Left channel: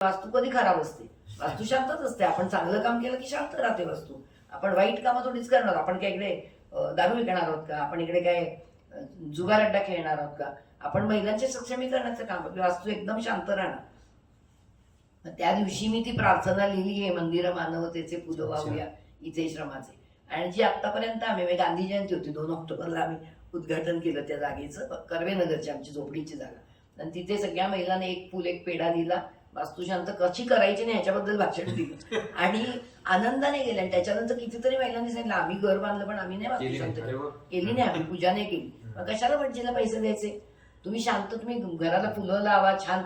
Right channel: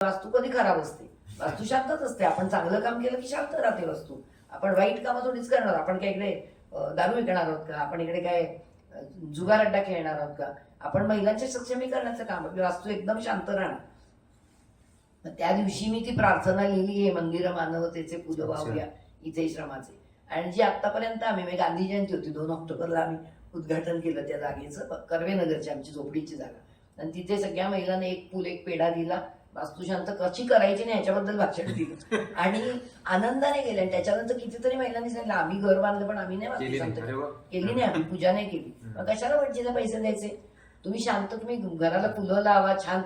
वास्तू कधी खराब असते? वास्तू शांतच असते. आपण चांगलं काम केलं की शांत राहते वास्तू. आपण वाईट कामं थोडीच करणार. आपण काय इकडे दारू विकणार आहोत का? आपण इकडे काय जुगार अड्डा खेळणार आहोत का? आपण महिलांच्या सक्षमीकरणाचं काम, वास्तू एकदम शांत राहणार. त्या दिवशी मी ती प्रार्थना लिहिली, हे मंदिर मानवतेचे फुलं वाहूया इथे श्रमाचे. आणि जी आतापर्यंत आम्ही गांधी जयंती होती 2 ऑक्टोबरला आम्ही उद्घाटन केलं त्या जागेचं, कर्वेनगरची आमची झोपडीची जागा. आणि तिथे सगळ्या महिलांनी एक फुल एक पेढा दिला, वास्तुशांत कशी करायची नाही याच्याबद्दल भाषण दिलं आणि आनंदाने गेले. आणि त्याच्यानंतर कितीतरी महिलांनी सांगितलं आम्ही घर बांधलं पण आम्ही नाही वास्तुशांत केली नाही, आम्ही पूजा नाही केली. मग कशाला भटजीला पैसे द्यायचे? तुम्ही शांत, तुम्ही घराला फुलं लावा, छान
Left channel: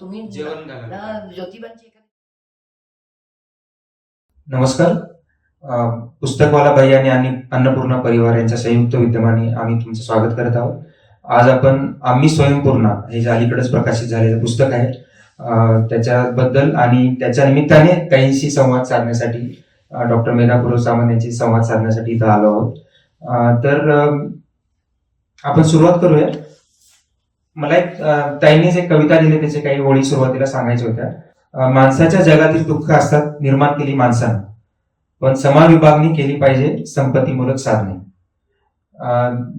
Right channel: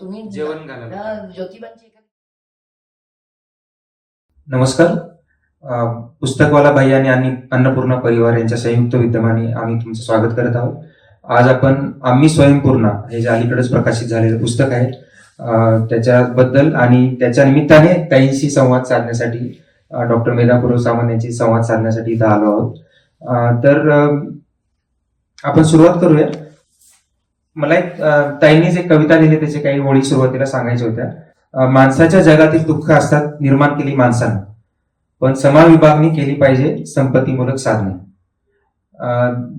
तुम्ही ज्योतिबांची. नमस्कार. पुस्तकवाला भाई आणि अन्नपूर्णा परिवार यांच्या संयुक्त विद्यमाने आम्ही तुमचं स्वागत करत आहोत. आज आपण आम्ही स्वयंपूर्णा हे जे अलीकडेच प्रकाशित झालेलं पुस्तक आहे त्याच्याबद्दल आणि त्याच्या निमित्ताने काहींशी संवाद साधण्यासाठी डॉक्टर मेधापूर्व सामंत यांची संवाद साधण्यासाठी इथं आलो आहोत. तर आपण सुरुवात करूया. मला एक ताईंनीच एक कविता लिहिली, त्याचे काही ओळी सुरुवातीला सांगायच्या होत्या. माणसाच्या जगातील दुःख असतात निर्माण केली माणसानं, पण समान विभागणी केली पाहिजे संपत्तीमूलक साधने.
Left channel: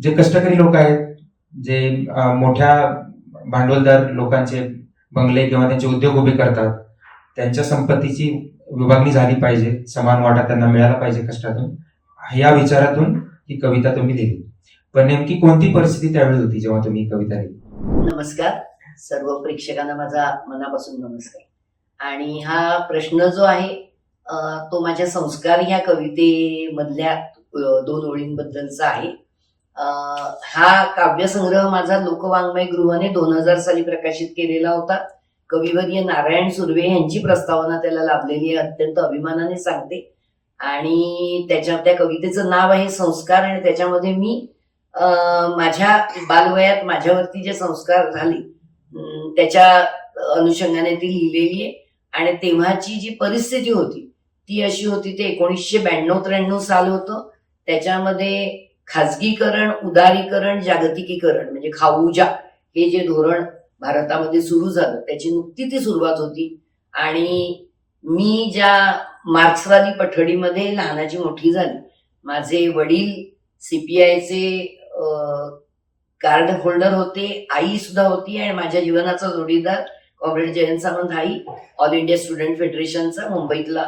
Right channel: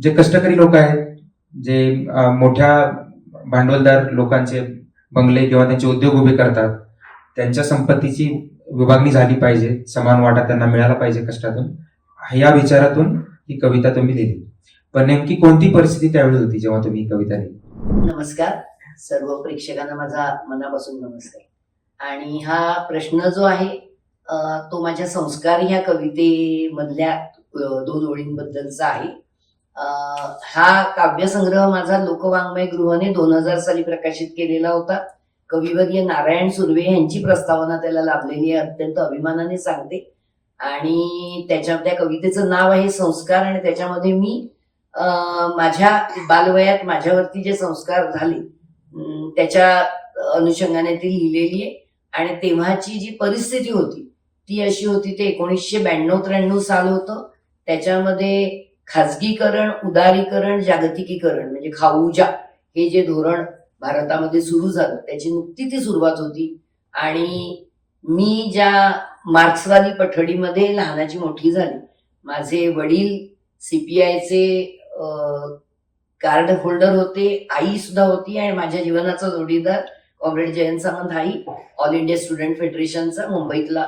जे कष्टकरी लोक आहेत, जे मोठ्या भांडवलदार लोकांचे बंगले किंवा त्यांचे उद्योग उभे करतात, त्यांच्या संपत्तीची विभागणी झाली पाहिजे, समान वाटा त्यांना मिळाला पाहिजे कष्टातून. या विचारातून ही कविता तुम्ही लिहिली. पण नेमकी कोणती परिस्थिती त्यावेळी होती जेव्हा तुम्ही ही कविता लिहिली? नमस्कार सर्व प्रेक्षकांना, माझा मनापासून नमस्कार. आणि हा प्रश्न जो आहे तो माझ्या संस्कार ह्या कवितेमधल्या 2 ओळींबद्दलचा आहे. हा काव्यसंग्रह माझा लोकवाङ्मय गृहने 2000 साली प्रकाशित केलेला होता. कविवर्य नारायण सुर्वे यांची प्रस्तावना त्याला लाभलेली आहे, अत्यंत अभिमानाने सांगते. आणि त्या कवितेचं नाव आहे संस्कार. आणि त्याच्यामध्ये मी माझ्या बालवयात माझ्यावरती जे संस्कार झाले त्याच्या अनुषंगाने ती लिहिलेली आहे. आणि तेव्हाची जी परिस्थिती होती ती अशी होती, ते 1992-93 साल होतं. त्याच्यामध्ये खाजगीकरण, उदारीकरण, जागतिकीकरण म्हणजे खाऊजा हे जे धोरण भारतामध्ये सुरू झालं त्याची नुकती ती सुरुवात होती. आणि मी ज्या मार्क्सवादी पठडीमध्ये लहानाची मोठी झाली, माझे वडील CPIचे कार्ड होल्डर होते, आई सुद्धा होती. आणि माझ्या जीवनाचा जोडीदार कॉम्रेड जयंत सामंत हाही ऑल इंडिया स्टुडंट फेडरेशनचा मुंबईतला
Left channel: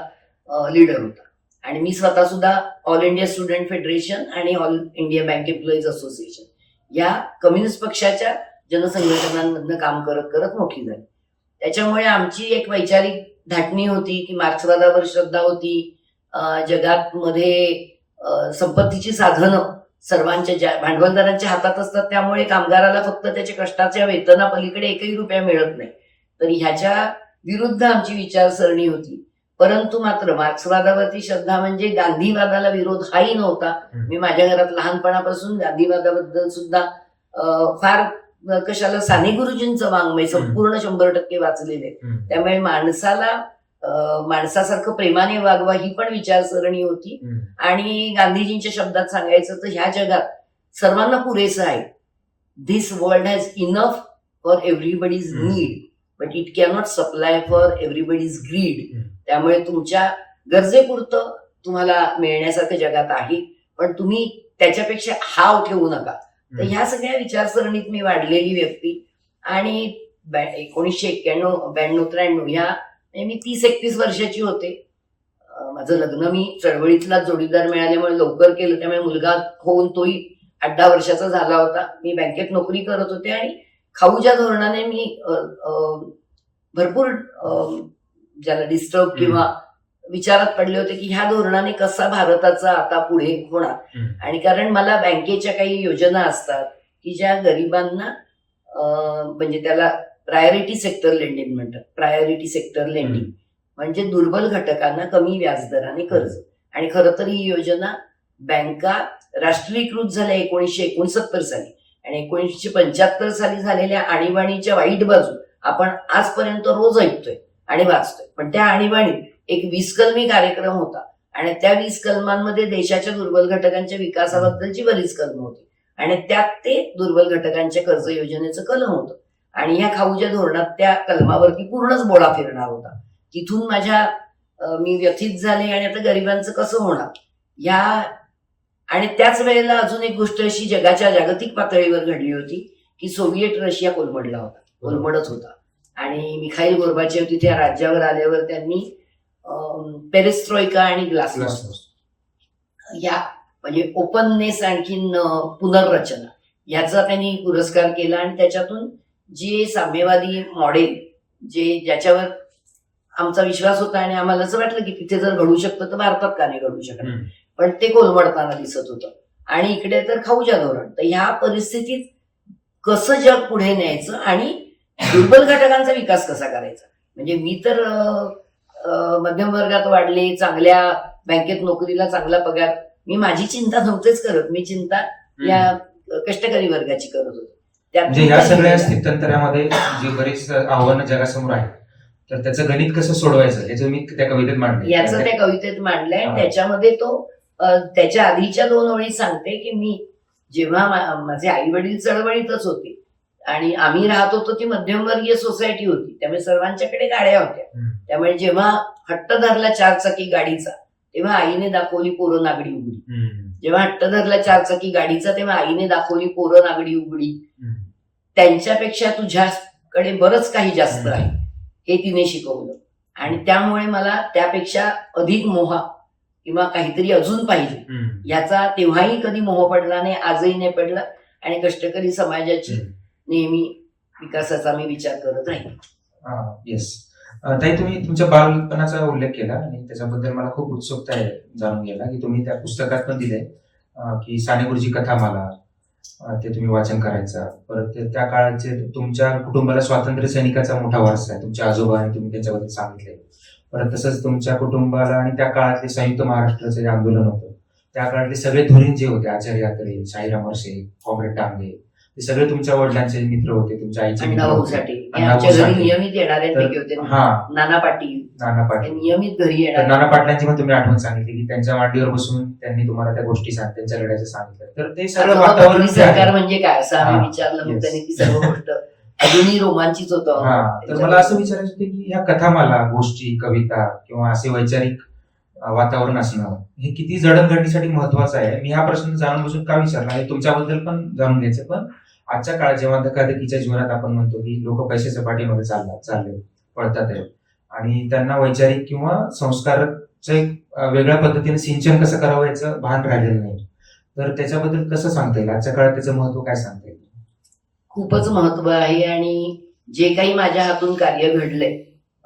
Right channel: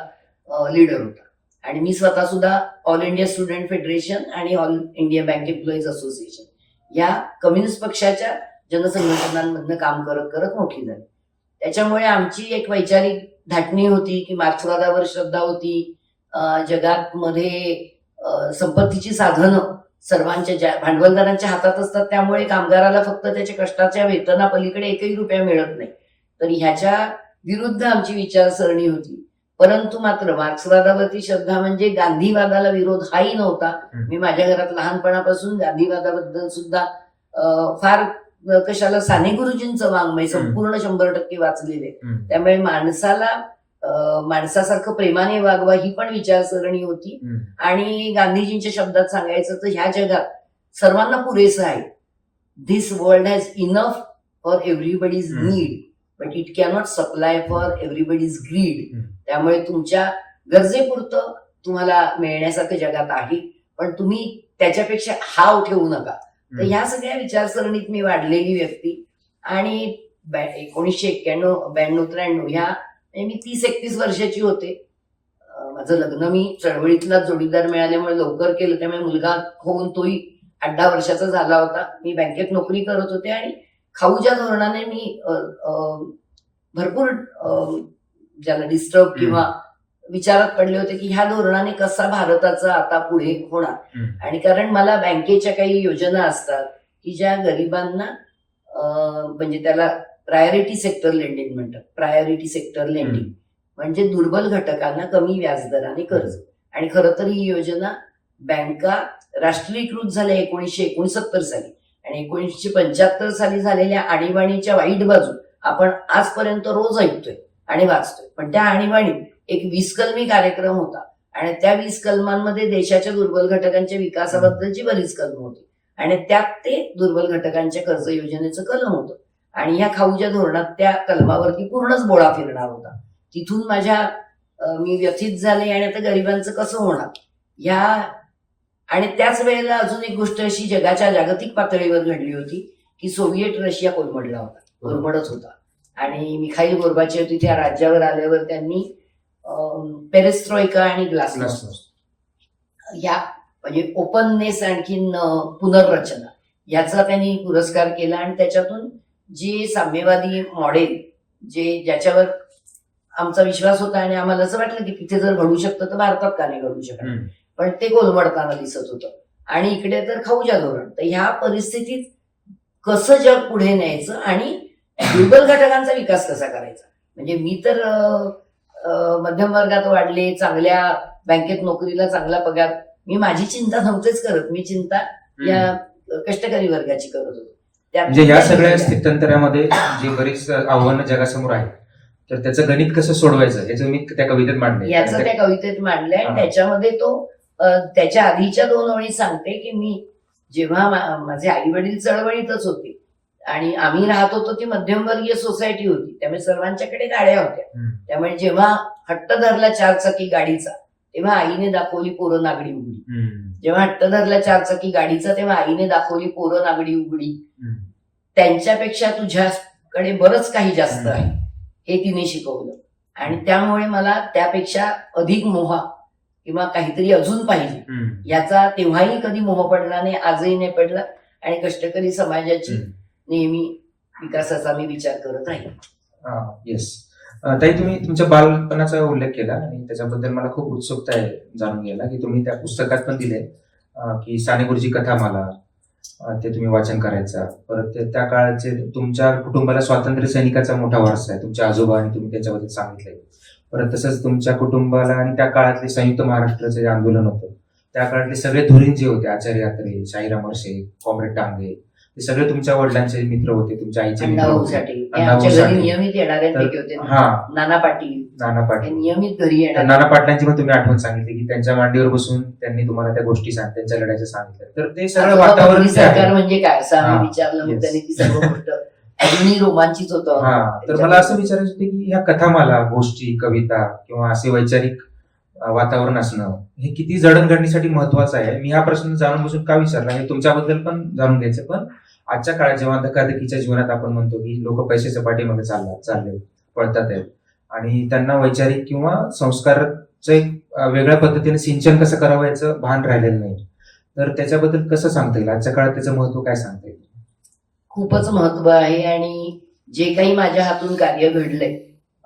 लीडर होता. आणि मी स्वतः सुद्धा ऑल इंडिया स्टुडंट फेडरेशन आणि all India bank employees association या कम्युनिस्ट पक्षाच्या जनसंघटनांमधनं काम करत करत मोठी झाली. त्याच्यामुळे आमची एक वैचारिक धाटणी होती की मार्क्सवादावर श्रद्धा होती. जगात मध्ये संपत्तीची साधनं सर्वांच्या भांडवलदारांच्या हातात असतात, त्यामुळे कामगाराला फक्त त्याच्या कष्टाच्या वेतनापलीकडे एकही रुपया मिळत नाही. तर ह्याच्या विरुद्ध आमची विचारसरणी होती. परंतु मात्र मार्क्सवादावरती श्रद्धा म्हणजे गांधीवादाला विरोध हाही नव्हता. मी माझ्या घरात लहानपणापासून गांधीवादाबद्दल सुद्धा फार कशाला साने गुरुजींचं वाङ्मय संपूर्ण 100% वाचलेले. त्यामुळे माणसासारखं प्रेमाने वागवा ही पण विचारसरणी होती. आणि गांधीजींच्या शब्दात सांगायचं तर ह्या जगात सर्वांना पुरेसं आहे. This world has enough for everybody's need but it cannot supply for everybody's greed. त्यामुळे तुमच्या गरजेपुरतं तुम्हाला मिळण्यासारखं जगात आहे, पण तुम्ही त्याच्यापेक्षा हाव ठेवू नका. तर ह्या सगळ्या विचारसरणीत मी वाढलेली व्यक्ती. आणि 1991-92-93 ह्या मी 30-31 वर्षाची होते. माझं लग्न मी चळवळीतलाच जोडीदार मिळाल्यामुळे लवकर केलं, त्यामुळे मुलगा होऊन तोही 8-10 वर्षाचा झाला होता. मी बँकेत नोकरी करत होते आणि खाऊच्या धोरणाने मी भरपूर ज्याला डिस्टर्ब किंवा विचारात पडले होते की ह्या धोरणाने कसा भारताचा आता पुढे होणार. आणि कारण मला बँकेच्या काही योजना असतात की ज्या गरिबांना म्हणजे त्याला प्रायोरिटी सेक्टर लेंडिंग म्हणतात. प्रायोरिटी सेक्टर लेंडिंग म्हणजे दुर्बल घटकांना कमी व्याजदराने कर्ज. आणि खरं तर ही योजना बँका राष्ट्रीयकृत झाल्या 1969 साली. आणि 1975 साली झालेल्या आणीबाणीच्या वाईट बाजू आपण आजपर्यंत रोज ऐकतोय आणि वाचतोय. पण त्या आणीबाणीत एक 20 कलमी कार्यक्रम होता. आणि त्या 20 कलमांमध्ये देशाच्या दुर्बल घटकांच्या विकासाबद्दलची बरीच कलम होती. आणि त्यात ते दुर्बल घटकांच्या कर्ज योजनेचं कलम होतं. आणि ह्या खाऊच्या धोरणात त्या कलमावरती पूर्णच बोळा फिरणार होता. तिथून मी व्यथित झाले आणि आता गरिबांचं कसं होणार या. आणि त्याच वेळेला अजून एक गोष्ट अशी जगाच्या जागतिक पातळीवर घडली होती की सोव्हिएट रशिया कोलमडत होता आणि मिखाईल गोर्बाचेव तिथे या राज्यावर आल्यावर त्यांनी पेरेस्ट्रॉइका आणि ग्लासनोस्ट या म्हणजे ओपननेस आणखीन पुनर्रचना याचा त्यांनी पुरस्कार केला आणि त्याच्यातून जे साम्यवादी मॉडेल ज्याच्यावर आमचा विश्वास होता आणि आम्हाला असं वाटलं की तिथे जर घडू शकतं तर भारतात का नाही घडू शकत, पण ते कोलमडताना दिसत होतं. आणि इकडे तर खाऊच्या धोरण. तर ह्या परिस्थितीत कसं जग पुढे न्यायचं आणि दुर्बल घटकांचा विकास कसा करायचा. म्हणजे मी तर मध्यम वर्गात वाढले, चांगल्या बँकेत नोकरीला चांगला पगार, मी माझी चिंता नव्हतेच करत. मी चिंता या कष्टकरी वर्गाची करत होतो. म्हणजे या सगळ्या स्थित्यंतरामध्ये जी बरीच आव्हानं जगासमोर आहेत तर त्याचं गणित कसं सोडवायचं याचं मी त्या कवितेत मांडलंय. याचं त्या कवितेत मांडलंय. त्याच्यामध्ये तो त्याच्या आधीच्या 2 ओळी सांगते की मी जेव्हा माझे आई वडील चळवळीतच होते आणि आम्ही राहत होतो ती मध्यमवर्गीय सोसायटी होती, त्यामुळे सर्वांच्याकडे गाड्या होत्या. त्यामुळे जेव्हा हट्ट धरला 4 चाकी गाडीचा तेव्हा आईने दाखवली पोरं नागडी उघडी. जेव्हा हट्ट धरला 4 चाकी गाडीचा तेव्हा आईने दाखवली पोरं नागडी उघडी. त्यांच्यापेक्षा तुझ्याकडे बरंच काही जास्त आहे हे तिने शिकवलं आणि त्यामुळे मला त्यापेक्षा अधिक मोह किंवा काहीतरी अजून पाहिजे याचा तेव्हाही कधी मोह पडला नाही, आजही नाही पडला. आणि कष्टकरी समाजाची नेहमी विकासाचा मी विचार करत राहील. येस ताई, तुम्ही तुमच्या बालपणाचा उल्लेख केला आणि त्याच्याबद्दल मला खूप उत्सुकता आहे जाणून घ्यायला की तुम्ही त्या पुस्तकात पण दिले की साने गुरुजी कथामाला ते तुम्ही वाचन करायचा. परत त्या काळाचे तुमच्या कुटुंबाला स्वातंत्र्य सैनिकाचा मोठा वारसा आहे, तुमचे आजोबा आणि तुम्ही त्यांच्याबद्दल सांगितलंय. परत तसंच तुमच्या कुटुंबाला आणि त्या काळातले संयुक्त महाराष्ट्राचं जे आंदोलन होतं त्या काळातले सगळे धुरीण जे होते, आचार्य अत्रे, शाहीराम अरसे, कॉम्रेड डांगे, ते सगळे तुमच्या वडिलांचे मित्र होते, तुमच्या आईचे मित्र होते. आमच्या घरी नियमित येणाऱ्यांपैकी होते. नाना पाटील नियमित घरी येणार. नाना पाटलांची पण तुम्ही आठवण सांगितली की त्यांच्या मांडीवर बसून त्यांनी तुम्हाला त्या गोष्टी त्यांच्या लढ्याचं सांगितलं. तर ते सगळं वातावरण सरकार म्हणजे काय असं आम्ही विचारलं मग त्यांनी ती सर्व गोष्ट अजूनही रोमांचित होतं. तर मला असं विचारायचं होतं की ह्या कथामाला, गोष्टी, कविता किंवा असे वैचारिक वातावरण असणं हे किती जडणघडणीसाठी महत्वाचं आहे. मी हा प्रश्न जाणून बसून का विचारला आणि तुमच्याबद्दल पण जाणून घ्यायचं. पण आजच्या काळात जेव्हा धकाधकीच्या जीवनात आपण म्हणतो की लोक पैशाच्या पाठीमध्ये चालले पळतात आहेत आणि त्यांना वैचारिक किंवा संस्काराचं एक वेगळ्या पद्धतीने सिंचन कसं करावं याचं भान राहिलेलं नाही, तर त्याच्याबद्दल कसं सांगता येईल? आजच्या काळात त्याचं महत्व काय सांगता येईल? खूपच महत्व आहे. आणि जे काही माझ्या हातून कार्य घडलंय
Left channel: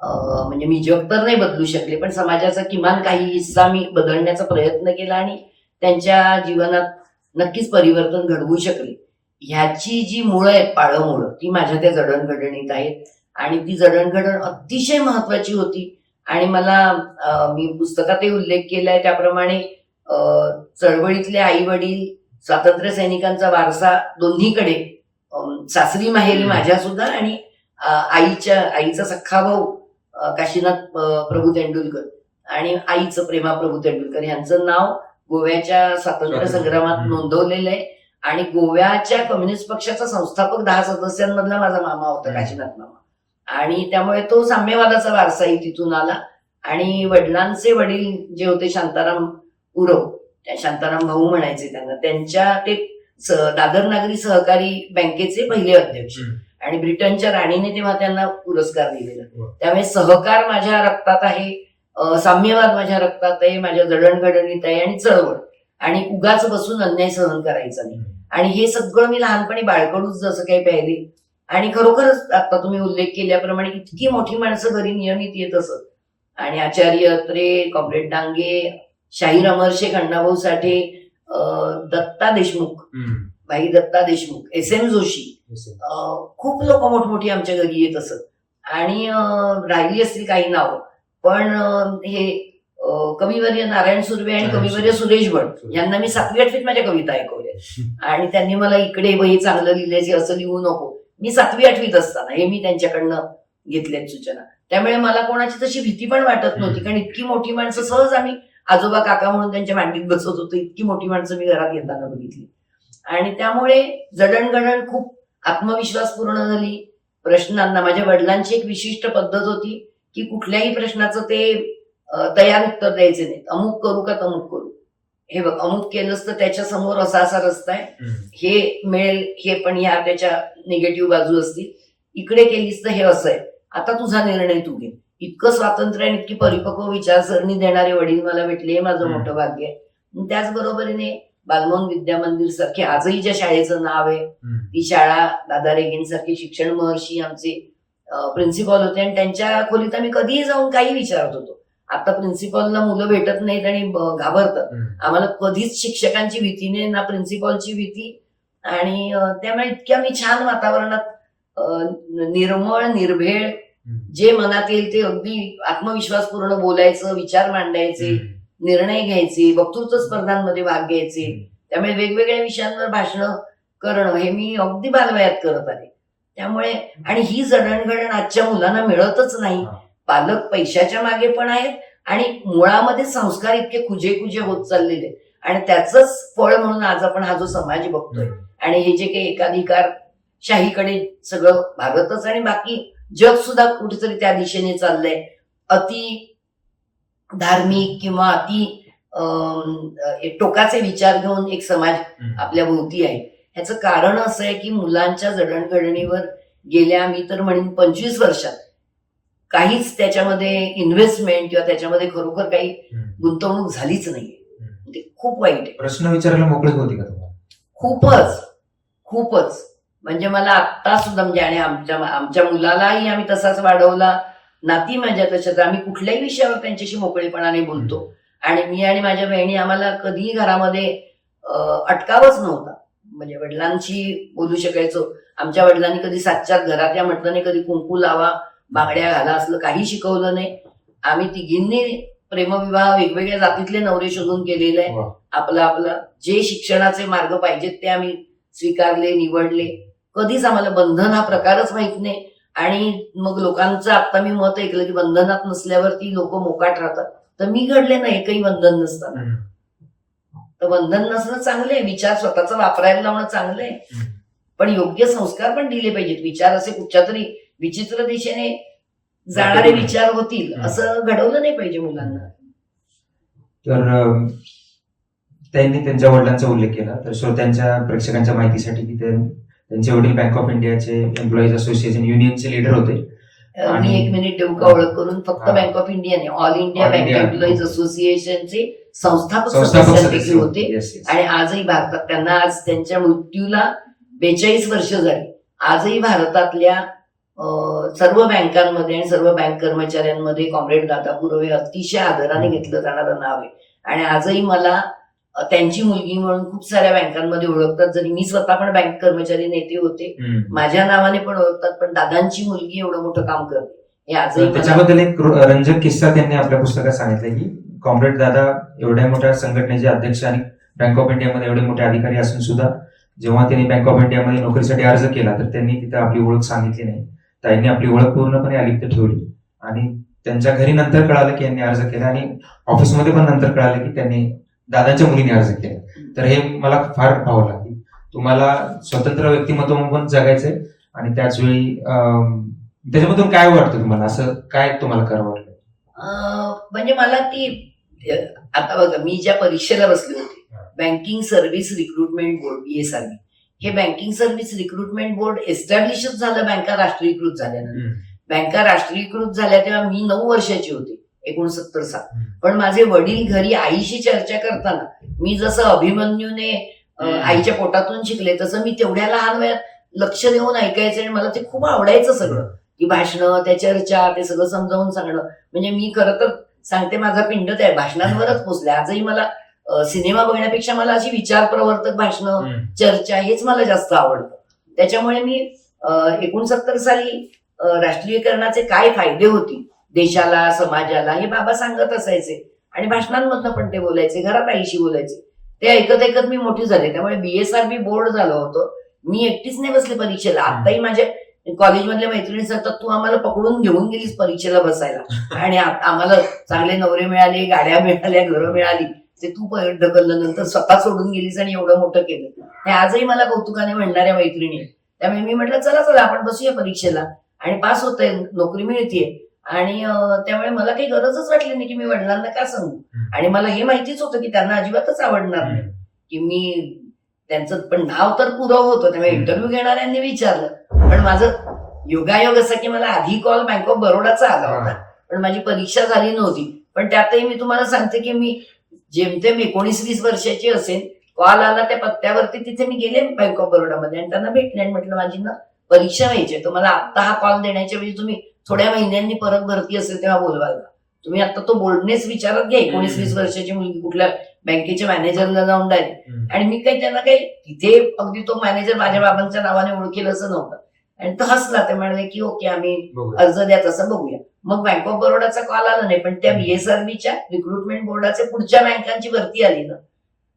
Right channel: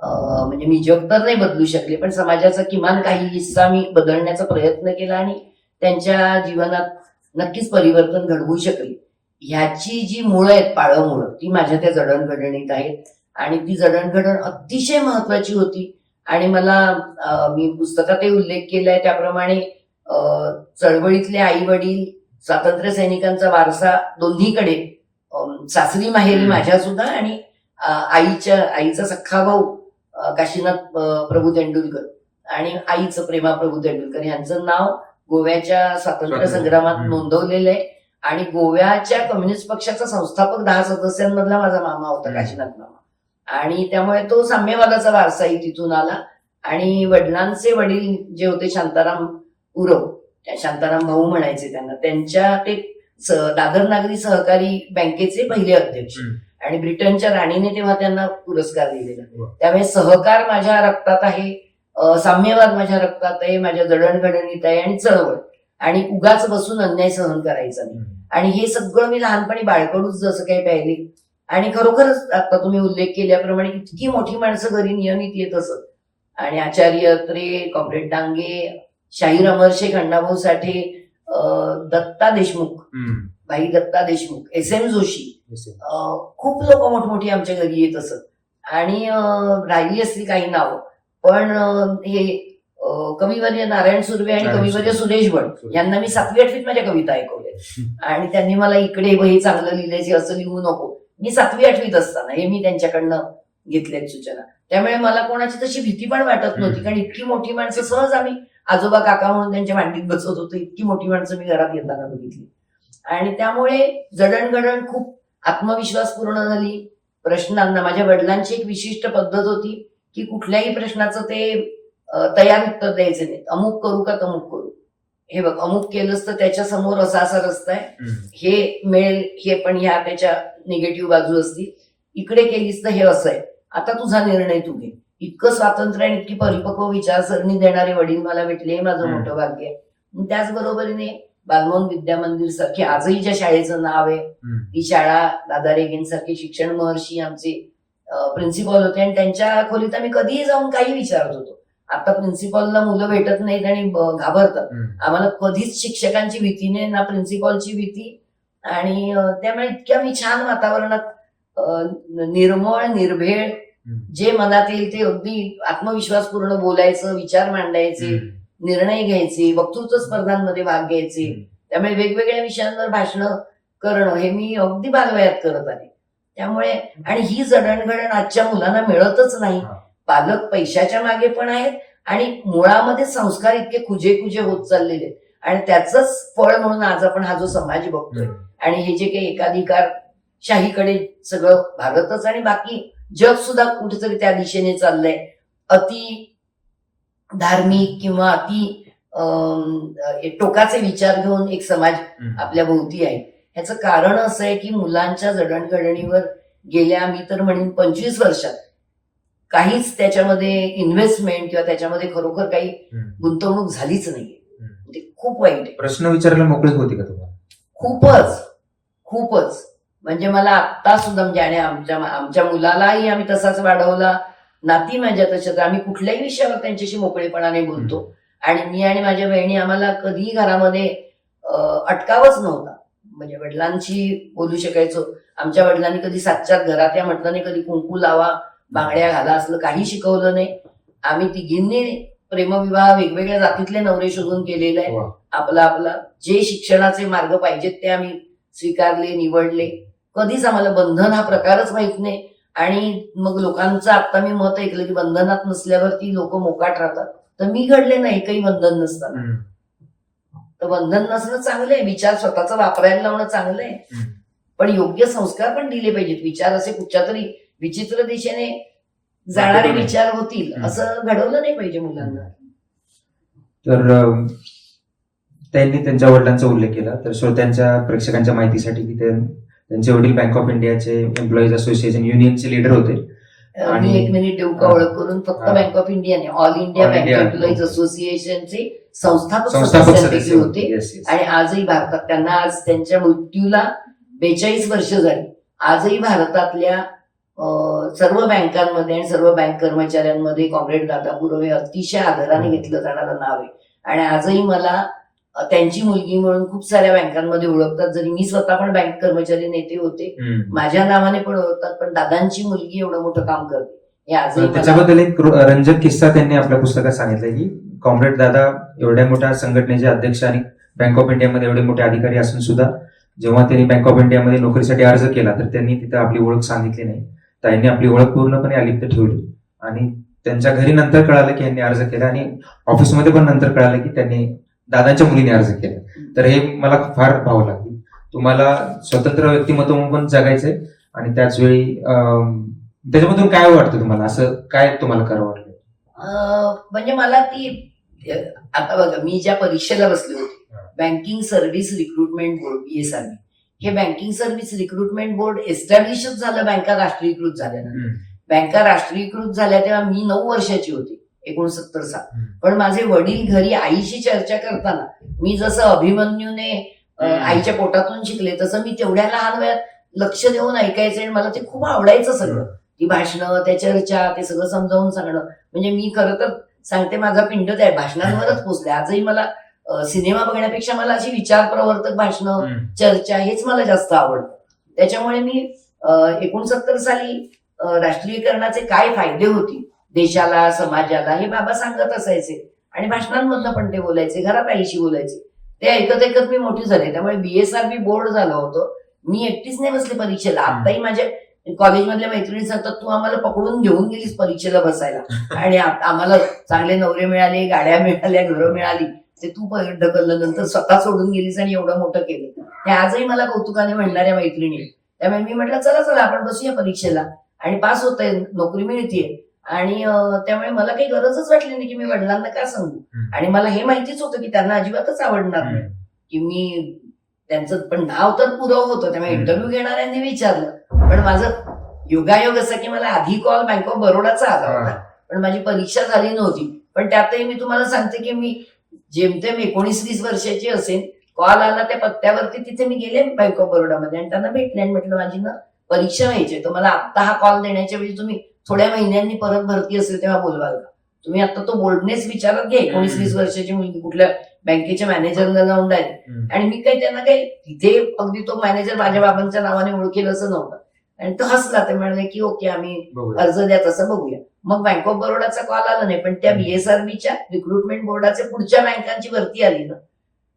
म्हणजे मी जग तर नाही बदलू शकले पण समाजाचा किमान काही हिस्सा मी बदलण्याचा प्रयत्न केला आणि त्यांच्या जीवनात नक्कीच परिवर्तन घडवू शकले. ह्याची जी मुळं आहेत, पाळमुळं, ती माझ्या त्या जडणघडणीत आहेत आणि ती जडणघडण अतिशय महत्वाची होती. आणि मला मी पुस्तकातही उल्लेख केलाय त्याप्रमाणे चळवळीतले आई वडील, स्वातंत्र्य सैनिकांचा वारसा दोन्हीकडे, सासरी माहेरी माझ्या सुद्धा आणि आईचा सख्खा भाऊ काशीनाथ प्रभू तेंडुलकर आणि आईचं प्रेमा प्रभू तेंडुलकर यांचं नाव गोव्याच्या स्वातंत्र्य संग्रामात नोंदवलेलं आहे. आणि गोव्याच्या कम्युनिस्ट पक्षाचा संस्थापक 10 सदस्यांमधला माझा मामा होता, काशीनाथ मामा. आणि त्यामुळे तो साम्यवादाचा वारसाही तिथून आला. आणि वडिलांचे वडील जे होते शांताराम उरव, शांताराम भाऊ म्हणायचे त्यांना, त्यांच्या ते दादर नागरी सहकारी बँकेचे पहिले अध्यक्ष आणि ब्रिटनच्या राणीने तेव्हा त्यांना पुरस्कार दिलेला. त्यामुळे सहकार माझ्या रक्तात आहे, साम्यवाद माझ्या रक्तात आहे, माझ्या जडणघडणीत आहे आणि चळवळ. आणि उगाच बसून अन्याय सहन करायचा नाही. आणि हे सगळं मी लहानपणी बाळकडूच जसं काही पाहिले. आणि खरोखरच आता तुम्ही उल्लेख केल्याप्रमाणे इतकी मोठी माणसं घरी नियमित येत असत. आणि आचार्य अत्रे, कॉम्रेड डांगे, शाहीराम अरसे, अण्णाभाऊ साठे, दत्ता देशमुख, भाई दत्ता देशमुख, SM जोशी, खूप लोक मोठमोठी आमच्या घरी येत असत. आणि राहिली असतील काही नावं, पण हे कविवर्य नारायण सुर्वे आणि कविवर्य सुरेश भट यांना मी 7वी 8वीत माझ्या कविता ऐकवल्या. आणि त्यांनी मला इकडे हे चांगलं लिहिलंय, असं लिहू नको. मी 7वी 8वीत असताना हे मी त्यांच्याकडनं घेतल्यात सूचना. त्यामुळे मला कोणाची तशी भीती पण वाटत नव्हती, कारण इतकी मोठी माणसं सहज आम्ही आजोबा काका म्हणून त्यांच्या मांडीत बसत होतो. इतकी मोठी माणसं मी घरात येताना बघितली. आणि त्यामुळे जडणघडण खूप आत्मविश्वास पूर्ण झाली. प्रश्नांना माझ्या वडिलांची एक विशिष्ट पद्धत होती की कुठल्याही प्रश्नाचं ते तयार उत्तर द्यायचे नाही. अमुक करू का तमुक करू, हे बघ अमुक केलंच तर त्याच्या समोर असा असा रस्ता आहे, हे मिळेल, हे पण ह्या त्याच्या निगेटिव्ह बाजू असतील, इकडे केलीस तर हे असं आहे, आता तुझा निर्णय तू घे. इतकं स्वातंत्र्य आणि इतकी परिपक्व विचारसरणी देणारे वडील मला भेटले, हे माझं मोठं भाग्य आहे. आणि त्याचबरोबरीने बालमोहन विद्या मंदिर सारखे आजही ज्या शाळेचं नाव आहे, ती शाळा दादा रेगेंसारखे शिक्षण महर्षी आमचे प्रिन्सिपल होते आणि त्यांच्या खोलीत आम्ही कधीही जाऊन काही विचारत होतो. आता प्रिन्सिपलला मुलं भेटत नाहीत आणि घाबरतात. आम्हाला कधीच शिक्षकांची भीती नाही ना प्रिन्सिपलची भीती. आणि त्यामुळे इतक्या मी छान वातावरणात निर्मळ निर्भेळ जे मनात येईल ते अगदी आत्मविश्वासपूर्ण बोलायचं, विचार मांडायचे, निर्णय घ्यायचे, वक्तृत्व स्पर्धांमध्ये भाग घ्यायचे. त्यामुळे वेगवेगळ्या विषयांवर भाषणं करणं हे मी अगदी बालवयात करत आले. त्यामुळे आणि ही जडणघडण आजच्या मुलांना मिळतच नाही. पालक पैशाच्या मागे पण आहेत आणि मुळामध्ये संस्कार इतके खुजे होत चाललेले आहेत. आणि त्याचंच फळ म्हणून आज आपण हा जो समाज बघतोय आणि हे जे काही एकाधिकार शाहीकडे सगळं भारतच आणि बाकी जग सुद्धा कुठेतरी त्या दिशेने चाललंय. अति धार्मिक किंवा अति टोकाचे विचार घेऊन एक समाज आपल्या भोवती आहे. ह्याचं कारण असं आहे की मुलांच्या जडणघडणीवर गेल्या मी तर म्हणेन 25 वर्षात काहीच त्याच्यामध्ये इन्व्हेस्टमेंट किंवा त्याच्यामध्ये खरोखर काही गुंतवणूक झालीच नाहीये. ते खूप वाईट आहे. प्रश्न विचारायला मोकळी होती का तुम्हाला? खूपच म्हणजे मला आत्ता सुद्धा म्हणजे आणि आमच्या मुलालाही आम्ही तसाच वाढवला. नाती माझ्या तशाच, आम्ही कुठल्याही विषयावर त्यांच्याशी मोकळेपणाने बोलतो. आणि मी आणि माझ्या बहिणी आम्हाला कधीही घरामध्ये अटकावच नव्हता. म्हणजे वडिलांशी बोलू शकायचो. आमच्या वडिलांनी कधी सातच्यात घरात या म्हटलं नाही, कधी कुंकू लावा, बांगड्या घाला असलं काही शिकवलं नाही. आम्ही तिघींनी प्रेमविवाह वेगवेगळ्या जातीतले नवरे शोधून केलेले आहे. आपला जे शिक्षणाचे मार्ग पाहिजेत ते आम्ही स्वीकारले, निवडले. कधीच आम्हाला बंधन हा प्रकारच माहित नाही. आणि मग लोकांचं आता मी मत ऐकलं की बंधनात नसल्यावरती लोक मोकाट राहतात. तर मी घडले ना एकही बंधन नसताना. तर बंधन नसणं चांगलं आहे, विचार स्वतःचा वापरायला लावणं चांगलं आहे, पण योग्य संस्कार पण दिले पाहिजेत. विचार असे कुठच्या तरी विचित्र दिशेने जाणारे विचार होतील असं घडवलं नाही पाहिजे मुलांना. तर त्यांनी त्यांच्या वडिलांचा उल्लेख केला, तर श्रोत्यांच्या प्रेक्षकांच्या माहितीसाठी की त्यांचे वडील बँक ऑफ इंडियाचे एम्प्लॉईज असोसिएशन युनियनचे लीडर होते. मी 1 मिनिट देऊ का ओळख करून? फक्त बँक ऑफ इंडिया नाही, ऑल इंडिया बँक एम्प्लॉईज असोसिएशनचे संस्थापक सदस्यांपैकी होते. आणि आजही भारतात त्यांना आज त्यांच्या मृत्यूला 42 वर्ष झाली. आजही भारतातल्या सर्व बँकांमध्ये आणि सर्व बँक कर्मचाऱ्यांमध्ये कॉम्रेड दादा पुरवे अतिशय आदराने घेतलं जाणारं नाव आहे. आणि आजही मला त्यांची मुलगी म्हणून खूप साऱ्या बँकांमध्ये ओळखतात. जरी मी स्वतः पण बँक कर्मचारी नेते होते, माझ्या नावाने पण ओळखतात. पण दादांची मुलगी एवढं मोठं काम करते हे आजही. त्याच्याबद्दल एक रंजक किस्सा त्यांनी आपल्या पुस्तकात सांगितला की कॉम्रेड दादा एवढ्या मोठ्या संघटनेचे अध्यक्ष आणि बँक ऑफ इंडियामध्ये एवढे मोठे अधिकारी असून सुद्धा जेव्हा त्यांनी बँक ऑफ इंडियामध्ये नोकरीसाठी अर्ज केला तर त्यांनी तिथं आपली ओळख सांगितली नाही. त्यांनी आपली ओळख पूर्णपणे अलिप्त ठेवली. आणि त्यांच्या घरी नंतर कळालं की यांनी अर्ज केला आणि ऑफिसमध्ये पण नंतर कळालं की त्यांनी दादांच्या मुलीने अर्ज केला. तर हे मला फार भावलं की तुम्हाला स्वतंत्र व्यक्तिमत्व पण जगायचंय आणि त्याच वेळी त्याच्यामधून काय वाटतं तुम्हाला, असं काय तुम्हाला करावं वाटलं? म्हणजे मला ती आता बघा, मी ज्या परीक्षेला बसले होते banking service recruitment board BSRB, हे बँकिंग सर्व्हिस रिक्रुटमेंट बोर्ड एस्टॅब्लिशच झालं बँका राष्ट्रीयकृत झाल्यानंतर. बँका राष्ट्रीयकृत झाल्या तेव्हा मी 9 वर्षाची होते, 69 साल. पण माझे वडील घरी आईशी चर्चा करताना मी जसं अभिमन्यूने आईच्या पोटातून शिकले तसं मी तेवढ्या लहान वयात लक्ष देऊन ऐकायचे. आणि मला ते खूप आवडायचं सगळं, ती भाषणं, त्या चर्चा, ते सगळं समजावून सांगणं. म्हणजे मी खरं तर सांगते माझा पिंड त्या भाषणांवरच पोचलाय. आजही मला सिनेमा बघण्यापेक्षा मला अशी विचार प्रवर्तक भाषणं, चर्चा हेच मला जास्त आवडतं. त्याच्यामुळे मी 69 साली राष्ट्रीयकरणाचे काय फायदे होतील देशाला, समाजाला, हे बाबा सांगत असायचे. आणि भाषणांमधनं पण ते बोलायचे, घरात आईशी बोलायचे. ते ऐकत ऐकत मी मोठी झाले. त्यामुळे BSRB बोर्ड झालं होतं. मी एकटीच नाही बसले परीक्षेला. आताही माझ्या कॉलेजमधल्या मैत्रिणी सांगतात तू आम्हाला पकडून घेऊन गेलीस परीक्षेला बसायला. आणि आम्हाला चांगले नवरे मिळाले, गाड्या मिळाल्या, घरं मिळाली, ते तू ढकललं, नंतर स्वतः सोडून गेलीस आणि एवढं मोठं केलं. हे आजही मला कौतुकाने म्हणणाऱ्या मैत्रिणी. त्यामुळे मी म्हटलं चला चला आपण बसूया परीक्षेला आणि पास होतंय, नोकरी मिळतीये. आणि त्यामुळे मला काही गरजच वाटली नाही की मी वडिलांना का सांगू. आणि मला हे माहितीच होतं की त्यांना अजिबातच आवडणार नाही की मी त्यांचं, पण नाव तर पुरव होतं. त्यामुळे इंटरव्ह्यू घेणाऱ्यांनी विचारलं, पण माझं योगायोग असं की मला आधी कॉल बँक ऑफ बरोडाचा आला होता, पण माझी परीक्षा झाली नव्हती. पण त्यातही मी तुम्हाला सांगते की मी जेमतेम 19-20 वर्षाची असेल, कॉल आला त्या पत्त्यावरती, तिथे मी गेले बँक ऑफ बरोडामध्ये आणि त्यांना भेटले आणि म्हटलं माझी ना परीक्षा व्हायची, तर मला आत्ता हा कॉल देण्याच्या वेळी तुम्ही थोड्या महिन्यांनी परत भरती असेल तेव्हा बोलवाल का, तुम्ही आता तो बोलणेच विचारात घ्या. 19-20 वर्षाची मुलगी कुठल्या बँकेच्या मॅनेजरला जाऊन डायरेक्ट. आणि मी काही त्यांना काही तिथे अगदी तो मॅनेजर माझ्या बाबांच्या नावाने ओळखेल असं नव्हतं. आणि तो हसला, ते म्हणाले की ओके आम्ही अर्ज द्या तसं बघूया. मग बँक ऑफ बरोडाचा कॉल आला नाही, पण त्या बीएसआरबीच्या रिक्रुटमेंट बोर्डाचे पुढच्या बँकांची भरती आली ना,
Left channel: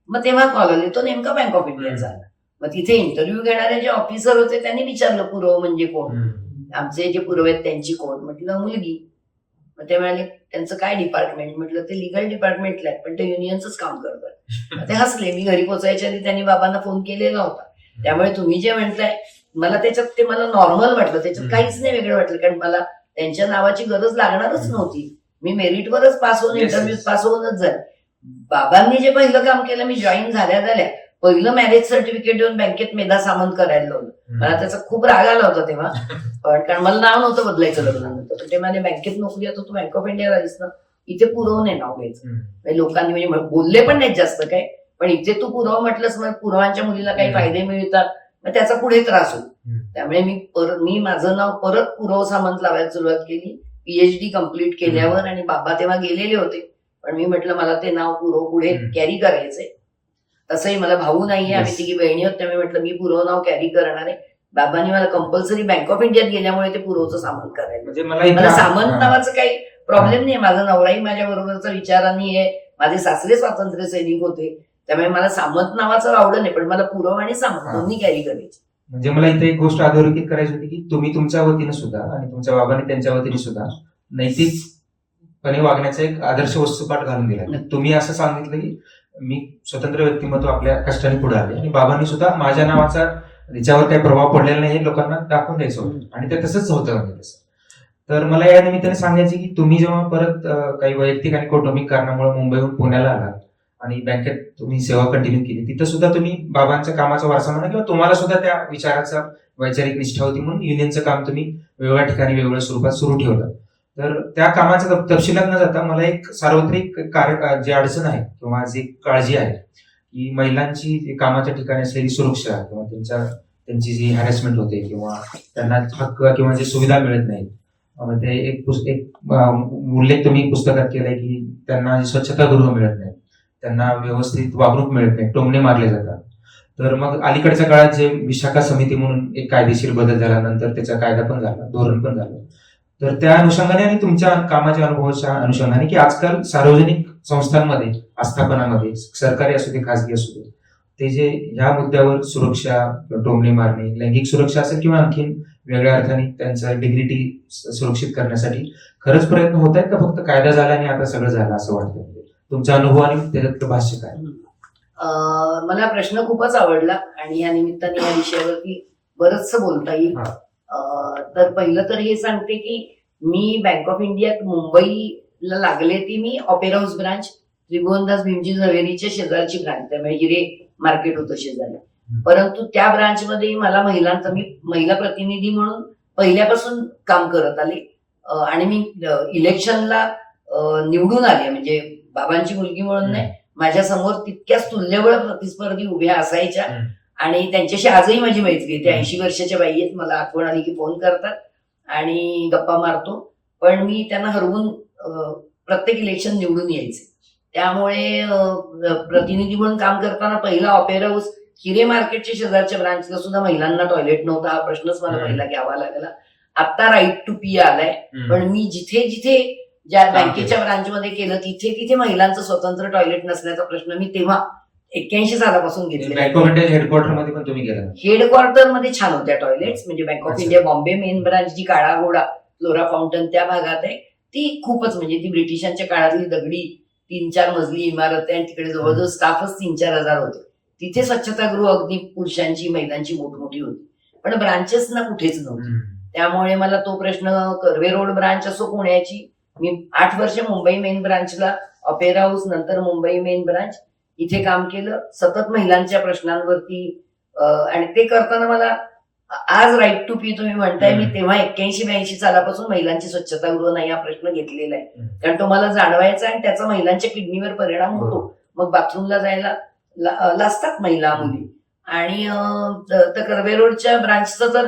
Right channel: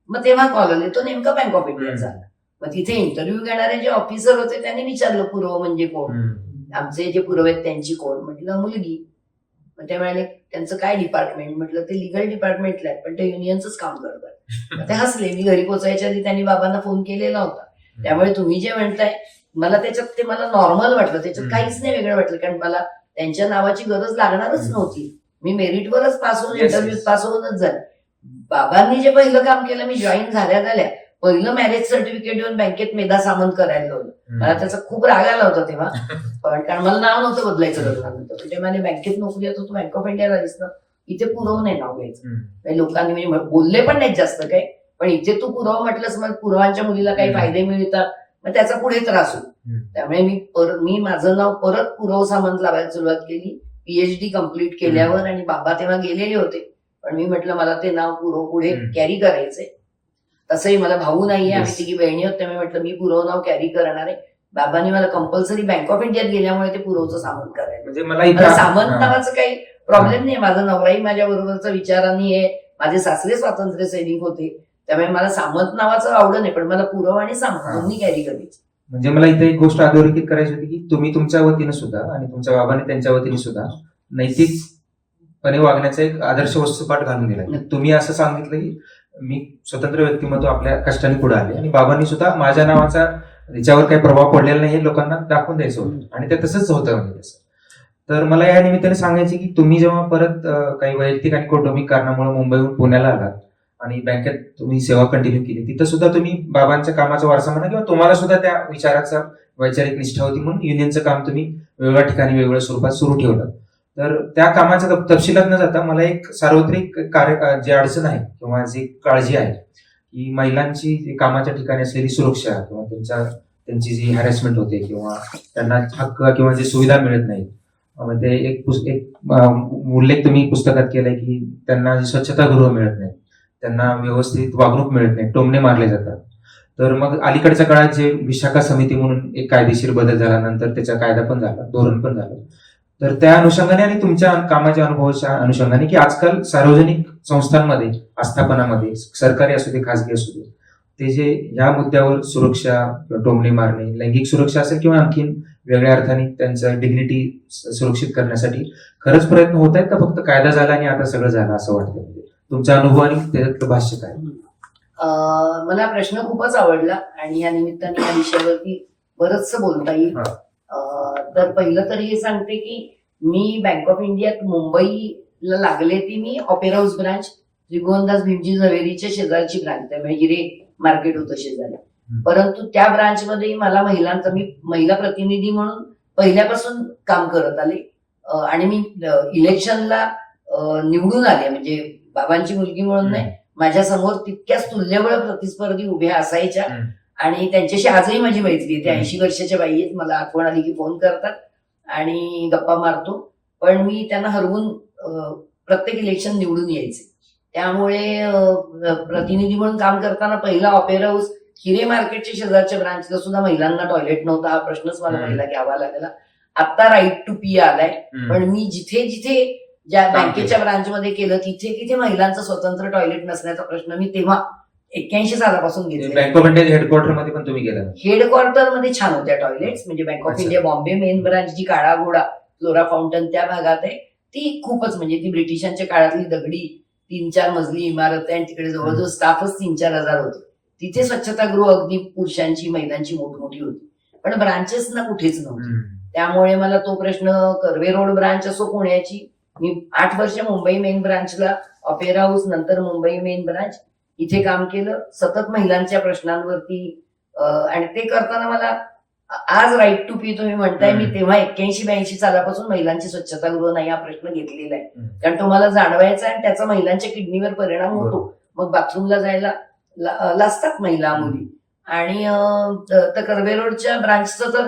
मग तेव्हा कॉल आले, तो नेमका बँक ऑफ इंडियाचा आला. मग तिथे इंटरव्ह्यू घेणारे जे ऑफिसर होते त्यांनी विचारलं पुरव म्हणजे कोण, आमचे जे पुरव आहेत त्यांची कोण, म्हटलं मुलगी. मग ते म्हणाले त्यांचं काय डिपार्टमेंट, म्हटलं ते लिगल डिपार्टमेंटला आहे पण ते युनियनच काम करतात. मग ते हसले. मी घरी पोहोचायच्या आधी त्यांनी बाबांना फोन केलेला होता. त्यामुळे तुम्ही जे म्हणताय मला त्याच्यात ते मला नॉर्मल वाटलं, त्याच्यात काहीच नाही वेगळं वाटलं, कारण मला त्यांच्या नावाची गरज लागणारच नव्हती. मी मेरिटवरच पास होऊन, इंटरव्ह्यू पास होऊनच झाले. बाबांनी जे पहिलं काम केलं, मी जॉईन झाल्या पहिलं मॅरेज सर्टिफिकेट देऊन बँकेत मेधा सामंत करायला लावलं. मला त्याचा खूप राग आला होता तेव्हा, पण कारण मला नाव नव्हतं बदलायचं लग्नानंतर. पण ते मला बँकेत नोकरी येतो, तू बँक ऑफ इंडियाला आलीस ना, इथे पुरव नाही नाव घ्यायचं. लोकांनी म्हणजे बोलले पण नाहीत जास्त काय, पण इथे तू पुरव म्हटलंस, मग पुरवांच्या मुलीला काही फायदे मिळतात, मग त्याचा पुढे त्रास होईल. त्यामुळे मी माझं नाव परत पुरव सामंत लावायला सुरुवात केली पीएचडी कम्प्लीट केल्यावर. आणि बाबा तेव्हा गेलेले होते, पण मी म्हटलं मला ते नाव पुरव पुढे कॅरी करायचंय. तसंही मला भाऊ नाहीये, आम्ही तिघी बहिणी आहोत, त्यामुळे म्हटलं मी पुरव नाव कॅरी करणार आहे. बाबांनी मला कंपल्सरी बँक ऑफ इंडियात गेल्यामुळे ते पुरवचं सामंत करायला. म्हणजे मला सामंत नावाचं काही प्रॉब्लेम नाही. माझा नवराही माझ्या बरोबरचा विचारांनी आहे, माझे सासरे स्वातंत्र्य सैनिक होते, त्यामुळे मला सामंत नावाचं आवडत नाही, पण मला पुरव आणि सामंत दोन्ही कॅरी करायची. म्हणजे मला इथे एक गोष्ट अधोरेखित करायची होती की तुम्ही तुमच्या वतीनं सुद्धा आणि तुमच्या बाबांनी त्यांच्या वतीने सुद्धा नैतिकपणे वागण्याचा एक आदर्श वस्तुपाठ घालून दिला. तुम्ही असं सांगितलं की मी स्वतंत्र व्यक्तिमत्व आपल्या कष्टाने पुढे आले, आणि बाबांनी सुद्धा माझ्या नावाचा त्याच्यावर काही प्रभाव पडलेला नाही हे लोकांना दाखवून द्यायचं होतं, आणि ते तसंच होतं म्हणजे तसं. तर मला या निमित्ताने सांगायचे की तुम्ही जेव्हा परत काही वैयक्तिक आणि कौटुंबिक कारणामुळे मुंबईहून पुण्याला आलात आणि बँकेत तुम्ही सेवा कंटिन्यू केली, तिथं सुद्धा तुम्ही बाबांच्या कामाचा वारसा म्हणा किंवा तुम्हाला सुद्धा त्या विचाराचा वैचारिक निष्ठा होती म्हणून युनियनचं काम तुम्ही वेगळ्या ठिकाणी वेगवेगळ्या स्वरूपात सुरू ठेवलं. तर त्या कामाच्या तपशिलात न जाता मला एक सार्वत्रिक कार्य जी अडचण आहे किंवा जी काळजी आहे की महिलांची कामाच्या ठिकाणी असलेली सुरक्षा किंवा त्यांची जी हॅरेसमेंट होते किंवा त्यांना हक्क किंवा जी सुविधा मिळत नाही, ते एक उल्लेख तुम्ही पुस्तकात केलाय की त्यांना स्वच्छतागृह मिळत नाही, त्यांना व्यवस्थित वागणूक मिळत नाही, टोमणे मारले जातात. तर मग अलीकडच्या काळात जे विशाखा समिती म्हणून एक कायदेशीर बदल झाला, नंतर त्याचा कायदा पण झाला, धोरण पण झालं, तर त्या अनुषंगाने आणि तुमच्या कामाच्या अनुभवाच्या अनुषंगाने की आजकाल सार्वजनिक संस्थांमध्ये, आस्थापनामध्ये, सरकारी असू दे खासगी असू दे, ते जे ह्या मुद्द्यावर सुरक्षा, टोमणे मारणे, लैंगिक सुरक्षा असेल किंवा आणखीन वेगळ्या अर्थाने त्यांचं डिग्निटी सुरक्षित करण्यासाठी खरंच प्रयत्न होत आहेत का फक्त कायदा झाला आणि आता सगळं झालं असं वाटतं? तुमचा अनुभव आणि त्याच्यातलं भाष्य काय? मला प्रश्न खूपच आवडला आणि या निमित्ताने या विषयावरती बरंचसं बोलता येईल. तर पहिलं तर हे सांगते की मी बँक ऑफ इंडियात मुंबईला लागले ती मी Opera House branch, Tribhuvandas Bhimji झवेरीच्या शेजारची ब्रांच, त्यामुळे हिरे मार्केट होतं शेजारी. परंतु त्या ब्रांचमध्ये मला मी महिला प्रतिनिधी म्हणून पहिल्यापासून काम करत आले. आणि मी इलेक्शनला निवडून आले, म्हणजे बाबांची मुलगी म्हणून नाही, माझ्या समोर तितक्याच तुल्यबळ प्रतिस्पर्धी उभ्या असायच्या आणि त्यांच्याशी आजही माझी मैत्री आहे. ते 80 वर्षाच्या बाई आहेत, मला आठवण आली की फोन करतात आणि गप्पा मारतो, पण मी त्यांना हरवून प्रत्येक इलेक्शन निवडून यायचे. त्यामुळे प्रतिनिधी म्हणून काम करताना पहिला ऑपेरा हाऊस हिरे मार्केटच्या शेजारच्या ब्रांचला सुद्धा महिलांना टॉयलेट नव्हता, हा प्रश्नच मला पहिला घ्यावा लागला. आता राईट टू पी आलाय, पण मी जिथे जिथे ज्या बँकेच्या ब्रांचमध्ये केलं तिथे महिलांचं स्वतंत्र टॉयलेट नसण्याचा प्रश्न मी तेव्हा 81 सालापासून घेतला. बँक ऑफ इंडिया हेडक्वार्टर मध्ये पण तुम्ही गेला? हेडक्वार्टर मध्ये छान होत्या टॉयलेट्स, म्हणजे Bank of India Bombay main branch जी काळा घोडा फ्लोरा फाउंटन त्या भागात आहे, ती खूपच म्हणजे ती ब्रिटिशांच्या काळातली दगडी 3-4 मजली इमारत आहे आणि तिकडे जवळजवळ स्टाफच 3-4 हजार होते. तिथे स्वच्छतागृह अगदी पुरुषांची महिलांची मोठमोठी होती. पण ब्रांचेस ना कुठेच नव्हते. त्यामुळे मला तो प्रश्न, कर्वे रोड ब्रांच असो पुण्याची, मी 8 वर्ष मुंबई मेन ब्रांचला, ऑपेरा हाऊस, नंतर मुंबई मेन ब्रांच इथे काम केलं, सतत महिलांच्या प्रश्नांवरती. आणि ते करताना मला आज राईट टू पी तुम्ही म्हणताय, मी तेव्हा 81-82 सालापासून महिलांची स्वच्छतागृह नाही हा प्रश्न घेतलेला आहे. कारण तो मला जाणवायचा आणि त्याचा महिलांच्या किडनीवर परिणाम होतो. मग बाथरूमला जायला लाजतात महिला मुली. आणि कर्वे रोडच्या ब्रांचचं तर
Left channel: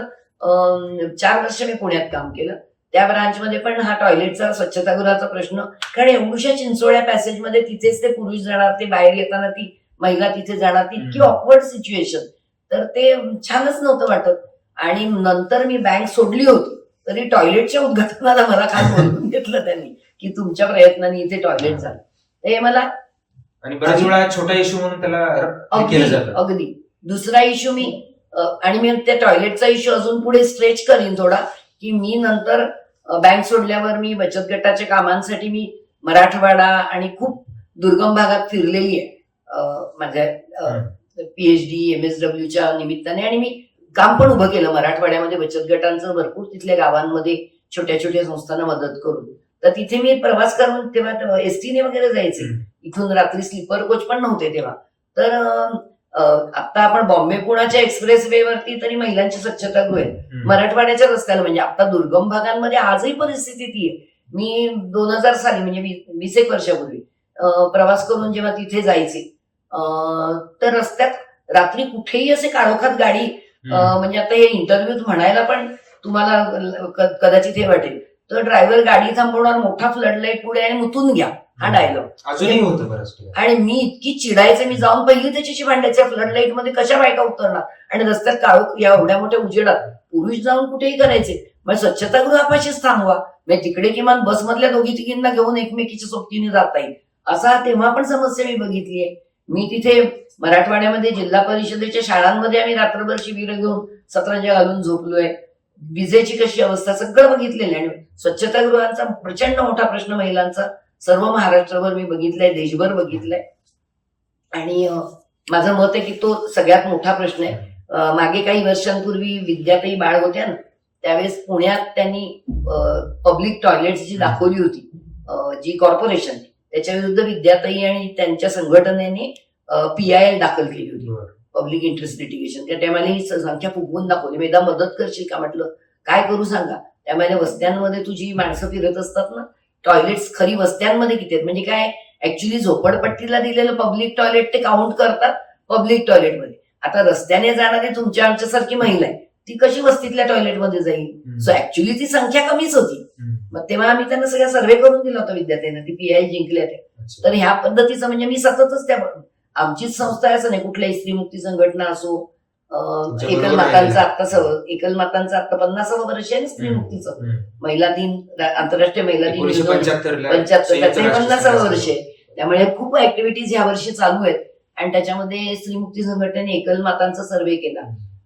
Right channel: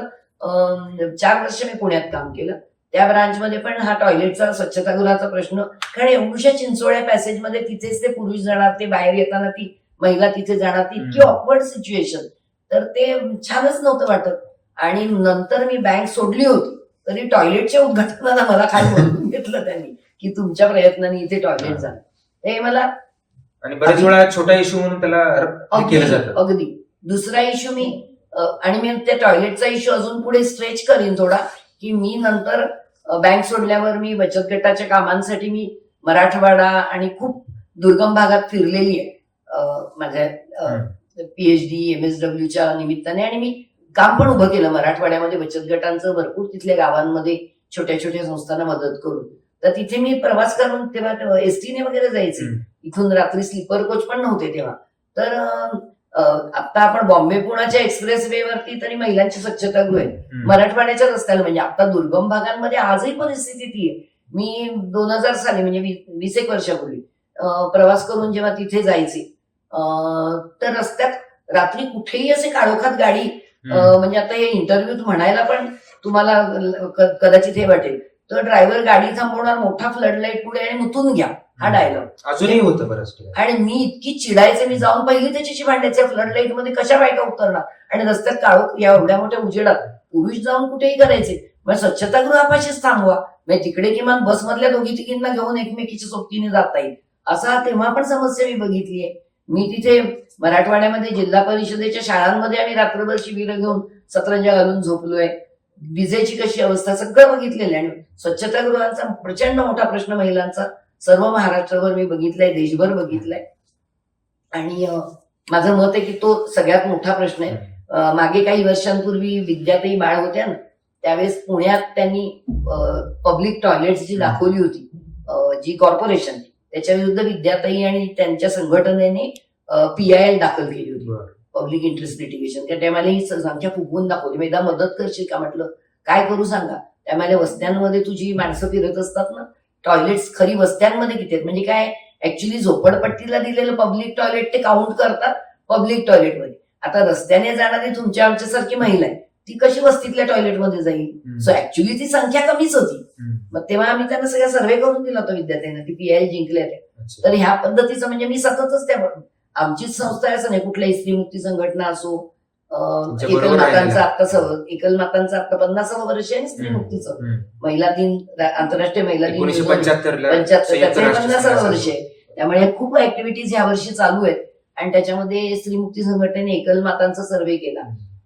4 वर्ष मी पुण्यात काम केलं. त्या ब्रांचमध्ये पण हा टॉयलेटचा, स्वच्छतागृहाचा प्रश्न, कारण एवढ्या चिंचोळ्या पॅसेजमध्ये तिथेच ते पुरुष जाणार, ते बाहेर येताना ती महिला तिथे जाणार, ती इतकी ऑकवर्ड सिच्युएशन, तर ते छानच नव्हतं वाटत. आणि नंतर मी बँक सोडली होती तरी टॉयलेटच्या उद्घाटनाला मला खास बोलवून घेतलं त्यांनी, की तुमच्या प्रयत्नाने इथे टॉयलेट झालं. हे मला आणि बऱ्याच वेळा छोटा इश्यू म्हणून त्याला केलं जातं. अगदी दुसरा इश्यू मी आणि मी त्या टॉयलेटचा इश्यू अजून पुढे स्ट्रेच करीन थोडा, की मी नंतर बँक सोडल्यावर मी बचत गटाच्या कामांसाठी मी मराठवाडा आणि खूप दुर्गम भागात फिरलेली आहे माझ्या PhD MSWच्या निमित्ताने. आणि मी काम पण उभं केलं मराठवाड्यामध्ये बचत गटांचं, भरपूर तिथल्या गावांमध्ये छोट्या छोट्या संस्थांना मदत करून. तर तिथे मी प्रवास करून तेव्हा एसटीने वगैरे जायचे, इथून रात्री स्लीपर कोच पण नव्हते तेव्हा. तर आता आपण बॉम्बे पुण्याच्या एक्सप्रेस वे वरती तरी महिलांची स्वच्छतागृह आहे मराठवाड्याच्या रस्त्याला. म्हणजे आता दुर्गम भागांमध्ये आजही परिस्थिती ती आहे. मी 2000 साली म्हणजे 20 वर्षापूर्वी प्रवास करून जेव्हा तिथे जायचे, तर रस्त्यात रात्री कुठेही असे काळोखात गाडी, म्हणजे आता हे इंटरव्ह्यूत म्हणायला पण तुम्हाला कदाचित हे वाटेल, तर ड्रायव्हर गाडी थांबवणार, मोठा फ्लड लाईट पुढे आणि मुतून घ्या, हा डायलॉग अजूनही होतं बरंच. आणि मी इतकी चिडायचे, मी जाऊन पहिली त्याच्याशी भांडायचे, फ्लड लाईट मध्ये कशा बायका उतरणार आणि रस्त्यात काळोख या एवढ्या मोठ्या उजेडात पुरुष जाऊन कुठेही करायचे. मग स्वच्छतागृहापाशीच थांबवा, म्हणजे तिकडे किमान बसमधल्या दोघी तिघींना घेऊन एकमेकीच्या सोबतीने जाता येईल. असा तेव्हा पण समस्या मी बघितली आहे. मी तिथे मराठवाड्यामध्ये जिल्हा परिषदेच्या शाळांमध्ये आम्ही रात्रभर शिबिर घेऊन सतरंजा घालून झोपलोय. विजेची कशी अवस्था सगळं बघितलेलं आहे. आणि स्वच्छतागृहांचा प्रचंड मोठा प्रश्न महिलांचा सर्व महाराष्ट्रभर मी बघितलाय, देशभर बघितलाय. आणि माझं मत आहे की तो सगळ्यात मोठा प्रश्न आहे. मागे काही वर्षांपूर्वी विद्याताई बाळ होत्या ना, त्यावेळेस पुण्यात त्यांनी पब्लिक टॉयलेट्स जी दाखवली होती, जी कॉर्पोरेशन, त्याच्या विरुद्ध विद्याताई आणि त्यांच्या संघटनेने PIL दाखल केली होती, पब्लिक इंटरेस्ट लिटिगेशन. त्या टायमाला ही संख्या फुगवून दाखवली. मी एकदा मदत करशील का म्हटलं, काय करू सांगा. त्यामुळे वस्त्यांमध्ये तुझी माणसं फिरत असतात ना, टॉयलेट्स खरी वस्त्यांमध्ये किती आहेत, म्हणजे काय ऍक्च्युली झोपडपट्टीला दिलेलं पब्लिक टॉयलेट ते काउंट करतात पब्लिक टॉयलेटमध्ये. आता रस्त्याने जाणारी तुमच्या आमच्यासारखी महिला आहे, ती कशी वस्तीतल्या टॉयलेटमध्ये जाईल. सो ऍक्च्युली ती संख्या कमीच होती. मग तेव्हा आम्ही त्यांना सगळा सर्व्हे करून दिला होता विद्यार्थ्यांना, ती PIL जिंकल्या त्या. तर ह्या पद्धतीचं म्हणजे मी सततच त्या, आमचीच संस्था आहे असं नाही, कुठल्याही स्त्रीमुक्ती संघटना असो, एकल मातांचं आता 50वं वर्ष आहे ना स्त्रीमुक्तीचं, महिला दिन, आंतरराष्ट्रीय महिला दिन 1975 त्याचं 50वं वर्ष आहे. त्यामुळे खूप ऍक्टिव्हिटीज ह्या वर्षी चालू आहेत. आणि त्याच्यामध्ये स्त्रीमुक्ती संघटनेने एकल मातांचा सर्व्हे केला.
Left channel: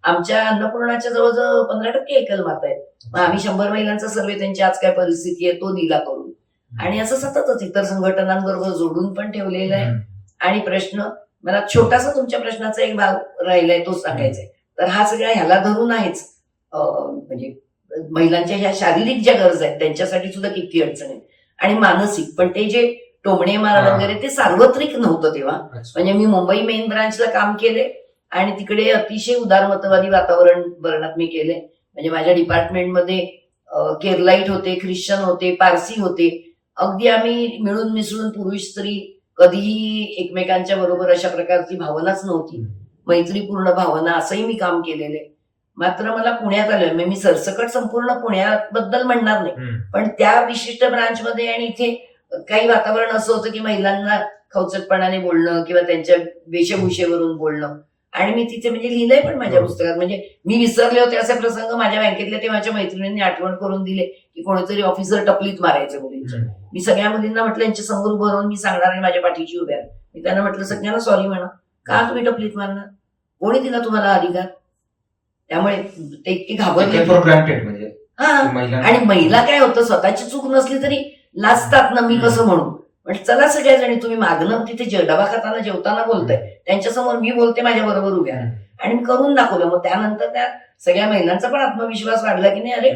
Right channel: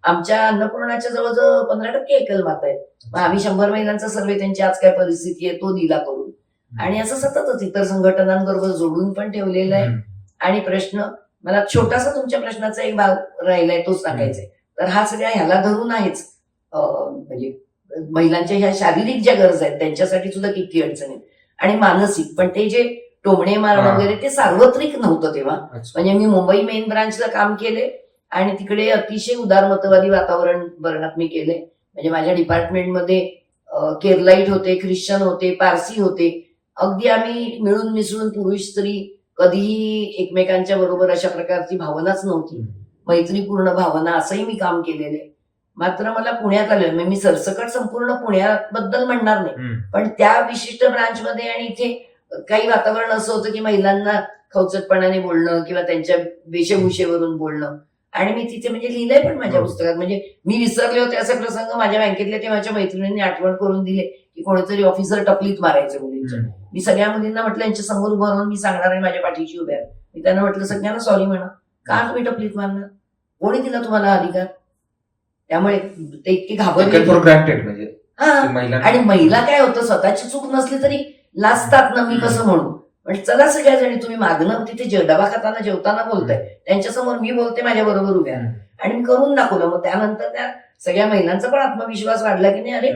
आमच्या अन्नपूर्णाच्या जवळजवळ 15% एकल माता आहेत. मग आम्ही 100 महिलांचा सर्व्हे, त्यांची आज काय परिस्थिती आहे तो दिला करून. आणि असं सततच इतर संघटनांबरोबर जोडून पण ठेवलेलं आहे. आणि प्रश्न मला छोटासा तुमच्या प्रश्नाचा एक भाग राहिलाय तो सांगायचा आहे. तर हा सगळा ह्याला धरून आहेच, म्हणजे महिलांच्या ह्या शारीरिक ज्या गरजा आहेत त्यांच्यासाठी सुद्धा किती अडचण आहे, आणि मानसिक पण. ते जे टोमणे मार वगैरे ते सार्वत्रिक नव्हतं तेव्हा. म्हणजे मी मुंबई मेन ब्रांचला काम केले आणि तिकडे अतिशय उदारमतवादी वातावरणात मी केले. म्हणजे माझ्या डिपार्टमेंटमध्ये केरलाईट होते, ख्रिश्चन होते, पारसी होते. अगदी आम्ही मिळून मिसळून, पुरुष स्त्री कधीही एकमेकांच्या बरोबर अशा प्रकारची भावनाच नव्हती, मैत्रीपूर्ण भावना, असंही मी काम केलेलं आहे. मात्र मला पुण्यात आलं, मी सरसकट संपूर्ण पुण्याबद्दल म्हणणार नाही, पण त्या विशिष्ट ब्रांचमध्ये आणि इथे काही वातावरण असं होतं की महिलांना खवचटपणाने बोलणं किंवा त्यांच्या वेशभूषेवरून बोलणं. आणि मी तिथे म्हणजे लिहिलंय पण माझ्या पुस्तकात, म्हणजे मी विसरले होते असे प्रसंग माझ्या बँकेतल्या तेव्हाच्या मैत्रिणींनी आठवण करून दिले की कोणीतरी ऑफिसर टपलीत मारायचं मुलींच्या. मी सगळ्या मुलींना म्हटलं यांच्या समोर उभं राहून मी सांगणार आणि माझ्या पाठीची उभ्या. मी त्यांना म्हटलं सगळ्यांना सॉरी म्हणा, का तुम्ही टपलीत मारणार, कोणी दिला तुम्हाला अधिकार. त्यामुळे ते इतके घाबरले. म्हणजे आणि महिला काय होतं, स्वतःची चूक नसली तरी लाजतात ना, मी कसं म्हणू. म्हणजे चला सगळ्याजणी तुम्ही मागणं तिथे डबा खाताना जेवताना बोलताय, त्यांच्यासमोर मी बोलते माझ्या बरोबर उभ्या, आणि मी करून दाखवलं. मग त्यानंतर त्या सगळ्या महिलांचा पण आत्मविश्वास वाढला की नाही, अरे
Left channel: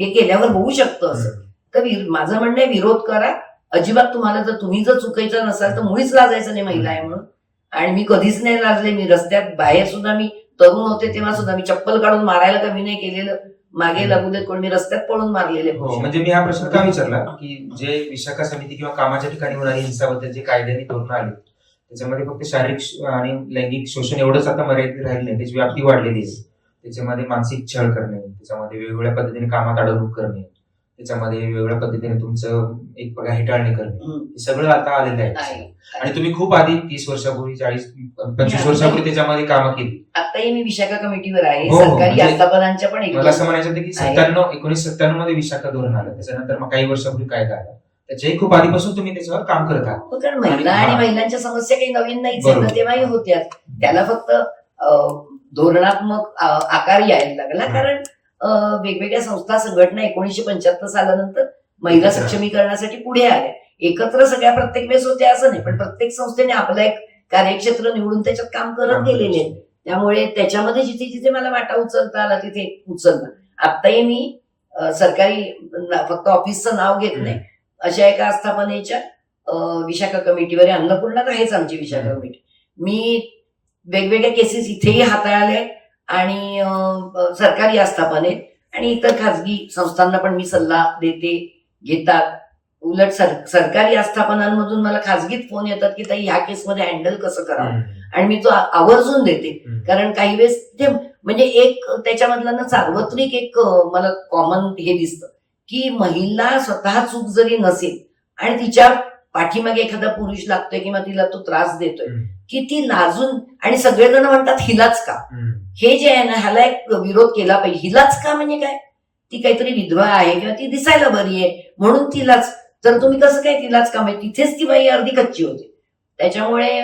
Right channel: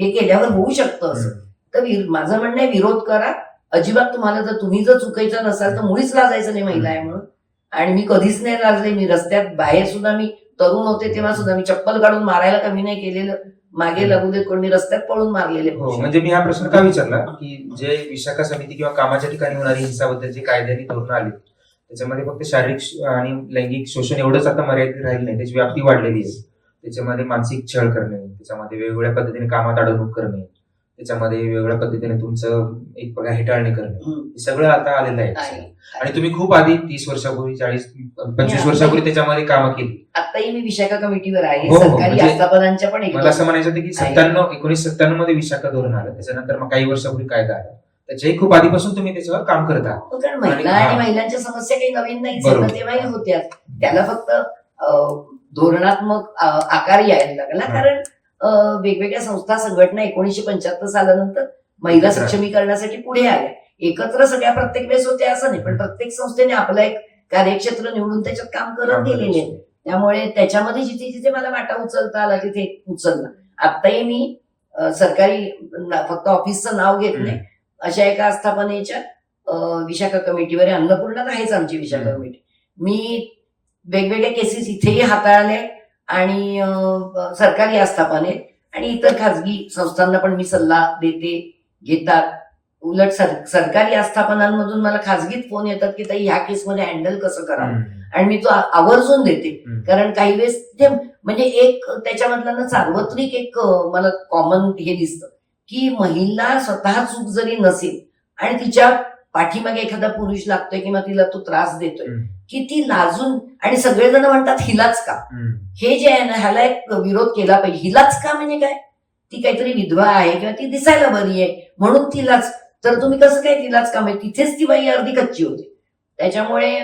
हे केल्यावर होऊ शकतं असं. तर माझं म्हणणं आहे, विरोध करा अजिबात. तुम्हाला जर तुम्ही जर चुकायचं नसाल तर मुळीच लाजायचं नाही महिला आहे म्हणून. आणि मी कधीच नाही लाजले. मी रस्त्यात बाहेर सुद्धा, मी तरुण होते तेव्हा सुद्धा मी चप्पल काढून मारायला कमी नाही केलेलं. मागे लागू देत कोण, मी रस्त्यात पळून मारलेले. हो, म्हणजे मी हा प्रश्न का विचारला की जे विशाखा समिती किंवा कामाच्या ठिकाणी होणारी हिंसाबद्दल जे कायद्याने धोरणं आली त्याच्यामध्ये फक्त शारीरिक आणि लैंगिक शोषण एवढंच आता मर्यादित राहिलं नाही, त्याची व्याप्ती वाढलेली आहे. त्याच्यामध्ये मानसिक छळ करणे, त्याच्यामध्ये वेगवेगळ्या पद्धतीने कामात अडवणूक करणे, त्याच्यामध्ये वेगवेगळ्या पद्धतीने तुमचं एक प्रकार हेटाळणी करणे, हे सगळं आता आलेलं आहे. आणि तुम्ही खूप आधी 30 वर्षापूर्वी 40-25 वर्षापूर्वी त्याच्यामध्ये कामं केली. आताही मी विशाखा कमिटीवर आहे. हो, सरकारी म्हणजे आस्थापनांच्या पण मला असं म्हणायचं होतं की 1997 मध्ये विशाखा धोरण आलं, त्याच्यानंतर मग काही वर्षापूर्वी कायदा आला, त्याच्याही खूप आधीपासून तुम्ही त्याच्यावर काम करत आहात. कारण महिला आणि महिलांच्या समस्या काही नवीन नाहीच आहेत ना, तेव्हाही होत्या. त्याला फक्त धोरणात्मक आकार यायला लागला, कारण वेगवेगळ्या संस्था संघटना 1975 सालानंतर महिला सक्षमीकरणासाठी पुढे आल्या. एकत्र सगळ्या प्रत्येक वेळेस होत्या असं नाही, पण प्रत्येक संस्थेने आपलं एक कार्यक्षेत्र निवडून त्याच्यात काम करत गेलेले. त्यामुळे त्याच्यामध्ये जिथे जिथे मला वाटा उचलता आला तिथे उचलला. आत्ताही मी सरकारी फक्त ऑफिसचं नाव घेत नाही, अशा एका आस्थापनेच्या विशाखा कमिटीवर आहे. अन्नपूर्णात आहेच आमची विशाखा कमिटी. मी वेगवेगळ्या केसेस इथेही हाताळले आणि सरकारी आस्थापने आणि इतर खाजगी संस्थांना पण मी सल्ला देते, घेतात. उलट सरकारी आस्थापनांमधून मला खाजगीत फोन येतात की ताई ह्या केसमध्ये हँडल कसं करावं, आणि मी तो आवर्जून देते. कारण काही वेळेस ते म्हणजे एक त्याच्यामधला ना सार्वत्रिक एक मला कॉमन हे दिसतं की महिला स्वतः चूक जरी नसेल आणि तिच्या पाठीमागे एखादा पुरुष लागतोय किंवा तिला तो त्रास देतोय, की ती लाजून, आणि सगळेजण म्हणतात हिलाच का, हे जे आहे ना ह्याला एक विरोध केला पाहिजे. हिलाच का म्हणजे काय, ती काहीतरी विधवा आहे किंवा ती दिसायला बरी आहे म्हणून तिलाच, तर तुम्ही कसं काय तिलाच का, म्हणजे तिथेच ती बाई अर्धी कच्ची होते. त्याच्यामुळे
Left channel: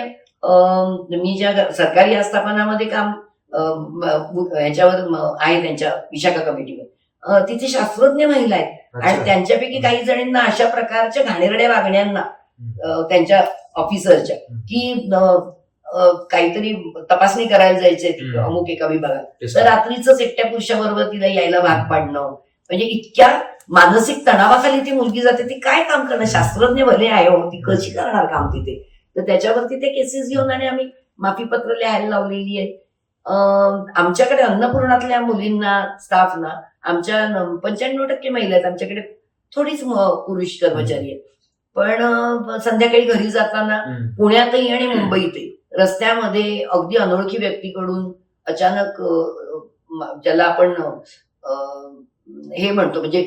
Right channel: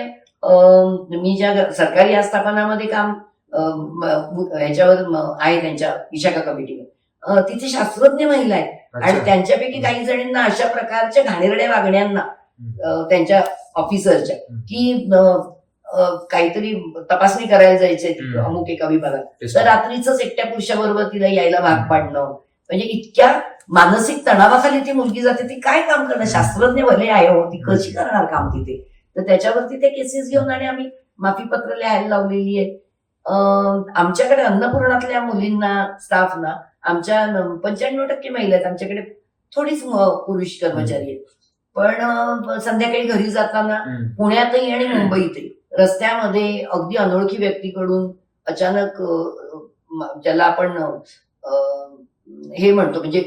मी ज्या सरकारी आस्थापनामध्ये काम ह्याच्यावर आहे त्यांच्या विशाखा कमिटीवर, तिथे शास्त्रज्ञ महिला आहेत आणि त्यांच्यापैकी काही जणींना अशा प्रकारच्या घाणेरड्या वागण्यांना त्यांच्या ऑफिसरच्या की काहीतरी तपासणी करायला जायचंय अमुक एका विभागात, तर रात्रीच एकट्या पुरुषाबरोबर तिला यायला भाग पाडणं, म्हणजे इतक्या मानसिक तणावाखाली ती मुलगी जाते. ती काय काम करणार, शास्त्रज्ञ भले आहे हो, ती कशी करणार काम तिथे. तर त्याच्यावरती ते केसेस घेऊन आणि आम्ही माफीपत्र लिहायला लावलेली आहे. आमच्याकडे अन्नपूर्णातल्या मुलींना, स्टाफना आमच्या 95% महिला आहेत. आमच्याकडे थोडीच पुरुष कर्मचारी आहेत. पण संध्याकाळी घरी जाताना पुण्यातही आणि मुंबईतही रस्त्यामध्ये अगदी अनोळखी व्यक्तीकडून अचानक, ज्याला आपण हे म्हणतो म्हणजे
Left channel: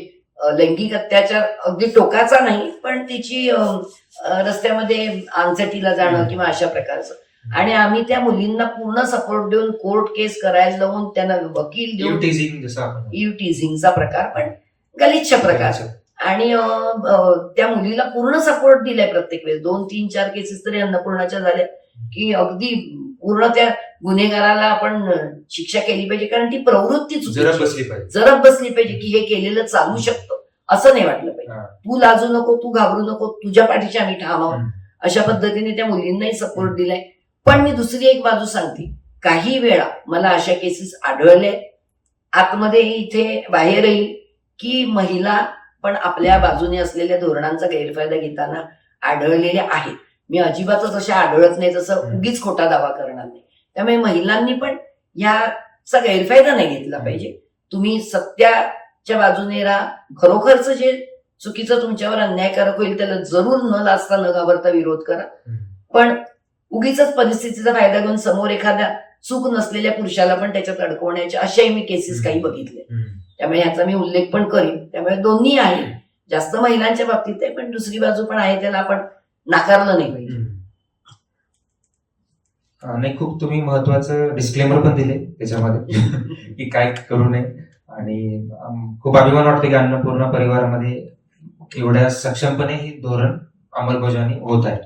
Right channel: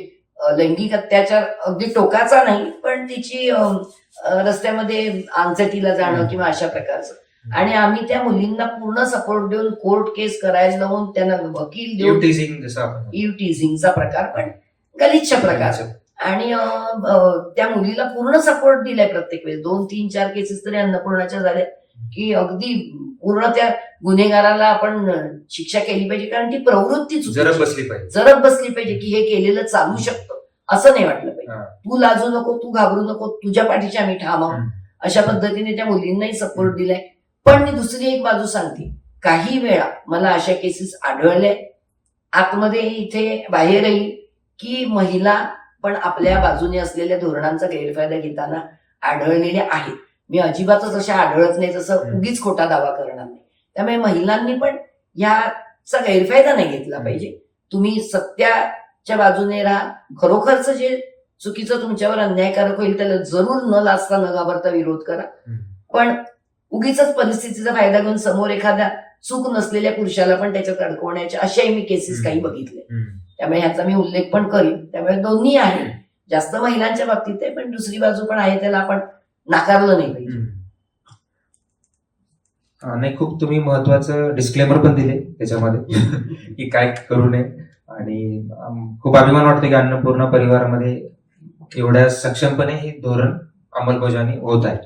लैंगिक अत्याचार अगदी टोकाचा नाही, पण तिची रस्त्यामध्ये आंचटीला जाणं किंवा अशा प्रकारचं, आणि आम्ही त्या मुलींना पूर्ण सपोर्ट देऊन कोर्ट केस करायला लावून त्यांना वकील देऊन, टीझिंगचा प्रकार पण गलिच्छ प्रकार, आणि त्या मुलीला पूर्ण सपोर्ट दिलाय प्रत्येक वेळेस. 2, 3, 4 केसेस तरी अन्नपूर्णाच्या झाल्या की अगदी पूर्ण त्या गुन्हेगाराला आपण शिक्षा केली पाहिजे, कारण ती प्रवृत्ती जरब बसली पाहिजे की हे केलेलं चालू शकतं, असं नाही वाटलं पाहिजे. तू लाजू नको, तू घाबरू नको, तुझ्या पाठीशी आम्ही ठाम आहोत, अशा पद्धतीने त्या मुलींनाही सपोर्ट दिलाय. पण मी दुसरी एक बाजू सांगते, काही वेळा मला अशा केसेस आढळल्या आतमध्ये इथे बाहेरही की महिला पण आपल्या बाजूने असलेल्या धोरणांचा गैरफायदा घेताना आढळलेल्या आहेत. मी अजिबातच अशा आढळत नाही जसं उगीच खोटा दावा करणार नाही. त्यामुळे महिलांनी पण याचा गैरफायदा नाही घेतला पाहिजे. तुम्ही सत्याच्या बाजूने राहा. खरोखरच जे चुकीचं तुमच्यावर अन्यायकारक होईल त्याला जरूर न लाजता न घाबरता विरोध करा. पण उगीच परिस्थितीचा फायदा घेऊन समोर एखाद्या चूक नसलेल्या पुरुषाला पण त्याच्यात अडकवण्याच्या अशाही मी केसेस काही बघितले. त्यामुळे ह्याचा मी उल्लेख पण करीन. त्यामुळे दोन्ही आहे, जास्त महिलांच्या बाबतीत आहे, पण दुसरी बाजू पण आहे, त्याला आपण नाकारलं नाही पाहिजे. नाही, खूप तुम्ही महत्वाचं डिस्क्लेमर पण दिले त्याच्यामध्ये की काय करू नये, आणि खूप अभिमान वाटतो की अन्नपूर्णा परिवारामध्ये एवढ्या सक्षमपणे हे धोरण अंमलबजावणी होत आहे.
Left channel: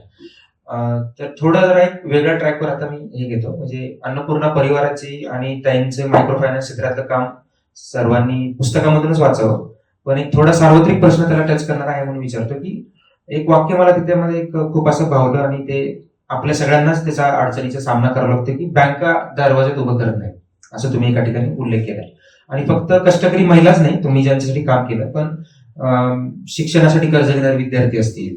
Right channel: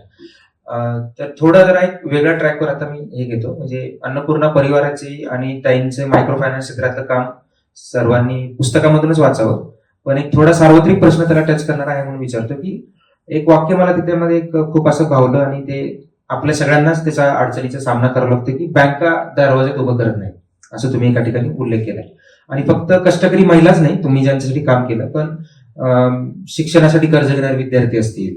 तर थोडा जरा एक वेगळ्या ट्रॅकवर आता मी हे घेतो, म्हणजे अन्नपूर्णा परिवाराची आणि ताईंचे मायक्रो फायनान्स क्षेत्रातलं काम सर्वांनी पुस्तकामधूनच वाचावं, पण एक थोडा सार्वत्रिक प्रश्न त्याला टच करणार आहे म्हणून विचारतो की एक वाक्य मला त्याच्यामध्ये खूप असं भावलं, आणि ते आपल्या सगळ्यांनाच त्याच्या अडचणीचा सामना करावा लागतो की बँका दरवाजात उभं करत नाही, असं तुम्ही एका ठिकाणी उल्लेख केलाय. आणि फक्त कष्टकरी महिलाच नाही, तुम्ही ज्यांच्यासाठी काम केलं, पण शिक्षणासाठी कर्ज घेणारे विद्यार्थी असतील,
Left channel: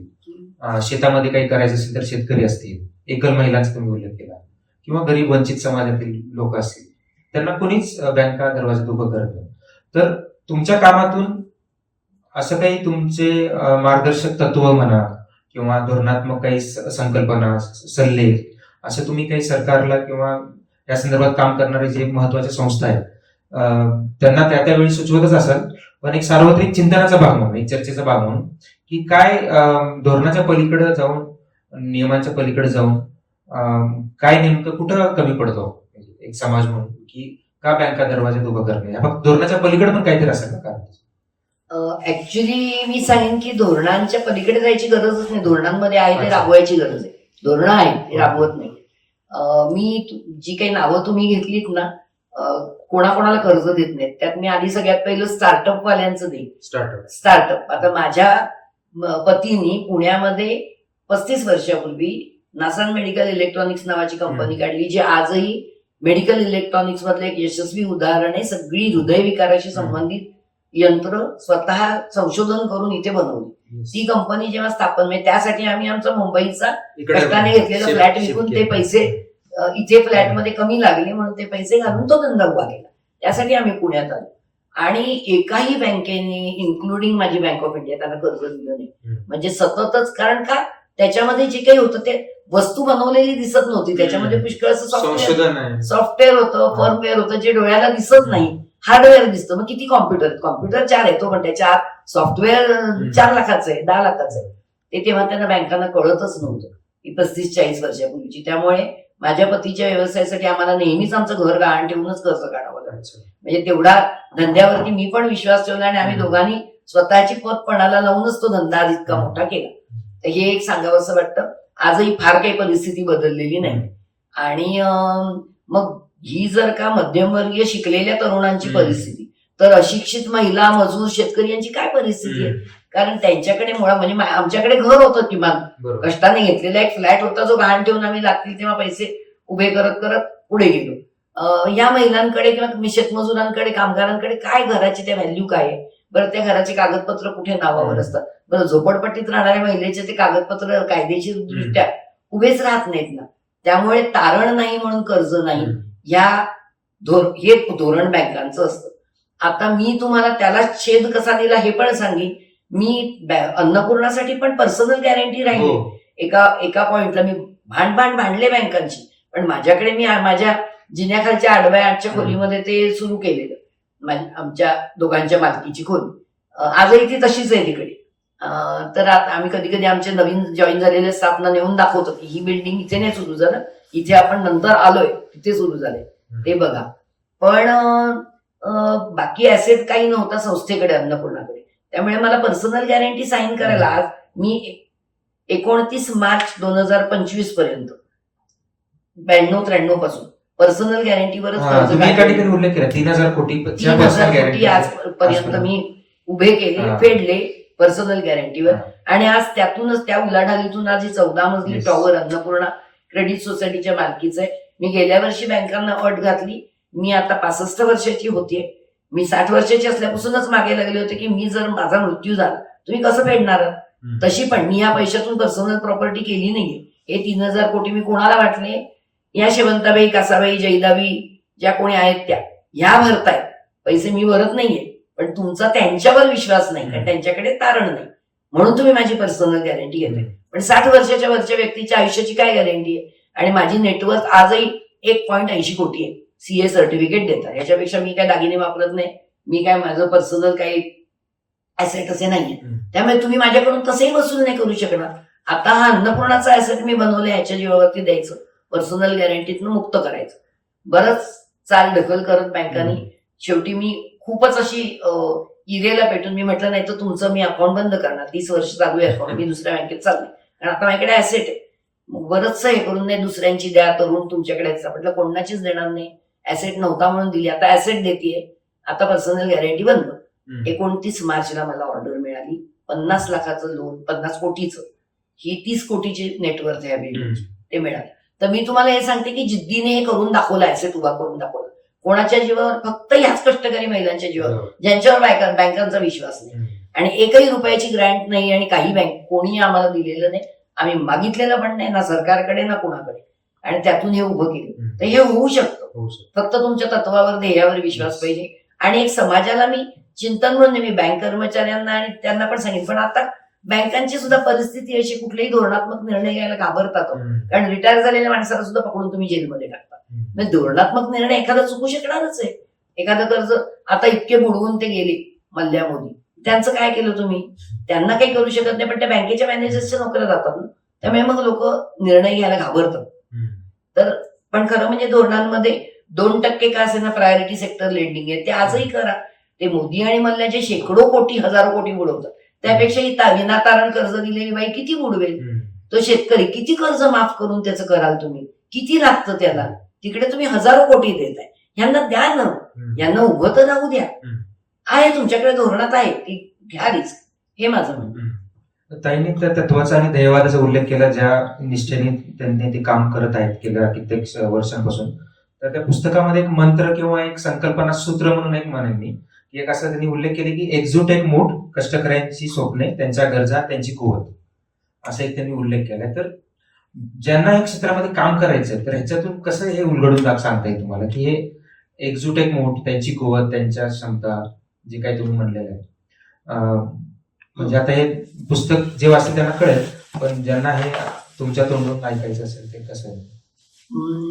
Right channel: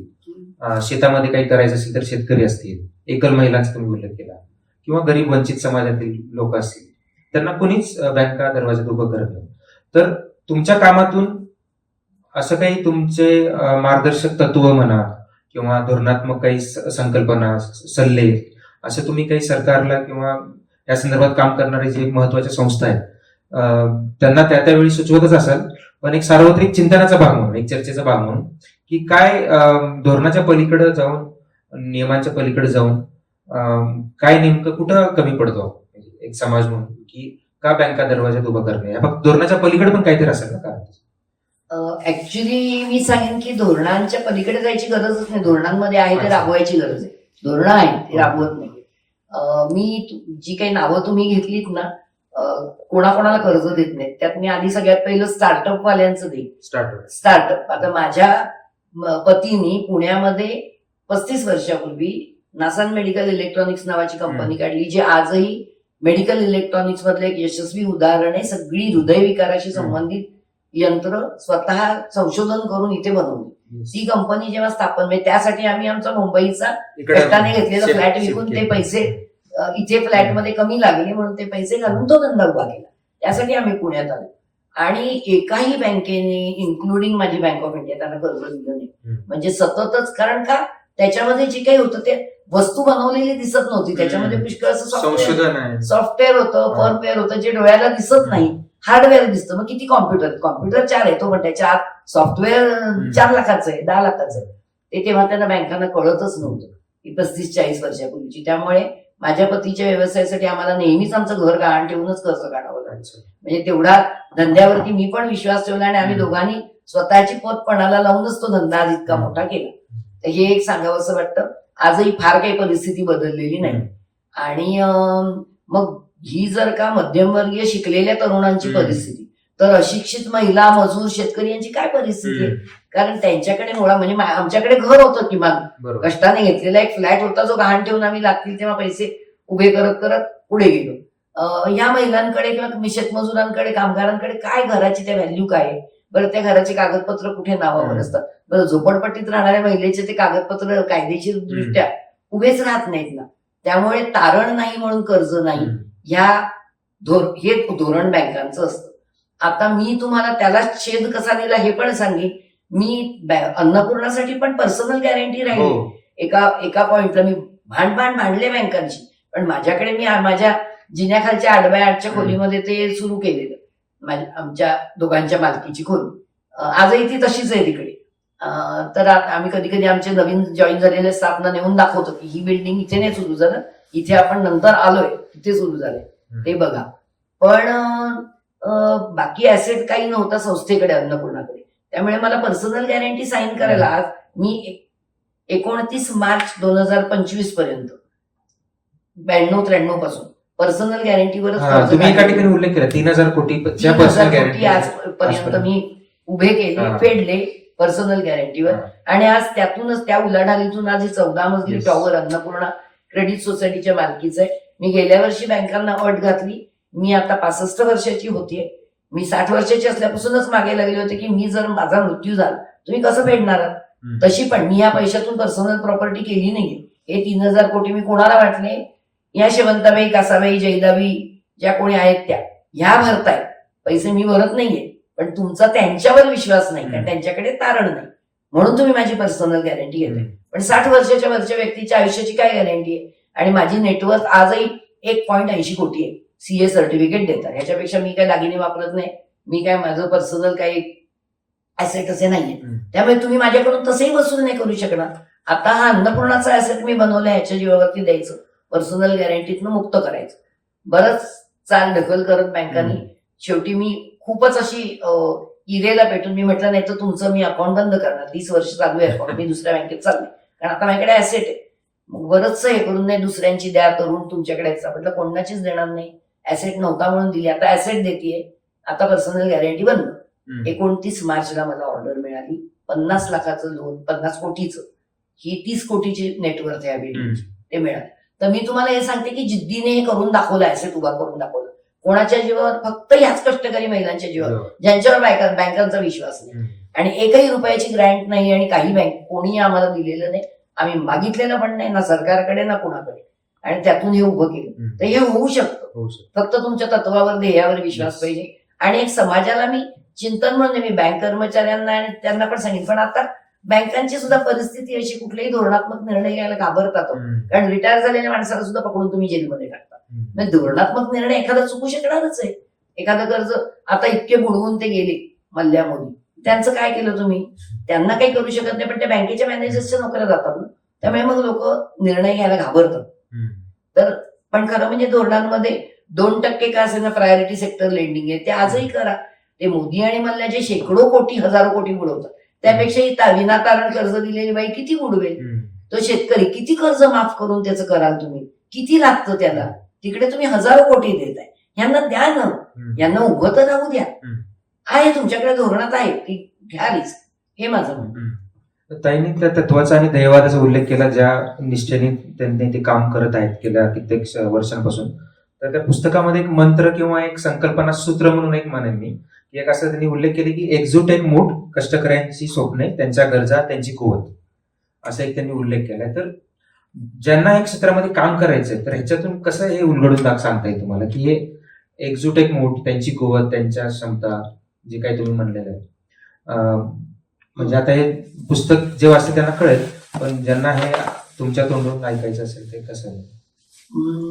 शेतामध्ये काही करायचं असेल तर शेतकरी असतील, एकल महिलांचा तुम्ही उल्लेख केला, किंवा गरीब वंचित समाजातील लोक असतील, त्यांना कोणीच बँका दरवाजात उभं करत नाही. तर तुमच्या कामातून असं काही तुमचे मार्गदर्शक तत्व म्हणा किंवा धोरणात्मक काही संकल्पना, सल्ले, असं तुम्ही काही सरकारला किंवा या संदर्भात काम करणारे जे महत्वाच्या संस्था आहेत त्यांना त्यावेळी सुचवतच असाल, पण एक सार्वत्रिक चिंतनाचा भाग म्हणून, एक चर्चेचा भाग म्हणून, की काय धोरणाच्या पलीकडे जाऊन, नियमांच्या पलीकडे जाऊन काय नेमकं कुठं कमी पडतो एक समाज म्हणून, की का बँका दरवाजात उभं करणे, फक्त धोरणाच्या पलीकडे पण काहीतरी असेल ना कारण? ऍक्च्युली मी सांगेन की धोरणांच्या पलीकडे जायची गरजच नाही. धोरणांमध्ये आहे ते अच्छा. राबवायची गरज आहे. धोरणं आहेत ते राबवत नाही. मी जी काही नावं तुम्ही घेतलीत ना, कोणाकोणाला कर्ज देत नाहीत. त्यात मी आधी सगळ्यात पहिलं स्टार्टअप वाल्यांचं देईन. स्टार्टअप आता माझ्या पतीने पुण्यामध्ये 35 वर्षापूर्वी नासान मेडिकल इलेक्ट्रॉनिक्स नावाची कंपनी काढली, जी आजही मेडिकल इलेक्ट्रॉनिक्स मधलं एक यशस्वी उदाहरण आहे. सगळी हृदयविकाराशी संबंधित यंत्र स्वतः संशोधन करून इथे बनवली. ती कंपनी जेव्हा स्थापन, म्हणजे त्यासाठी आम्ही आमचा मुंबईचा कष्टाने घेतलेला फ्लॅट विकून ते पैसे इथे फ्लॅटमध्ये कमी लागले म्हणून ते पैसे घालून तो धंदा उभा केला. त्यासाठी आम्ही पुण्यात आलो. आणि एकाही बँकेने, इन्क्लुडिंग माझी बँक ऑफ इंडिया, त्यांना कर्ज दिलं नाही. म्हणजे सततच, कारण का त्याच्यामध्ये जे काही होतं ते वस्तू बनवलेली दिसत नव्हती. त्याच्यामध्ये पुष्कळचं सॉफ्टवेअर होतं, फर्मवेअर होतं, जे डोळ्याला दिसत नाही. हार्डवेअर दिसतं. मग किती कॉम्प्युटर 4 आहे तो, पण त्याच्या आत सॉफ्टवेअर 4 लाखाचं आहे, 10 लाखाचं आहे. ते तेव्हा त्यांना बँकांना कळतच नव्हतं, की 35-40 वर्षापूर्वीची. त्यामुळे माझ्या पतीच्या व्यवसायासाठी आम्हाला नेहमीच आमचं घर गहाण ठेवूनच कर्ज काढावं लागायचं. म्हणजे तेवढा धंद्यावरती मी पण विश्वास ठेवला आणि आम्ही दोघांनी स्वतःची पत पणाला लावूनच तो धंदा आज इतका मोठा केला. तर हे एक सांगावं असं वाटतं. आजही फार काही परिस्थिती बदललेली नाही. आणि मग ही जर का मध्यमवर्गीय शिकलेल्या तरुणांची परिस्थिती, तर अशिक्षित महिला, मजूर, शेतकरी यांची काय परिस्थिती आहे? कारण त्यांच्याकडे मुळात, म्हणजे आमच्याकडे घर होतं, किमान कष्टाने घेतलेला एक फ्लॅट होता, जो गहाण ठेवून आम्ही लागतील तेव्हा पैसे उभे करत करत पुढे गेलो. या महिलांकडे किंवा शेतमजुरांकडे, कामगारांकडे काय घराची त्या व्हॅल्यू काय आहे? बरं, त्या घराचे कागदपत्र कुठे नावावर असतात? बरं, झोपडपट्टीत राहणाऱ्या महिलेचे ते कागदपत्र कायदेशीर दृष्ट्या उभेच राहत नाहीत ना. त्यामुळे तारण नाही म्हणून कर्ज नाही, हे धोरण बँकांचं असतं. आता मी तुम्हाला त्याला छेद कसा दिला हे पण सांगेन. मी अन्नपूर्णासाठी पण पर्सनल गॅरंटी राहिली. एका पॉइंटला मी भांडले बँकांची, पण माझ्याकडे मी माझ्या जिन्याखालच्या 8x8च्या खोलीमध्ये ते सुरू केलेलं, आमच्या दोघांच्या मालकीची खोली. आजही ती तशीच आहे तिकडे. तर आम्ही कधी कधी आमचे नवीन जॉईन झालेल्या स्टाफना नेऊन दाखवतो की ही बिल्डिंग इथे नाही सुरू झालं, इथे आपण नंतर आलोय, तिथे सुरू झालंय, ते बघा. पण बाकी ऍसेट काही नव्हता संस्थेकडे, अन्नपूर्णाकडे. त्यामुळे मला पर्सनल गॅरंटी साईन करायला आज मी 29 मार्च 2025 पर्यंत 92-93 पासून पर्सनल गॅरंटीवरच उल्लेख केला. 3,000 कोटी आजपर्यंत मी उभे केले, फेडले पर्सनल गॅरंटीवर. आणि आज त्यातूनच, त्या उलाढालीतून आज ही 14 मजली टॉवर अन्नपूर्णा क्रेडिट सोसायटीच्या मालकीचं आहे. मी गेल्या वर्षी बँकांना अट घातली. मी आता 65 वर्षाची होतीये. मी 60 वर्षाची असल्यापासूनच मागे लागले होते की मी जर माझा मृत्यू झाला तुम्ही कसं फेडणार? तशी पण मी या पैशातून पर्सनल प्रॉपर्टी केली नाहीये. हे 3,000 कोटी मी कोणाला वाटले? या शेवंताबाई, कासाबाई, जैदाबाई ज्या कोणी आहेत त्या, ह्या भरतायत पैसे, मी भरत नाहीये. पण तुमचा त्यांच्यावर विश्वास नाही, कारण त्यांच्याकडे तारण नाही, म्हणून तुम्ही माझी पर्सनल गॅरंटी घेताय. पण 60 वर्षाच्या वरच्या व्यक्तीच्या आयुष्याची काय गॅरंटी आहे? आणि माझी नेटवर्थ आजही 1.80 कोटी आहे. सीए सर्टिफिकेट देतात. ह्याच्यापेक्षा मी काय दागिने वापरत नाही, मी काय माझं पर्सनल काही ऍसेट असे नाहीये. त्यामुळे तुम्ही माझ्याकडून तसंही वसूल नाही करू शकणार. आता हा अन्नपूर्णाचा ऍसेट मी बनवला, ह्याच्या जीवावरती द्यायचं, पर्सनल गॅरंटीतनं मुक्त करायचं. बरंच चाल ढकल करत बँकांनी शेवटी मी खूपच अशी इरेला पेटून मी म्हटलं, नाही तर तुमचं मी अकाउंट बंद करणार, 30 वर्ष चालू आहे अकाउंट, मी दुसऱ्या बँकेत चालले, कारण आता माझ्याकडे ऍसेट आहे. मग बरंच हे करून नाही दुसऱ्यांची द्या करून तुमच्याकडे म्हटलं कोणाचीच देणार नाही. ऍसेट नव्हता म्हणून दिली, आता ऍसेट देतीये, आता पर्सनल गॅरंटी बंद. 29 मार्चला मला ऑर्डर मिळाली 50 लाखाचं लोन, 50 कोटीचं, ही 30 कोटीची नेटवर्थ आहे बिल्डिंगची, ते मिळालं. तर मी तुम्हाला हे सांगते की जिद्दीने हे करून दाखवलं, ऍसेट उभा करून दाखवलं. कोणाच्या जीवावर? फक्त ह्याच कष्टकरी महिलांच्या जीवावर, ज्यांच्यावर बँकांचा विश्वास नाही. आणि एकही रुपयाची ग्रँट नाही आणि काही बँक कोणी आम्हाला दिलेलं नाही, आम्ही मागितलेलं पण नाही, ना सरकारकडे ना कोणाकडे, आणि त्यातून हे उभं केलं. तर हे होऊ शकतं, फक्त तुमच्या तत्वावर, ध्येयावर विश्वास पाहिजे. आणि एक समाजाला मी चिंतन म्हणजे मी बँक कर्मचाऱ्यांना आणि त्यांना पण सांगितलं, पण आता बँकांची सुद्धा परिस्थिती अशी, कुठलेही धोरणात्मक निर्णय घ्यायला घाबरतात, कारण रिटायर झालेल्या माणसाला सुद्धा पकडून तुम्ही जेलमध्ये टाकता. म्हणजे धोरणात्मक निर्णय एखादा चुकू शकणारच आहे. एखादं कर्ज आता इतके बुडवून ते गेले मल्ल्या मोदी, त्यांचं काय केलं तुम्ही? त्यांना काही करू शकत नाही, पण त्या बँकेच्या मॅनेजर्सच्या नोकऱ्या जातात ना, त्यामुळे मग लोक निर्णय घ्यायला घाबरतात. तर पण खरं म्हणजे धोरणांमध्ये 2% का असेना प्रायोरिटी सेक्टर लेंडिंग आहे, ते आजही करा. ते मोदी आणि मल्ल्या जे शेकडो कोटी, हजारो कोटी बुडवतात, त्यापेक्षा ही विनातारण कर्ज दिलेली बाई किती बुडवेल? तो शेतकरी किती कर्ज माफ करून त्याचं कराल तुम्ही? किती लागतं त्याला? तिकडे तुम्ही हजारो कोटी देताय, यांना द्या ना, यांना उभं तर राहू द्या. आहे तुमच्याकडे धोरणात आहे, ती घ्या रिस्क, हे माझं म्हणणं. ताईंनी त्या तत्वाचा आणि ध्येयवादाचा उल्लेख केला, ज्या निष्ठेने त्यांनी ते काम करत आहेत गेल्या कित्येक वर्षांपासून. तर त्या पुस्तकामध्ये एक मंत्र किंवा एक संकल्पना सूत्र म्हणून एक म्हणेन मी, की एक असं त्यांनी उल्लेख केले की एकजूट एक मूठ, कष्टकऱ्यांची स्वप्ने, त्यांच्या गरजा, त्यांची कुवत, असा एक त्यांनी उल्लेख केलाय. तर ज्यांना या क्षेत्रामध्ये काम करायचंय, तर ह्याच्यातून कसं हे उलगडून सांगता येईल तुम्हाला, की हे एकजूट एक मूठ, त्यांची कुवत, त्यांच्या क्षमता, जे काही तुम्ही म्हणलेलं आहे. म्हणजे आता हे पुस्तक जे वाचतं त्यांना कळेल, पण ज्यांना हे तुमच्या तोंडून ऐकायचं असेल ते कसं?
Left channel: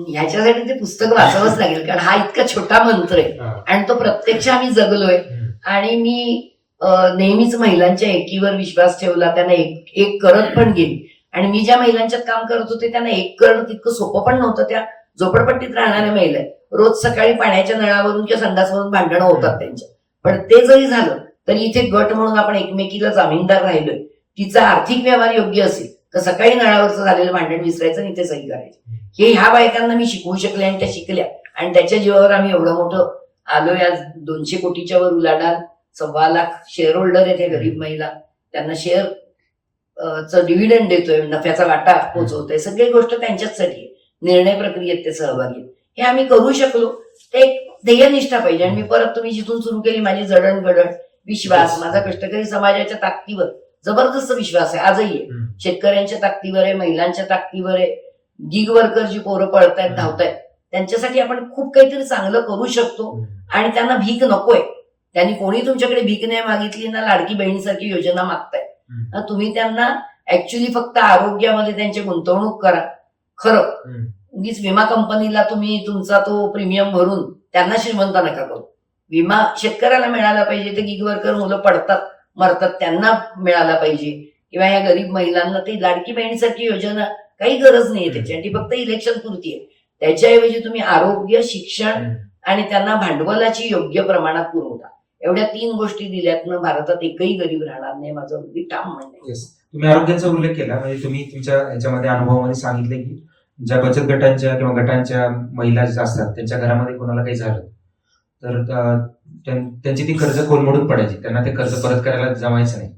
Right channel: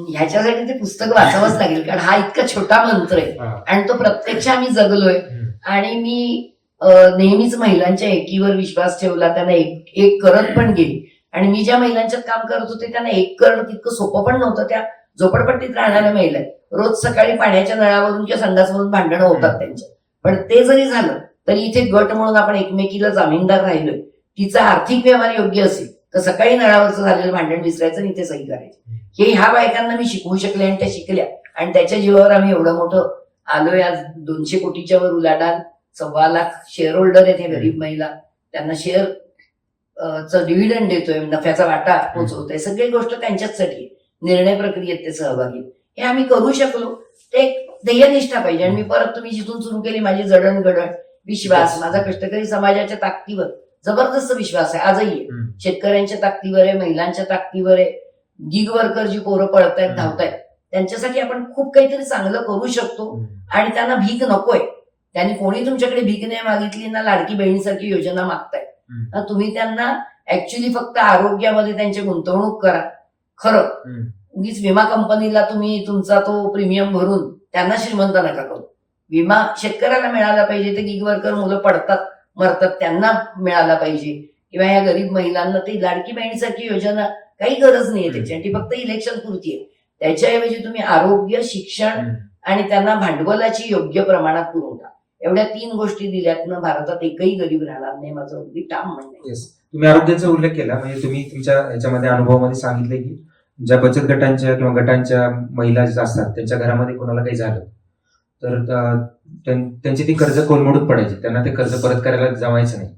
ह्याच्यासाठी ते पुस्तक वाचावंच लागेल, कारण हा इतका छोटा मंत्र आहे आणि तो प्रत्यक्ष आम्ही जगलोय. आणि मी नेहमीच महिलांच्या एकीवर विश्वास ठेवला, त्यांना एक करत पण गेली. आणि मी ज्या महिलांच्यात काम करत होते त्यांना एक करणं तितकं सोपं पण नव्हतं. त्या झोपडपट्टीत राहणाऱ्या महिला आहेत, रोज सकाळी पाण्याच्या नळावरून किंवा संडासवरून भांडणं होतात त्यांच्या. पण ते जरी झालं तरी इथे गट म्हणून आपण एकमेकीला जामीनदार राहिलोय. तिचा आर्थिक व्यवहार योग्य असेल तर सकाळी नळावरचं झालेलं भांडण विसरायचं आणि इथे सही करायची. हे ह्या बायकांना मी शिकवू शकले आणि त्या शिकल्या, आणि त्याच्या जीवावर आम्ही एवढं मोठं आलोय. आज 200 कोटीच्या वर उलाढाल, 1.25 लाख शेअर होल्डर आहेत हे गरीब महिला, त्यांना शेअर च डिव्हिडंड देतोय, नफ्याचा वाटा पोहोचवतोय, सगळी गोष्ट त्यांच्याचसाठी, निर्णय प्रक्रियेत ते सहभागी. हे आम्ही करू शकलो, ते एक ध्येयनिष्ठा पाहिजे. आणि मी परत तुम्ही जिथून सुरू केली माझी जडणघडण, विश्वास, माझा कष्टकरी समाजाच्या ताकदीवर जबरदस्त विश्वास आहे, आजही आहे. शेतकऱ्यांच्या ताकदीवर आहे, महिलांच्या ताकदीवर आहे, गिग वर्कर जी पोरं पळतायत, धावतायत, त्यांच्यासाठी आपण खूप काहीतरी चांगलं करू शकतो. आणि त्यांना भीक नकोय. त्यांनी कोणी तुमच्याकडे भीक नाही मागितली ना, लाडकी बहिणीसारखी योजना मागताय. तुम्ही त्यांना ऍक्च्युली फक्त आरोग्यामध्ये त्यांची गुंतवणूक करा. खरं उगीच विमा कंपनीला तुम्ही तुमचा तो प्रीमियम भरून त्यांना श्रीमंत नका करू. विमा शेतकऱ्याला मिळाला पाहिजे, ते गिग वर्कर मुलं पडतात मरतात त्यांना मिळाला पाहिजे, किंवा या गरीब महिलांना ती लाडकी बहिणीसारखी योजना काही गरज नाहीये त्याची, आणि ती फक्त इलेक्शन पुरती आहे. त्याच्याऐवजी तुम्ही आरोग्य, शिक्षण आणि त्यांना भांडवलाची योग्य प्रमाणात पुरवठा, एवढ्या 3 गोष्टी दिल्यातनं भारतात एकही गरीब राहणार नाही, माझं अगदी ठाम म्हणणं आहे. तुम्ही आरोग्याचा उल्लेख केला, म्हणजे तुम्ही तुमच्या ह्याच्यामध्ये अनुभवामध्ये सांगितले की ज्या बचत गटांच्या किंवा गटांच्या महिला ज्या असतात त्यांच्या घरामध्ये कोणाला काही झालं तर त्यांची ती कर्ज कोलमडून पडायची, त्यांना ते कर्ज परत करायला जमायचं नाही.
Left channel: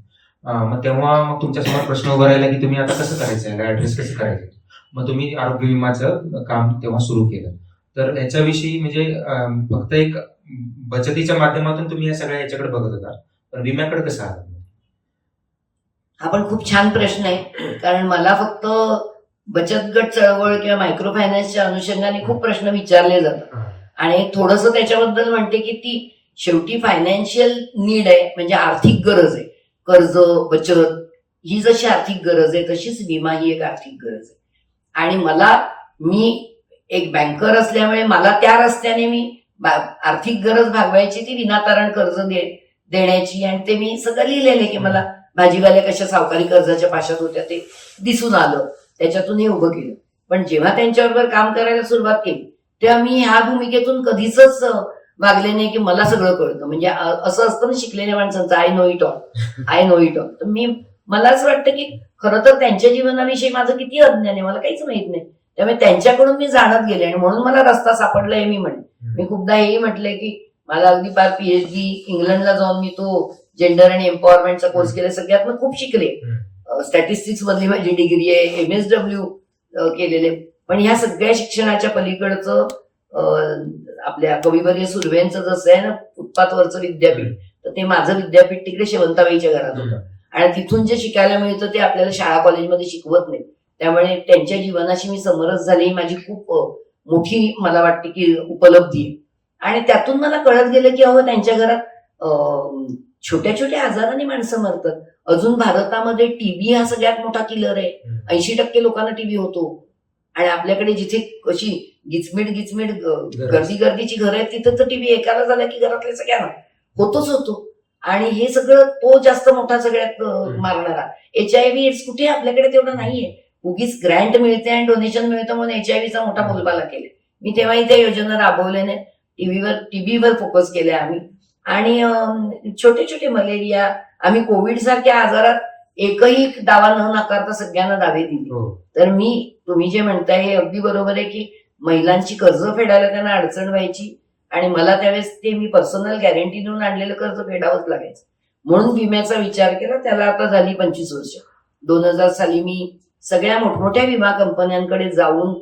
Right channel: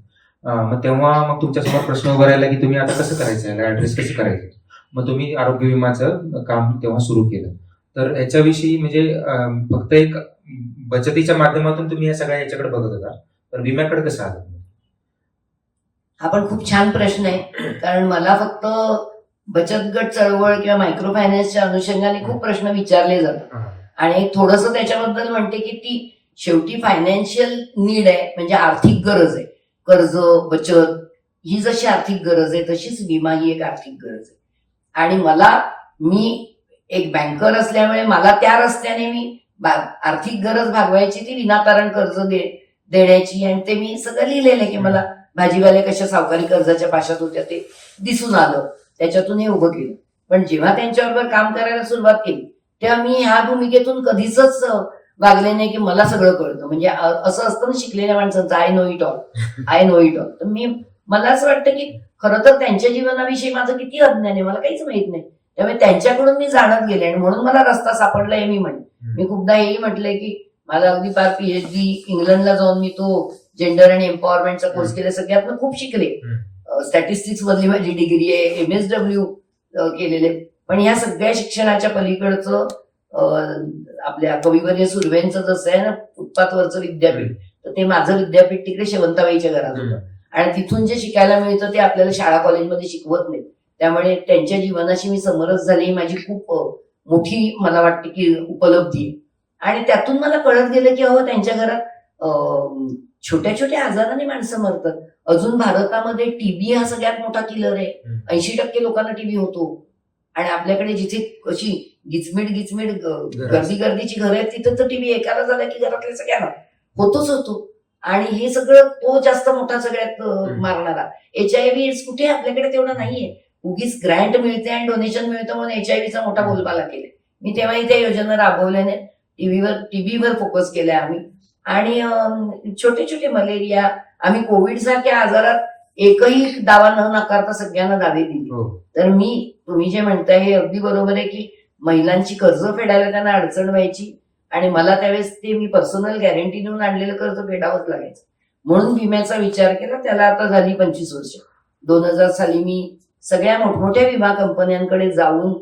मग तेव्हा मग तुमच्यासमोर प्रश्न उभा राहिला की तुम्ही आता कसं करायचं, याला ऍड्रेस कसं करायचं. मग तुम्ही आरोग्य विमाचं काम तेव्हा सुरू केलं. तर ह्याच्याविषयी म्हणजे फक्त एक बचतीच्या माध्यमातून तुम्ही या सगळ्या याच्याकडे बघत होता, तर विम्याकडे कसं आलं? हा पण खूप छान प्रश्न आहे, कारण मला फक्त बचत गट चळवळ किंवा मायक्रो फायनान्सच्या अनुषंगाने खूप प्रश्न विचारले जातात. आणि थोडंसं त्याच्याबद्दल म्हणते की ती शेवटी फायनान्शियल नीड आहे, म्हणजे आर्थिक गरज आहे. कर्ज, बचत ही जशी आर्थिक गरज आहे तशीच विमा ही एक आर्थिक गरज आहे. आणि मी एक बँकर असल्यामुळे मला त्या रस्त्याने मी आर्थिक गरज भागवायची, ती विनातारण कर्ज देण्याची. आणि ते मी सगळं लिहिलेलं आहे की मला भाजीवाल्या कशा सावकारी कर्जाच्या पाशात होत्या ते दिसून आलं, त्याच्यातून हे उभं केलं. पण जेव्हा त्यांच्याबरोबर काम करायला सुरुवात केली तेव्हा मी ह्या भूमिकेतून कधीच वागले नाही की मला सगळं कळतं. म्हणजे असं असतं ना शिकलेल्या माणसांचं, आय नो इट ऑल. तर मला असं वाटतं की खरं तर त्यांच्या जीवनाविषयी माझं किती अज्ञान आहे, मला काहीच माहित नाही. त्यामुळे त्यांच्याकडून मी जाणत गेले आणि म्हणून मला रस्ता सापडला हे मी म्हणेन. मी खूपदा हेही म्हटलंय की मला अगदी फार PhD इंग्लंडला जाऊन मी तो जेंडर आणि एम्पॉवरमेंटचा कोर्स केला, सगळ्यात खूप शिकले. स्टॅटिस्टिक्स मधली माझी डिग्री आहे, MSW केलेले. पण ह्या सगळ्या शिक्षणाच्या पलीकडचं आपल्या कविवर्य सुर्वेंचं जसं आहे ना फुटपाथवरचं विद्यापीठ, तर ते माझं विद्यापीठ तिकडे शेवंताबाईच्या घरात होतं. आणि तिथून जे शिकायला मिळतं ते आपल्याला शाळा कॉलेजमध्ये शिकवत नाही. त्यामुळे त्यांच्या जीवनाशी मी समरस झाली, ही माझी खूप मोठी मला वाटते की उपलब्धी आहे. आणि त्यातून मला कळत गेलं की अहो त्यांच्या घरात छोट्या छोट्या आजाराने माणसं मरतात. अजून भारतामध्ये टीबी हा सगळ्यात मोठा किलर आहे. 80% लोकांना टीबी होतो. आणि आपल्याकडे जिथे कशी गिचमिड गर्दीची घरं आहेत तिथं तर टीबी एकाला झाला की घरातल्या सगळ्यांना होतो. आणि हे सगळं तो जास्त मोठा सगळ्यात मारणारा. HIV एड्स कुठे आपल्याकडे तेवढं नाहीये. उगीच ग्रँट मिळते आणि डोनेशन मिळतं म्हणून HIV चा मोठा बोलबाला केले. मी तेव्हाही त्या योजना राबवल्याने टीबीवर फोकस केलाय आम्ही. आणि छोटे छोटे मलेरिया, आम्ही कोविड सारख्या आजारात एकही दावा न नाकारता सगळ्यांना दावे दिले. तर तुम्ही जे म्हणताय हे अगदी बरोबर आहे की महिलांची कर्ज फेडायला त्यांना अडचण व्हायची आणि मला त्यावेळेस ते मी पर्सनल गॅरंटी देऊन आणलेलं कर्ज फेडावंच लागायचं. म्हणून विम्याचा विचार केला. त्याला आता झाली 25 वर्ष. 2000 साली मी सगळ्या मोठमोठ्या विमा कंपन्यांकडे जाऊन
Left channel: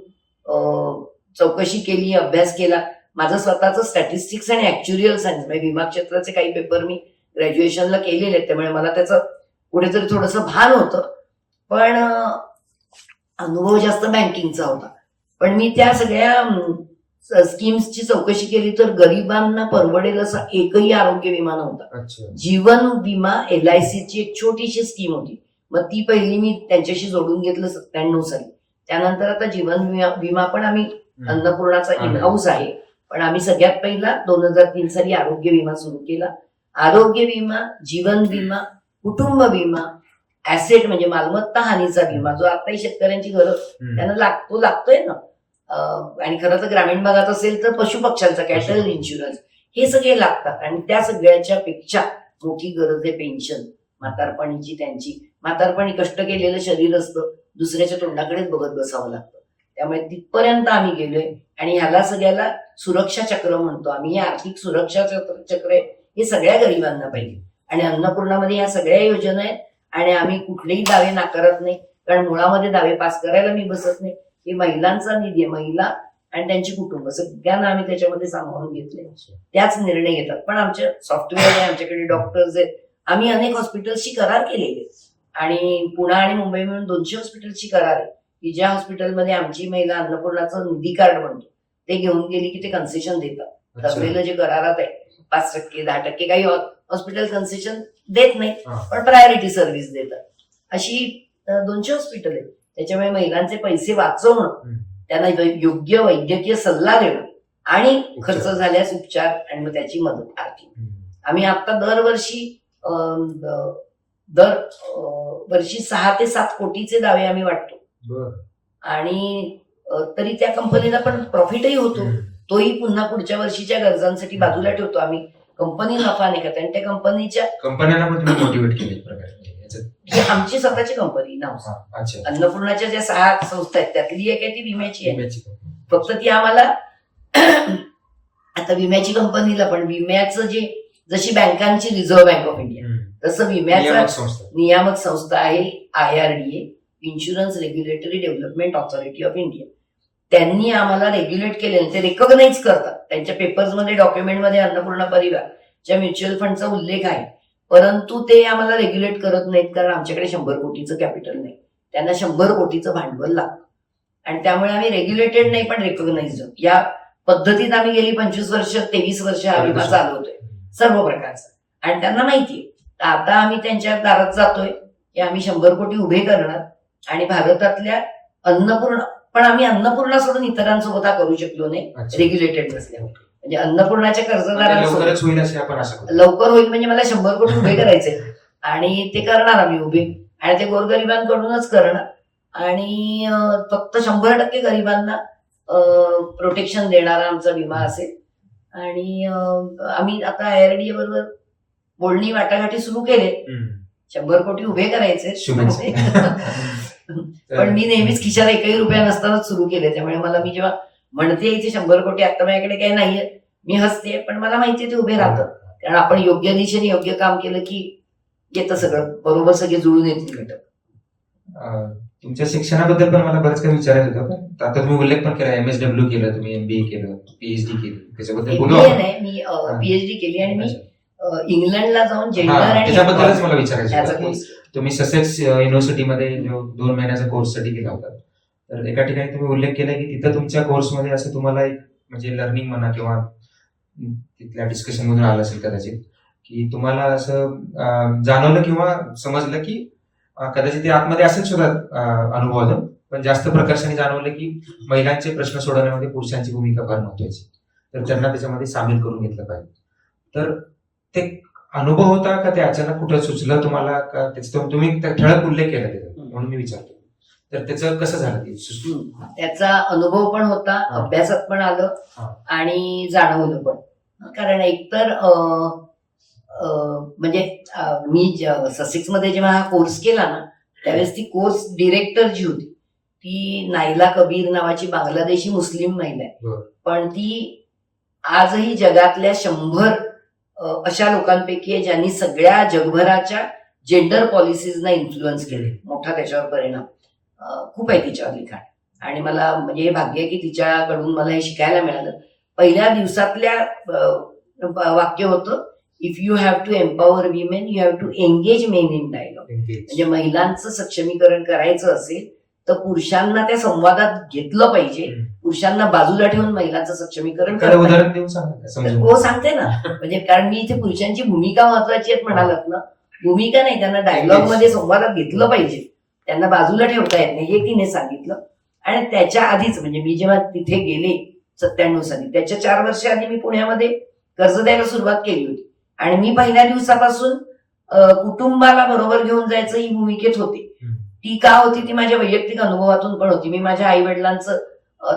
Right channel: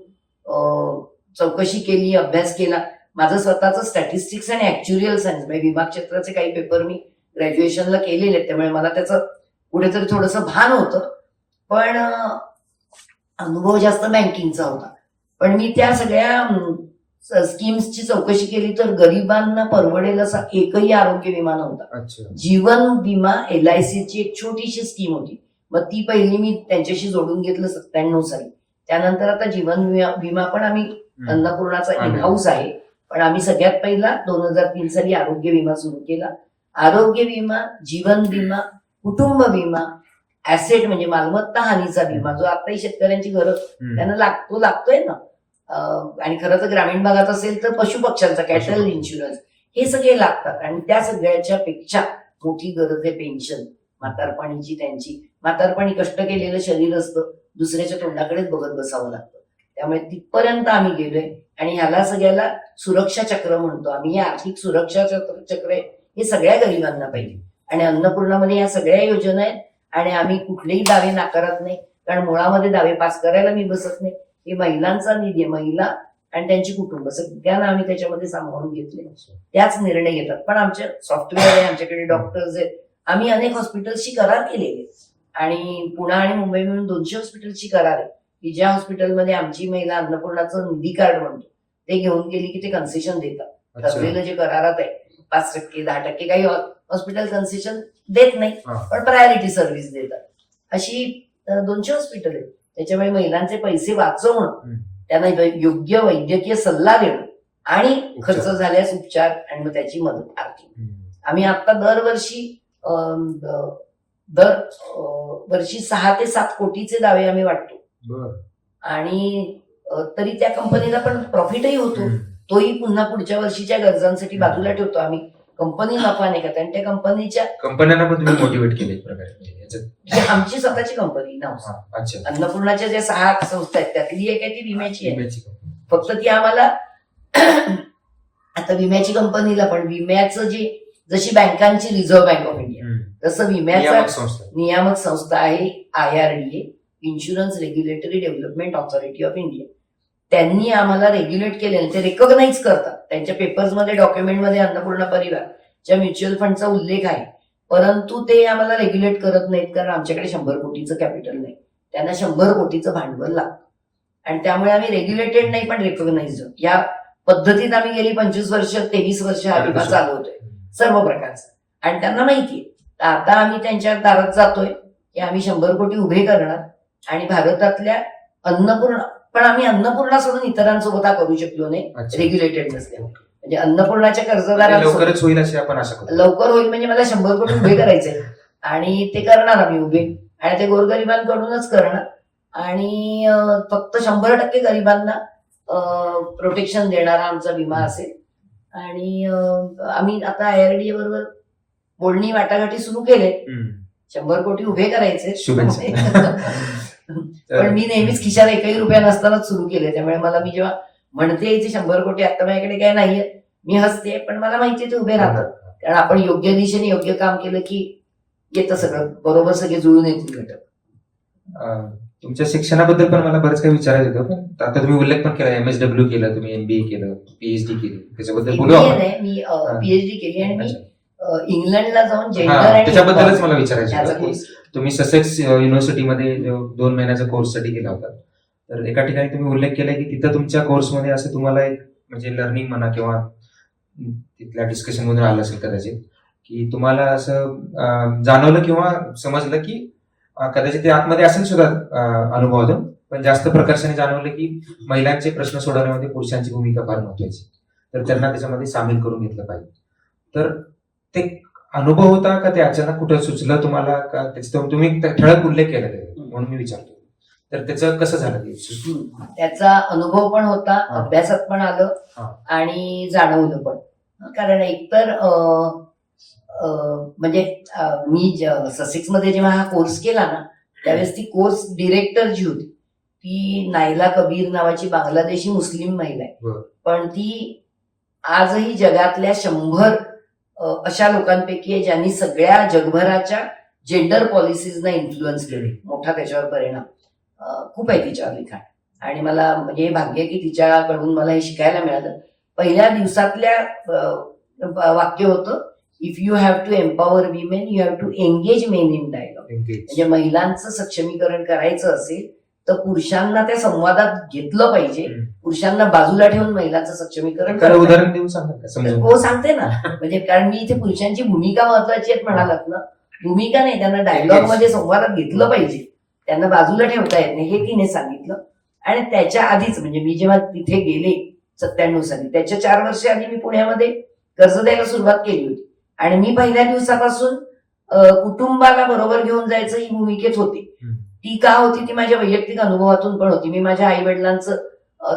चौकशी केली, अभ्यास केला. माझं स्वतःचं स्टॅटिस्टिक्स आणि ऍक्च्युरियल सायन्स म्हणजे विमा क्षेत्राचे काही पेपर मी ग्रॅज्युएशनला केलेले आहेत. त्यामुळे मला त्याचं कुठेतरी थोडंसं भान होतं. पण अनुभव जास्त बँकिंगचा होता. पण मी त्या सगळ्या स्कीम्सची चौकशी केली तर गरिबांना परवडेल असा एकही आरोग्य विमा नव्हता. जीवन विमा LIC ची एक छोटीशी स्कीम होती. मग ती पहिली मी त्यांच्याशी जोडून घेतलं 97 साली. त्यानंतर आता जीवन विमा पण आम्ही अन्नपूर्णाचा इन-हाऊस आहे. पण आम्ही सगळ्यात पहिला 2003 साली आरोग्य विमा सुरू केला. आरोग्य विमा, जीवन विमा, कुटुंब विमा, ऍसेट म्हणजे मालमत्ता हानीचा विमा जो आताही शेतकऱ्यांची गरज त्यांना लागतोय ना. आणि खरं तर ग्रामीण भागात असेल तर पशुपक्ष्यांचा कॅटल इन्शुरन्स, हे सगळे लागतात. आणि त्या सगळ्याच्या पेक्षा मोठी गरज आहे पेन्शन म्हातारपणीची. त्यांची म्हातारपणी कष्ट केलेलं शरीर असतं, दुसऱ्याच्या तोंडाकडेच बघत बसावं लागतं. त्यामुळे तिथपर्यंत आम्ही गेलोय. आणि ह्याला सगळ्याला सुरक्षा चक्र म्हणतो आम्ही. हे आर्थिक सुरक्षा चक्र आहे, हे सगळ्या गरिबांना पाहिजे. आणि अन्नपूर्णामध्ये ह्या सगळ्या योजना आहेत. आणि आम्ही कुठलेही दावे नाकारत नाही, कारण मुळामध्ये दावे पास करायला मी बसत नाही. हे महिलांचा निधी आहे. महिला आणि त्यांची कुटुंब सगळ्यांना आम्ही त्याच्यामध्ये सामावून घेतले. त्याच निर्णय घेतात. पण आमचे सॉफ्टवेअर आहे, आमच्याकडे डॉक्टर्स आहेत. आम्ही अनेक हॉस्पिटल्सशी करार केलेले. आणि पुणे आणि मुंबई मिळून 200 हॉस्पिटल्सची करार आहे की ज्या हॉस्पिटलमध्ये आमची महिला अन्नपूर्णाचं निधी कार्ड बनतो ते घेऊन गेली की ते कन्सेशन देतात. ठरलेलं जे करारात आहे 5%, 10%, काही हॉस्पिटल कन्सेशन देत नाही, पण प्रायोरिटी सर्व्हिस देतात. अशी 200 हॉस्पिटल आहेत. त्याच्यामुळे महिलांचे पैसे वाचवणं, त्यांना योग्य वैद्यकीय सल्ला देणं आणि खर्च झाल्यास उपचार आणि मग त्याची मदत आर्थिक. आम्ही आता दरवर्षी 6 ते 7 कोटीचे दावे आम्ही वाटतो. आणि तरी त्या कंपनीला पण प्रॉफिटही होतो. तोही पुन्हा पुढच्या वर्षीच्या गरजांसाठी बाजूला ठेवतो आम्ही. कंपनी नफा नाही करत. आणि त्या कंपन्यांना पण तुम्ही मोटिवेट केले एक प्रकारे. ही आमची स्वतःची कंपनी ना. अन्नपूर्णाच्या ज्या 6 संस्था आहेत त्यातली एक आहे ती विम्याची आहे. फक्त ती आम्हाला आता विम्याची कंपनीला पण विम्याचं जशी बँकांची रिझर्व्ह बँक ऑफ इंडिया तसं विम्याचा नियामक संस्था आहे IRDA, insurance regulatory development authority of India. त्यांनी आम्हाला रेग्युलेट केले. ते रेकॉग्नाइज करतात. त्यांच्या पेपर्समध्ये डॉक्युमेंटमध्ये अन्नपूर्णा परिवारच्या म्युच्युअल फंडचा उल्लेख आहे. परंतु ते आम्हाला रेग्युलेट करत नाहीत, कारण आमच्याकडे 100 कोटीचं कॅपिटल नाही. त्यांना 100 कोटीचं भांडवल लागतं. आणि त्यामुळे आम्ही रेग्युलेटेड नाही पण रेकॉग्नाइज्ड. या पद्धतीत आम्ही गेली 25 वर्ष 23 वर्ष हा विमा चालवतोय सर्व प्रकारचा. आणि त्यांना माहितीये. आता आम्ही त्यांच्या दारात जातोय की आम्ही 100 कोटी उभे करणार आणि भारतातल्या अन्नपूर्णा, पण आम्ही अन्नपूर्णा सोडून इतरांसोबत हा करू शकलो नाही रेग्युलेटेड नसल्यामुळे. म्हणजे अन्नपूर्णाच्या कर्जदारांसोबत होईल असे आपण आशा करतो. लवकर होईल. म्हणजे मला 100 कोटी उभे करायचे आणि ते करणार आम्ही उभे. आणि ते गोरगरिबांकडूनच करणार. आणि फक्त 100% गरिबांना प्रोटेक्शन देणारा आमचा विमा असेल. आणि आम्ही आता IRDA बरोबर बोलणी वाटाघाटी सुरू केले. 100 कोटी उभे करायचे. पण मी नेहमीच खिशाला एकही रुपया नसतानाच सुरू केले. त्यामुळे मला मी जेव्हा म्हणते इथे 100 कोटी आता माझ्याकडे काय नाहीये, मी हसते. पण मला माहितीये ते उभे राहतात. कारण आपण योग्य दिशेने योग्य काम केलं की येतं सगळं बरोबर, सगळे जुळून येतील घटक. तुमच्या शिक्षणाबद्दल पण मला बरंच काही विचारायचं होतं, पण आता तुम्ही उल्लेख पण केला, MSW केलं तुम्ही, MBA केलं, PhD केली, त्याच्याबद्दल बोलू MBA आपण. नाही, मी PhD केली आणि मी अच्छा. इंग्लंडला जाऊन जेंडर हा, आणि त्याच्याबद्दलच मला विचारायचं त्याचा होतं की कोर्स. तुम्ही ससेक्स युनिव्हर्सिटीमध्ये जो 2 महिन्याचा कोर्ससाठी गेला होता, तर एका ठिकाणी तुम्ही उल्लेख केला की तिथं तुमच्या कोर्समध्ये असं तुम्हाला एक म्हणजे लर्निंग म्हणा किंवा तिथल्या डिस्कशन मधून आलं असेल कदाचित, की तुम्हाला असं जाणवलं किंवा समजलं की कदाचित ते आतमध्ये असेल सुद्धा अनुभवातून, पण जास्त प्रकर्षाने जाणवलं की महिलांचे प्रश्न सोडवण्यामध्ये पुरुषांची भूमिका फार महत्वाची, तर त्यांना त्याच्यामध्ये सामील करून घेतलं पाहिजे. तर ते अनुभव होता का ते अचानक कुठं सुचलं तुम्हाला, का त्याचा तुम्ही ठळक उल्लेख केला त्याचा, म्हणून मी विचारतो. तर त्याचं कसं झालं ते? त्याचा अनुभव पण होता, हा. अभ्यासात पण आलं हा. आणि जाणवलं पण. कारण एकतर म्हणजे मी ससेक्स मध्ये जेव्हा हा कोर्स केला ना, त्यावेळेस ती कोर्स डिरेक्टर जी होती ती नायला कबीर नावाची बांगलादेशी मुस्लिम महिला आहे. बरं. पण ती आजही जगातल्या 100 अशा लोकांपैकी आहे ज्यांनी सगळ्या जगभराच्या जेंडर पॉलिसीजना इन्फ्लुअन्स केले. मोठा त्याच्यावर परिणाम खूप आहे तिच्यावर लिखाण. आणि मला म्हणजे हे भाग्य आहे की तिच्याकडून मला हे शिकायला मिळालं. पहिल्या दिवसातल्या वाक्य होतं, if you have to empower women you have to engage men in dialogue. म्हणजे महिलांचं सक्षमीकरण करायचं असेल तर पुरुषांना त्या संवादात घेतलं पाहिजे. पुरुषांना बाजूला ठेवून महिलांचं सक्षमीकरण एखादं उदाहरण देऊन सांगा का, समजून? हो, सांगते ना. म्हणजे कारण मी इथे पुरुषांची भूमिका महत्वाची आहेत म्हणालात ना, भूमिका नाही, त्यांना डायलॉग मध्ये संवादात घेतलं पाहिजे, त्यांना बाजूला ठेवता येत नाही, हे तिने सांगितलं. आणि त्याच्या आधीच म्हणजे मी जेव्हा तिथे गेले 97 साली, त्याच्या 4 वर्ष आधी मी पुण्यामध्ये कर्ज द्यायला सुरुवात केली होती. आणि मी पहिल्या दिवसापासून कुटुंबाला बरोबर घेऊन जायचं ही भूमिकेत होते. ती का होती ती माझ्या वैयक्तिक अनुभवातून पण होती. मी माझ्या आई वडिलांचं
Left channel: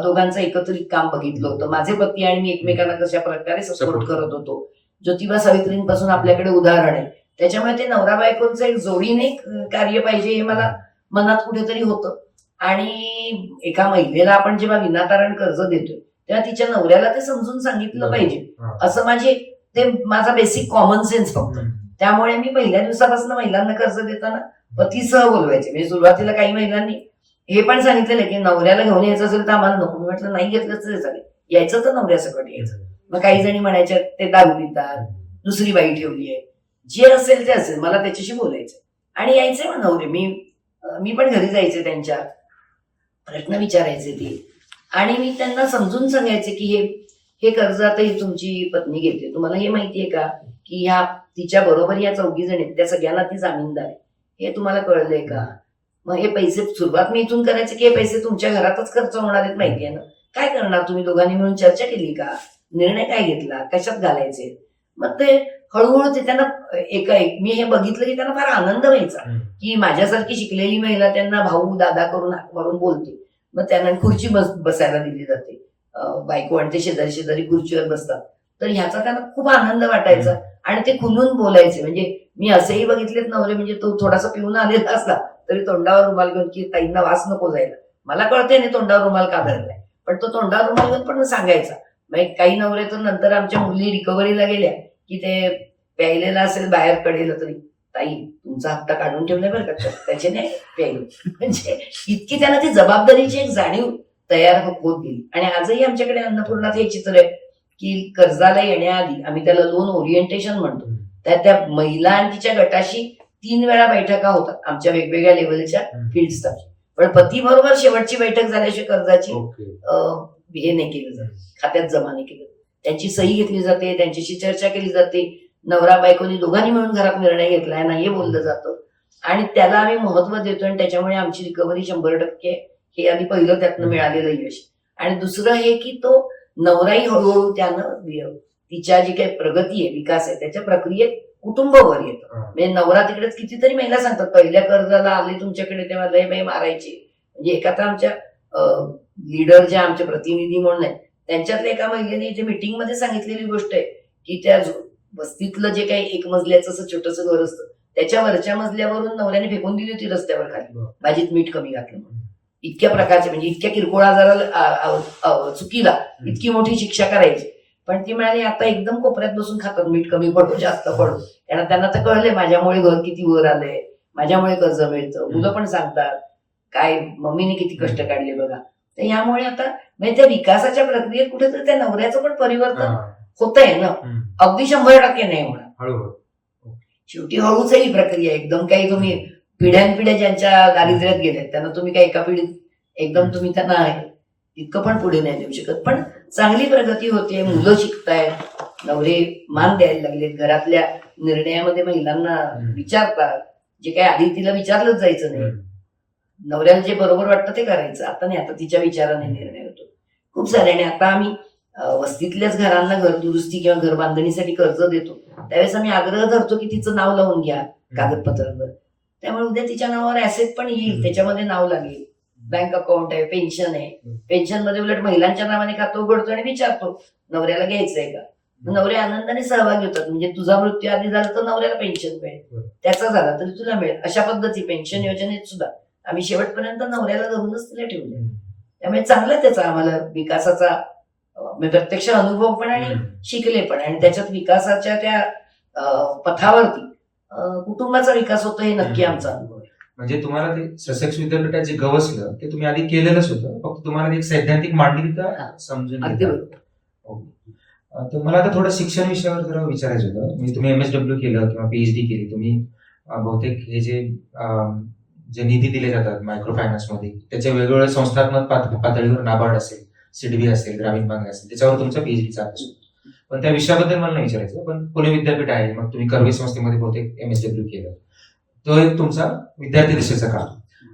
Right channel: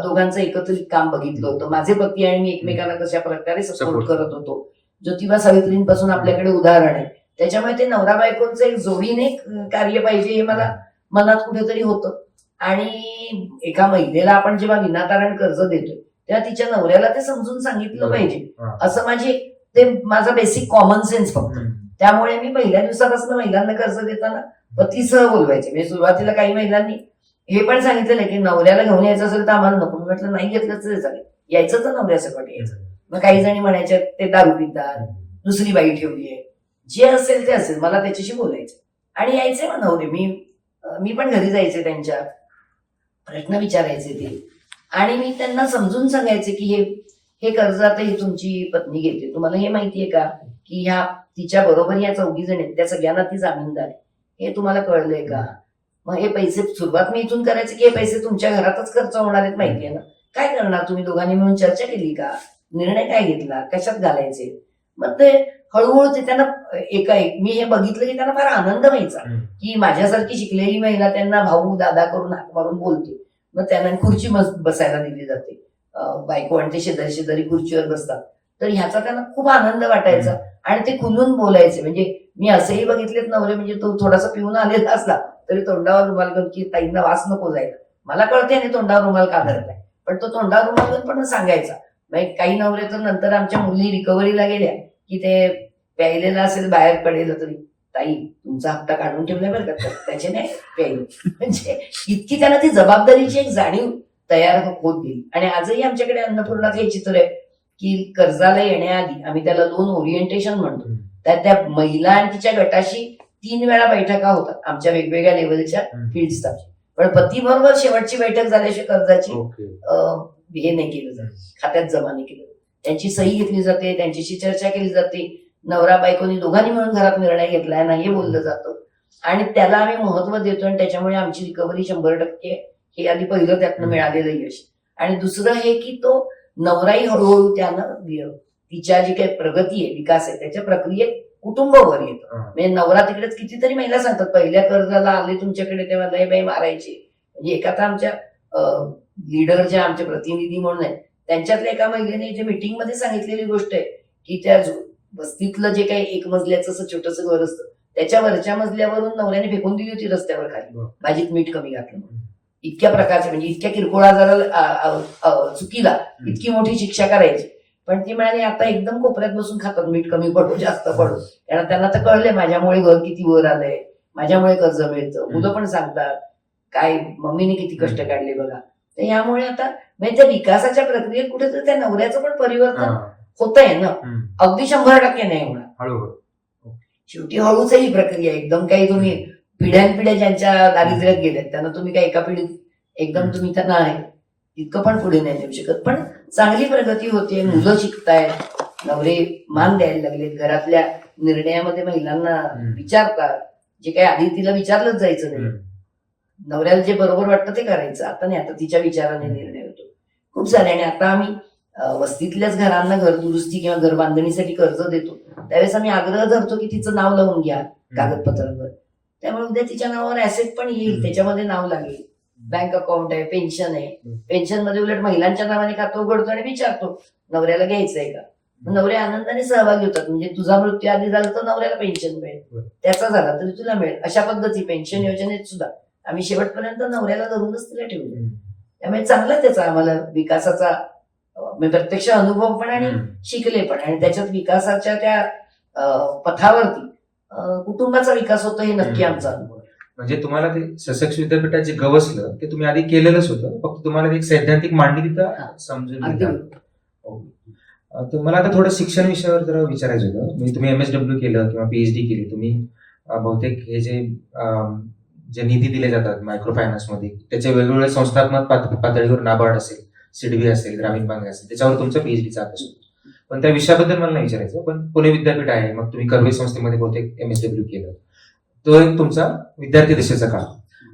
दोघांचं एकत्रित काम बघितलं होतं. माझे पती आणि मी एकमेकांना कशा प्रकारे सपोर्ट करत होतो. ज्योतिबा सावित्रींपासून आपल्याकडे उदाहरण आहे. त्याच्यामुळे ते नवरा बायकोचं एक जोडीने कार्य पाहिजे हे मला मनात कुठेतरी होतं. आणि एका महिलेला आपण जेव्हा विनातारण कर्ज देतोय तेव्हा तिच्या नवऱ्याला ते समजून सांगितलं पाहिजे, असं माझा बेसिक कॉमन सेन्स फक्त. त्यामुळे मी पहिल्या दिवसापासून महिलांना कर्ज देताना पतीसह बोलवायचे. म्हणजे सुरुवातीला काही महिलांनी हे पण सांगितलेलं की नवऱ्याला घेऊन यायचं असेल तर आम्हाला नको. मी म्हटलं नाही घेतलं तर चालेल, यायचं तर नवऱ्यासकट यायचं. मग काही जणी म्हणायच्या ते दारू पितात, दुसरी बाई ठेवली आहे, जे असेल ते असेल, मला त्याच्याशी बोलायचं आणि यायचे मग नवरे. मी पण घरी जायचे, त्यांच्या प्रश्न विचारायचे ते, आणि मी त्यांना समजून सांगायचे की हे कर्ज आता ही तुमची पत्नी घेते, तुम्हाला हे माहितीये का की ह्या तिच्या बरोबर ह्या 4 जण आहेत, त्या सगळ्यांना ती जामीनदार आहे, हे तुम्हाला कळलंय का? मग हे पैसे सुरुवात मी इथून करायचे की हे पैसे तुमच्या घरातच खर्च होणार आहेत, माहितीये ना, काय करणार तुम्ही दोघांनी मिळून चर्चा केली का, निर्णय काय घेतला, कशात घालायचे? मग ते हळूहळू ते त्यांना मी हे बघितलं की त्यांना फार आनंद व्हायचा की माझ्यासारखी शिकलेली महिला त्यांना भाऊ दादा करून हाक मारून बोलते. मग त्यांना खुर्ची बसायला दिली जाते, बायको आणि ते शेजारी शेजारी खुर्चीवर बसतात, तर ह्याचा त्यांना खूप आनंद वाटायचा आणि ते खुलून बोलायचे. म्हणजे मी असेही बघितलेत नवरे, म्हणजे तो थोडासा पिऊन आलेला असला तरी तोंडावर रुमाल घेऊन की ताईंना वास नको जायला, मला कळते आणि तोंडावर रुमाल का धरलाय, पण तो तोंडावर रुमाल घेऊन पण सांगायचा. मग काही नवरे तर नंतर आमच्या मुली रिकव्हरीला गेल्या की ते प्यायलेला असेल बाहेर पडेल तरी, ताई तुमचा हप्ता काढून ठेवलाय बरं का, त्याचे नाही प्यायले. म्हणजे इतकी त्यांना ती जबाबदारीची एक जाणीव तयार होत गेली. आणि आजही आमच्याकडे अन्नपूर्णात हे चित्र आहे की कर्जाला येण्याआधी आम्ही त्याला लोन ओरिएंटेशन म्हणतो, त्या महिला आणि तिच्या गटाशी 3 वेळा बैठका होतात आमच्या वेगवेगळ्या लेवलच्या फील्ड स्टाफ. पण पती बरोबर शेवटची बैठक झाल्याशिवाय कर्जाची हे नाही केलं जात, खात्यात जमा नाही केलं. त्यांची सही घेतली जाते, त्यांच्याशी चर्चा केली जाते, नवरा बायकोनी दोघांनी मिळून घरात निर्णय घेतलाय ना हे बोललं जातं आणि त्याला आम्ही महत्व देतो. आणि त्याच्यामुळे आमची रिकव्हरी 100% हे आधी पहिलं त्यातनं मिळालेलं यश. आणि दुसरं हे की तो नवराही हळूहळू त्यानं तिच्या जी काही प्रगती आहे, विकास आहे, त्याच्या प्रक्रियेत कुटुंबावर येतं. म्हणजे नवरा तिकडेच कितीतरी महिला सांगतात पहिल्या कर्जाला आले तुमच्याकडे तेव्हा लय बाई मारायचे. म्हणजे एका तर आमच्या लीडर ज्या आमचे प्रतिनिधी म्हणून आहेत त्यांच्यातल्या एका महिलेने इथे मीटिंग मध्ये सांगितलेली गोष्ट आहे की त्या वस्तीतलं जे काही 1 मजल्याचं असं छोटंसं घर असतं त्याच्या वरच्या मजल्यावरून नवऱ्याने फेकून दिली होती रस्त्यावर खाली, भाजीत मीठ कमी घातलं म्हणून. इतक्या प्रकारचे म्हणजे इतक्या किरकोळ आजाराला चुकीला इतकी मोठी शिक्षा करायची. पण ती म्हणाली आता एकदम कोपऱ्यात बसून खातात, मीठ कमी पडो जास्त पडो, कारण त्यांना तर कळलंय माझ्यामुळे घर किती वर आलंय, माझ्यामुळे कर्ज मिळतं. मुलं पण सांगतात काय मम्मीने किती कष्ट काढले बघा. तर यामुळे आता म्हणजे त्या विकासाच्या प्रक्रियेत कुठेतरी त्या नवऱ्याचं पण परिवर्तन होत आहे ना. अगदी 100% नाही होणार, हळूहळू. शेवटी हळूच आहे ही प्रक्रिया. एकदम काही तुम्ही पिढ्यानपिढ्या ज्यांच्या दारिद्र्यात गेल्यात त्यांना तुम्ही काही एका पिढीत एकदम तुम्ही त्यांना इतकं पण पुढे नाही नेऊ शकत. पण चांगली प्रगती होते, मुलं शिकतायत, नवरे मान द्यायला लागलेत, घरातल्या निर्णयामध्ये महिलांना विचारतात, जे काही आधी तिला विचारलंच जायचं नाही, नवऱ्याला जे बरोबर वाटतं ते करायचं. आता नाही, आता तिच्या विचाराने निर्णय होतो खूप सारे. आणि आता आम्ही वस्तीतल्याच घरांना घर दुरुस्ती किंवा घर बांधणीसाठी कर्ज देतो, त्यावेळेस आम्ही आग्रह धरतो की तिचं नाव लावून घ्या कागदपत्रांवर, त्यामुळे उद्या तिच्या नावावर ऍसेट पण येईल, त्याच्यामध्ये नाव लागेल, बँक अकाउंट आहे, पेन्शन आहे. पेन्शन मध्ये उलट महिलांच्या नावाने खातं उघडतो आणि विचारतो नवऱ्याला घ्यायचंय का. नवरे आनंदाने सहभागी होतात, म्हणजे तुझा मृत्यू आधी झाला तर नवऱ्याला पेन्शन मिळेल, त्याचा झाला तरी तुला मिळेल, अशा पद्धती पेन्शन योजनेत सुद्धा आम्ही शेवटपर्यंत नवऱ्याला धरूनच तिला ठेवले. त्यामुळे चांगला त्याचा आम्हाला विकासाचा प्रत्यक्ष अनुभव पण आणि शिकले पण, आणि त्याच्यात विकासाच्या त्या पथावरती कुटुंबाचा विकास होतो हे नक्की आमचा अनुभव आहे. म्हणजे तुम्हाला ते ससेक्स विद्यापीठात जे गवसलं ते तुम्ही आधी केलेलंच होतं, फक्त तुम्हाला एक सैद्धांतिक मांडणी तिथं समजून अगदी घेता. बरोबर. तर मला आता थोडं शिक्षण विषयावर जरा विचारायचं होतं. म्हणजे तुम्ही MSW केलं किंवा PhD केली, तुम्ही बहुतेक हे जे निधी दिले जातात मायक्रो फायनान्समध्ये त्याच्या वेगवेगळ्या संस्थात्मक पातळीवर नाबार्ड असेल, सिडबी असेल, ग्रामीण बँक असेल, त्याच्यावर तुमचा PhDचा अभ्यास होतो. पण त्या विषयाबद्दल मला नाही विचारायचं. पण पुणे विद्यापीठ आहे, मग तुम्ही कर्वे संस्थेमध्ये बहुतेक MSW केलं, तो एक तुमचा विद्यार्थी दशेचा काळ.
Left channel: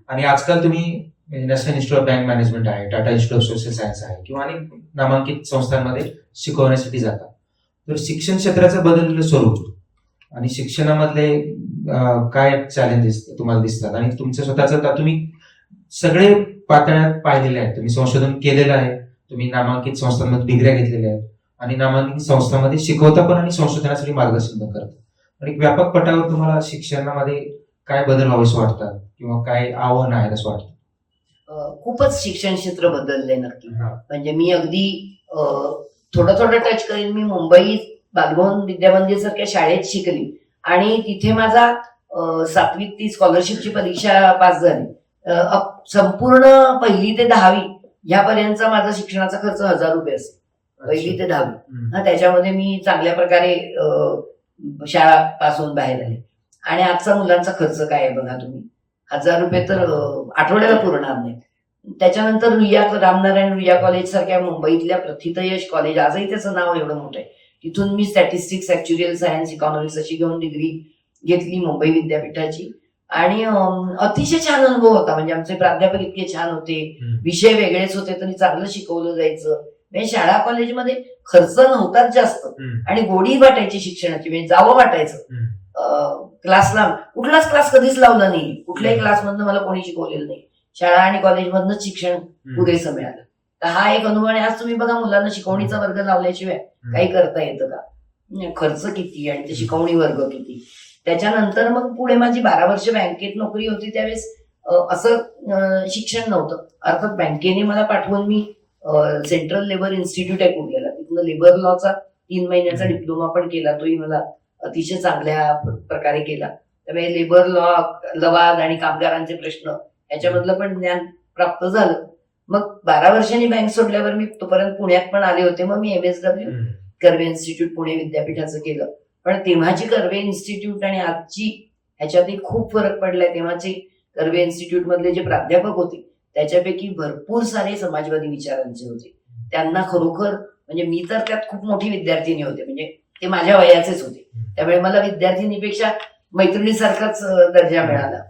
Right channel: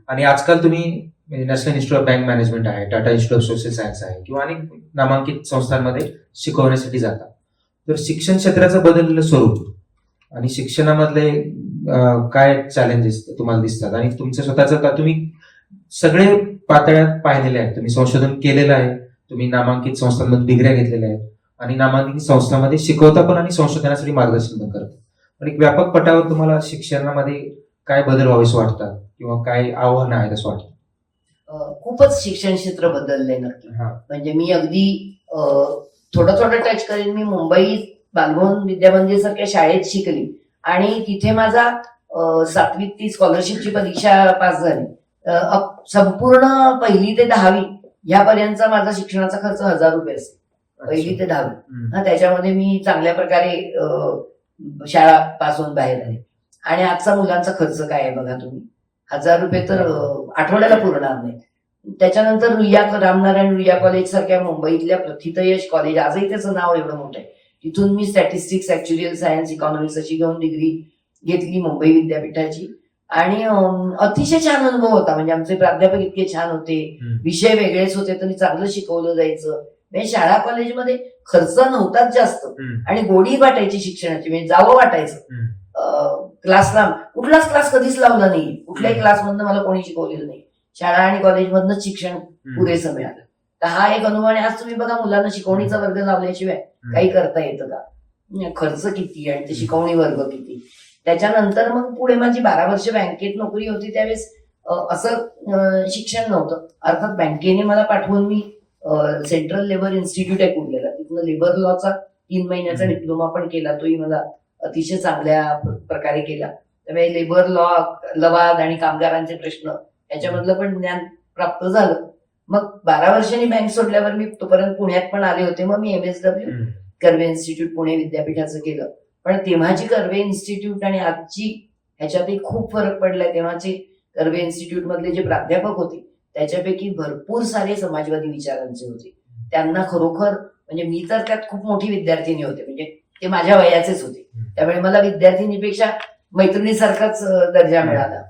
आणि आजकाल तुम्ही National Institute of Bank Management आहे, Tata Institute of Social Science आहे, किंवा अनेक नामांकित संस्थांमध्ये शिकवण्यासाठी जातात. तर शिक्षण क्षेत्राचं बदललेलं स्वरूप आणि शिक्षणामधले काय चॅलेंजेस तुम्हाला दिसतात, आणि तुमचं स्वतःचं तुम्ही सगळे पातळ्यात पाहिलेले आहेत, तुम्ही संशोधन केलेलं आहे, तुम्ही नामांकित संस्थांमध्ये डिग्र्या घेतलेल्या आहेत आणि नामांकित संस्थांमध्ये शिकवता पण आणि संशोधनासाठी मार्गदर्शन पण करता. पण एक व्यापक पटावर तुम्हाला शिक्षणामध्ये काय बदल व्हावेसे वाटतात किंवा काय आव्हानं आहेत असं वाटतं? खूपच शिक्षण क्षेत्र बदललंय नक्की. म्हणजे मी अगदी थोडं थोडं टच करेन. मी मुंबईत बालभवन विद्यामंदिर सारख्या शाळेत शिकली आणि तिथे माझा 7वीत ती स्कॉलरशिपची परीक्षा पास झाली. संपूर्ण 1ली ते 10वी ह्यापर्यंतचा माझा शिक्षणाचा खर्च 1000 रुपये असेल, 1ली ते 10वी. त्याच्यामध्ये मी चांगल्या प्रकारे शाळा पास होऊन बाहेर आले. आणि आजचा मुलांचा खर्च काय आहे बघा तुम्ही, 1000 रुपये तर आठवड्याला पुरणार नाही. त्याच्यानंतर रामनारायण रुईया कॉलेज सारख्या मुंबईतल्या प्रथितयश कॉलेज, आजही त्याचं नाव एवढं मोठं आहे, तिथून मी स्टॅटिस्टिक्स, ऍक्च्युरियल सायन्स, इकॉनॉमिक्स अशी घेऊन डिग्री घेतली मुंबई विद्यापीठाची. आणि अतिशय छान अनुभव होता. म्हणजे आमचे प्राध्यापक इतके छान होते, विषय वेगळेच होते तरी चांगलं शिकवलं जायचं. म्हणजे शाळा कॉलेजमध्ये खर्च नव्हताच जास्त आणि गोडी वाटायची शिक्षणाची, म्हणजे जावं वाटायचं. क्लासला कुठलाच क्लास कधीच लावला नाही, कुठल्याही क्लासमधनं मला कोणी शिकवलेलं नाही, शाळा आणि कॉलेजमधनंच शिक्षण पुरेसं मिळालं. तर हा एक अनुभव. आणि आज तुम्ही बघा मुलांना शिकवणीचा वर्ग लावल्याशिवाय काही करता येतं का? खर्च किती आणि ते शिकवणी वर्ग किती. त्याच्यानंतर मग पुढे माझी 12 वर्ष बँकेत नोकरी होती, त्यावेळेस असं शिक्षण नव्हतं. अर्थात बँकेने मला पाठवून मी सेंट्रल लेबर इन्स्टिट्यूट आहे कुर्ल्याला, तिथनं लेबर लॉचा 3 महिन्याचा डिप्लोमा पण केला, तोही मला अतिशय चांगल्या प्रकारे केला. त्यामुळे लेबर लॉ, लवाद आणि कामगारांचे प्रश्न याच्यामधलं पण ज्ञान प्राप्त झालं. मग 12 वर्षांनी बँक सोडल्यावर मी तोपर्यंत पुण्यात पण आले होते. मग मी MSW कर्वे इन्स्टिट्यूट पुणे विद्यापीठाचं केलं. पण तेव्हाची कर्वे इन्स्टिट्यूट आणि आजची ह्याच्यातही खूप फरक पडलाय. तेव्हाचे कर्वे इन्स्टिट्यूट मधले जे प्राध्यापक होते त्याच्यापैकी भरपूर सारे समाजवादी विचारांचे होते. त्यांना खरोखर म्हणजे मी तर त्यात खूप मोठी विद्यार्थिनी होते, म्हणजे ते माझ्या वयाचेच होते, त्यामुळे मला विद्यार्थिनीपेक्षा मैत्रिणीसारखाच दर्जा मिळाला.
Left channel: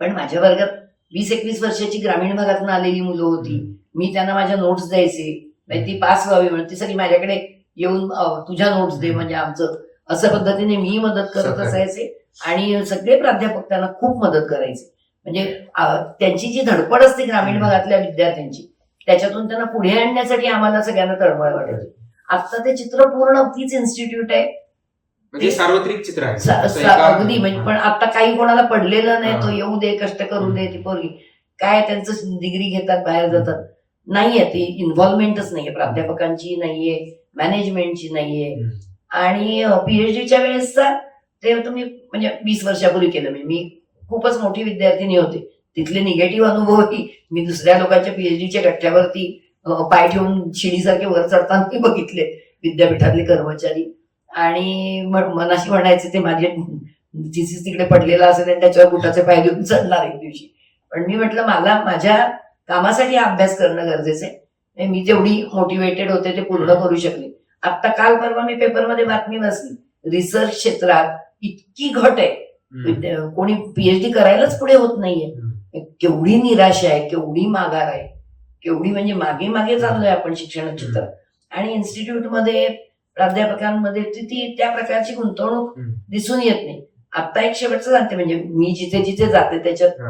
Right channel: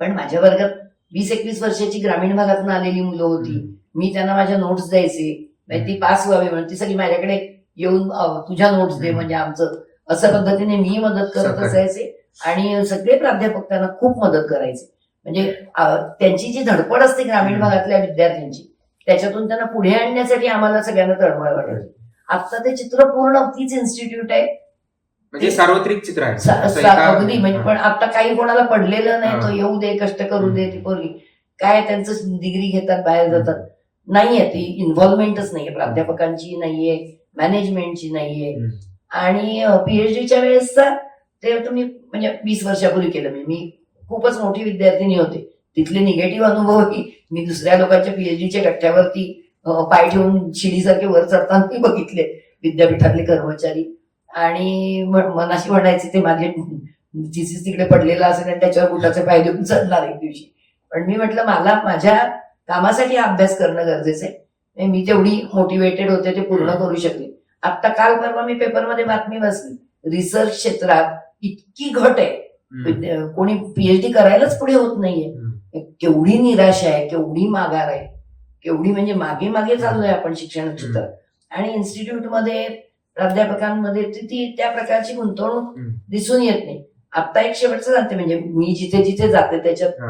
पण माझ्या वर्गात 20-21 वर्षाची ग्रामीण भागातून आलेली मुलं होती. मी त्यांना माझ्या नोट्स द्यायचे, ती पास व्हावी म्हणून ती सगळी माझ्याकडे येऊन तुझ्या नोट्स दे, म्हणजे आमचं असं पद्धतीने मी मदत करत असायचे. आणि सगळे प्राध्यापक त्यांना खूप मदत करायचे. म्हणजे त्यांची जी धडपड असते ग्रामीण भागातल्या विद्यार्थ्यांची, त्याच्यातून त्यांना पुढे आणण्यासाठी आम्हाला सगळ्यांना तळमळ वाटायची. आता ते चित्र पूर्ण तीच इन्स्टिट्यूट आहे, म्हणजे सार्वत्रिक चित्र आहे अगदी. म्हणजे पण आता काही कोणाला पडलेलं नाही, तो येऊ दे, कष्ट करू दे, ती पोरगी काय त्यांचं डिग्री घेतात, बाहेर जातात, नाहीये ती इन्व्हॉल्वमेंटच नाहीये, प्राध्यापकांची नाहीये, मॅनेजमेंटची नाहीये. आणि PhDच्या वेळेसचा ते तुम्ही म्हणजे 20 वर्षापूर्वी केलं मी खूपच मोठी विद्यार्थिनी होते, तिथले निगेटिव्ह अनुभवही मी दुसऱ्या लोकांच्या पीएचडीच्या गठ्ठ्यावरती पाय ठेवून शिडीसारखे वर चढताना मी बघितले विद्यापीठातले कर्मचारी. आणि मनाशी म्हणायचे ते माझे थिसीस तिकडे पडलेला असेल आणि त्याच्यावर बुटाचे पाय देऊन चढणार एक दिवशी. पण मी म्हटलं मला माझ्या कामासाठी हा अभ्यास करणं गरजेचं आहे. मी जेवढी मोटिवेटेड होते ते पूर्ण करू शकले. आता काल परवा मी पेपरमध्ये बातमी वाचली, रिसर्च क्षेत्रात इतकी घट आहे, कोणी पीएचडी करायलाच पुढे होत नाहीये. केवढी निराशा आहे, केवढी माघार आहे, केवढी म्हणजे मागे मागे चाललोय आपण शिक्षण क्षेत्रात. आणि इन्स्टिट्यूटमध्ये प्राध्यापकांमध्ये ती त्या प्रकारची गुंतवणूक दिसून येत नाही. आता एक शेवटचं सांगते, म्हणजे मी जिथे जिथे जाते त्याच्यात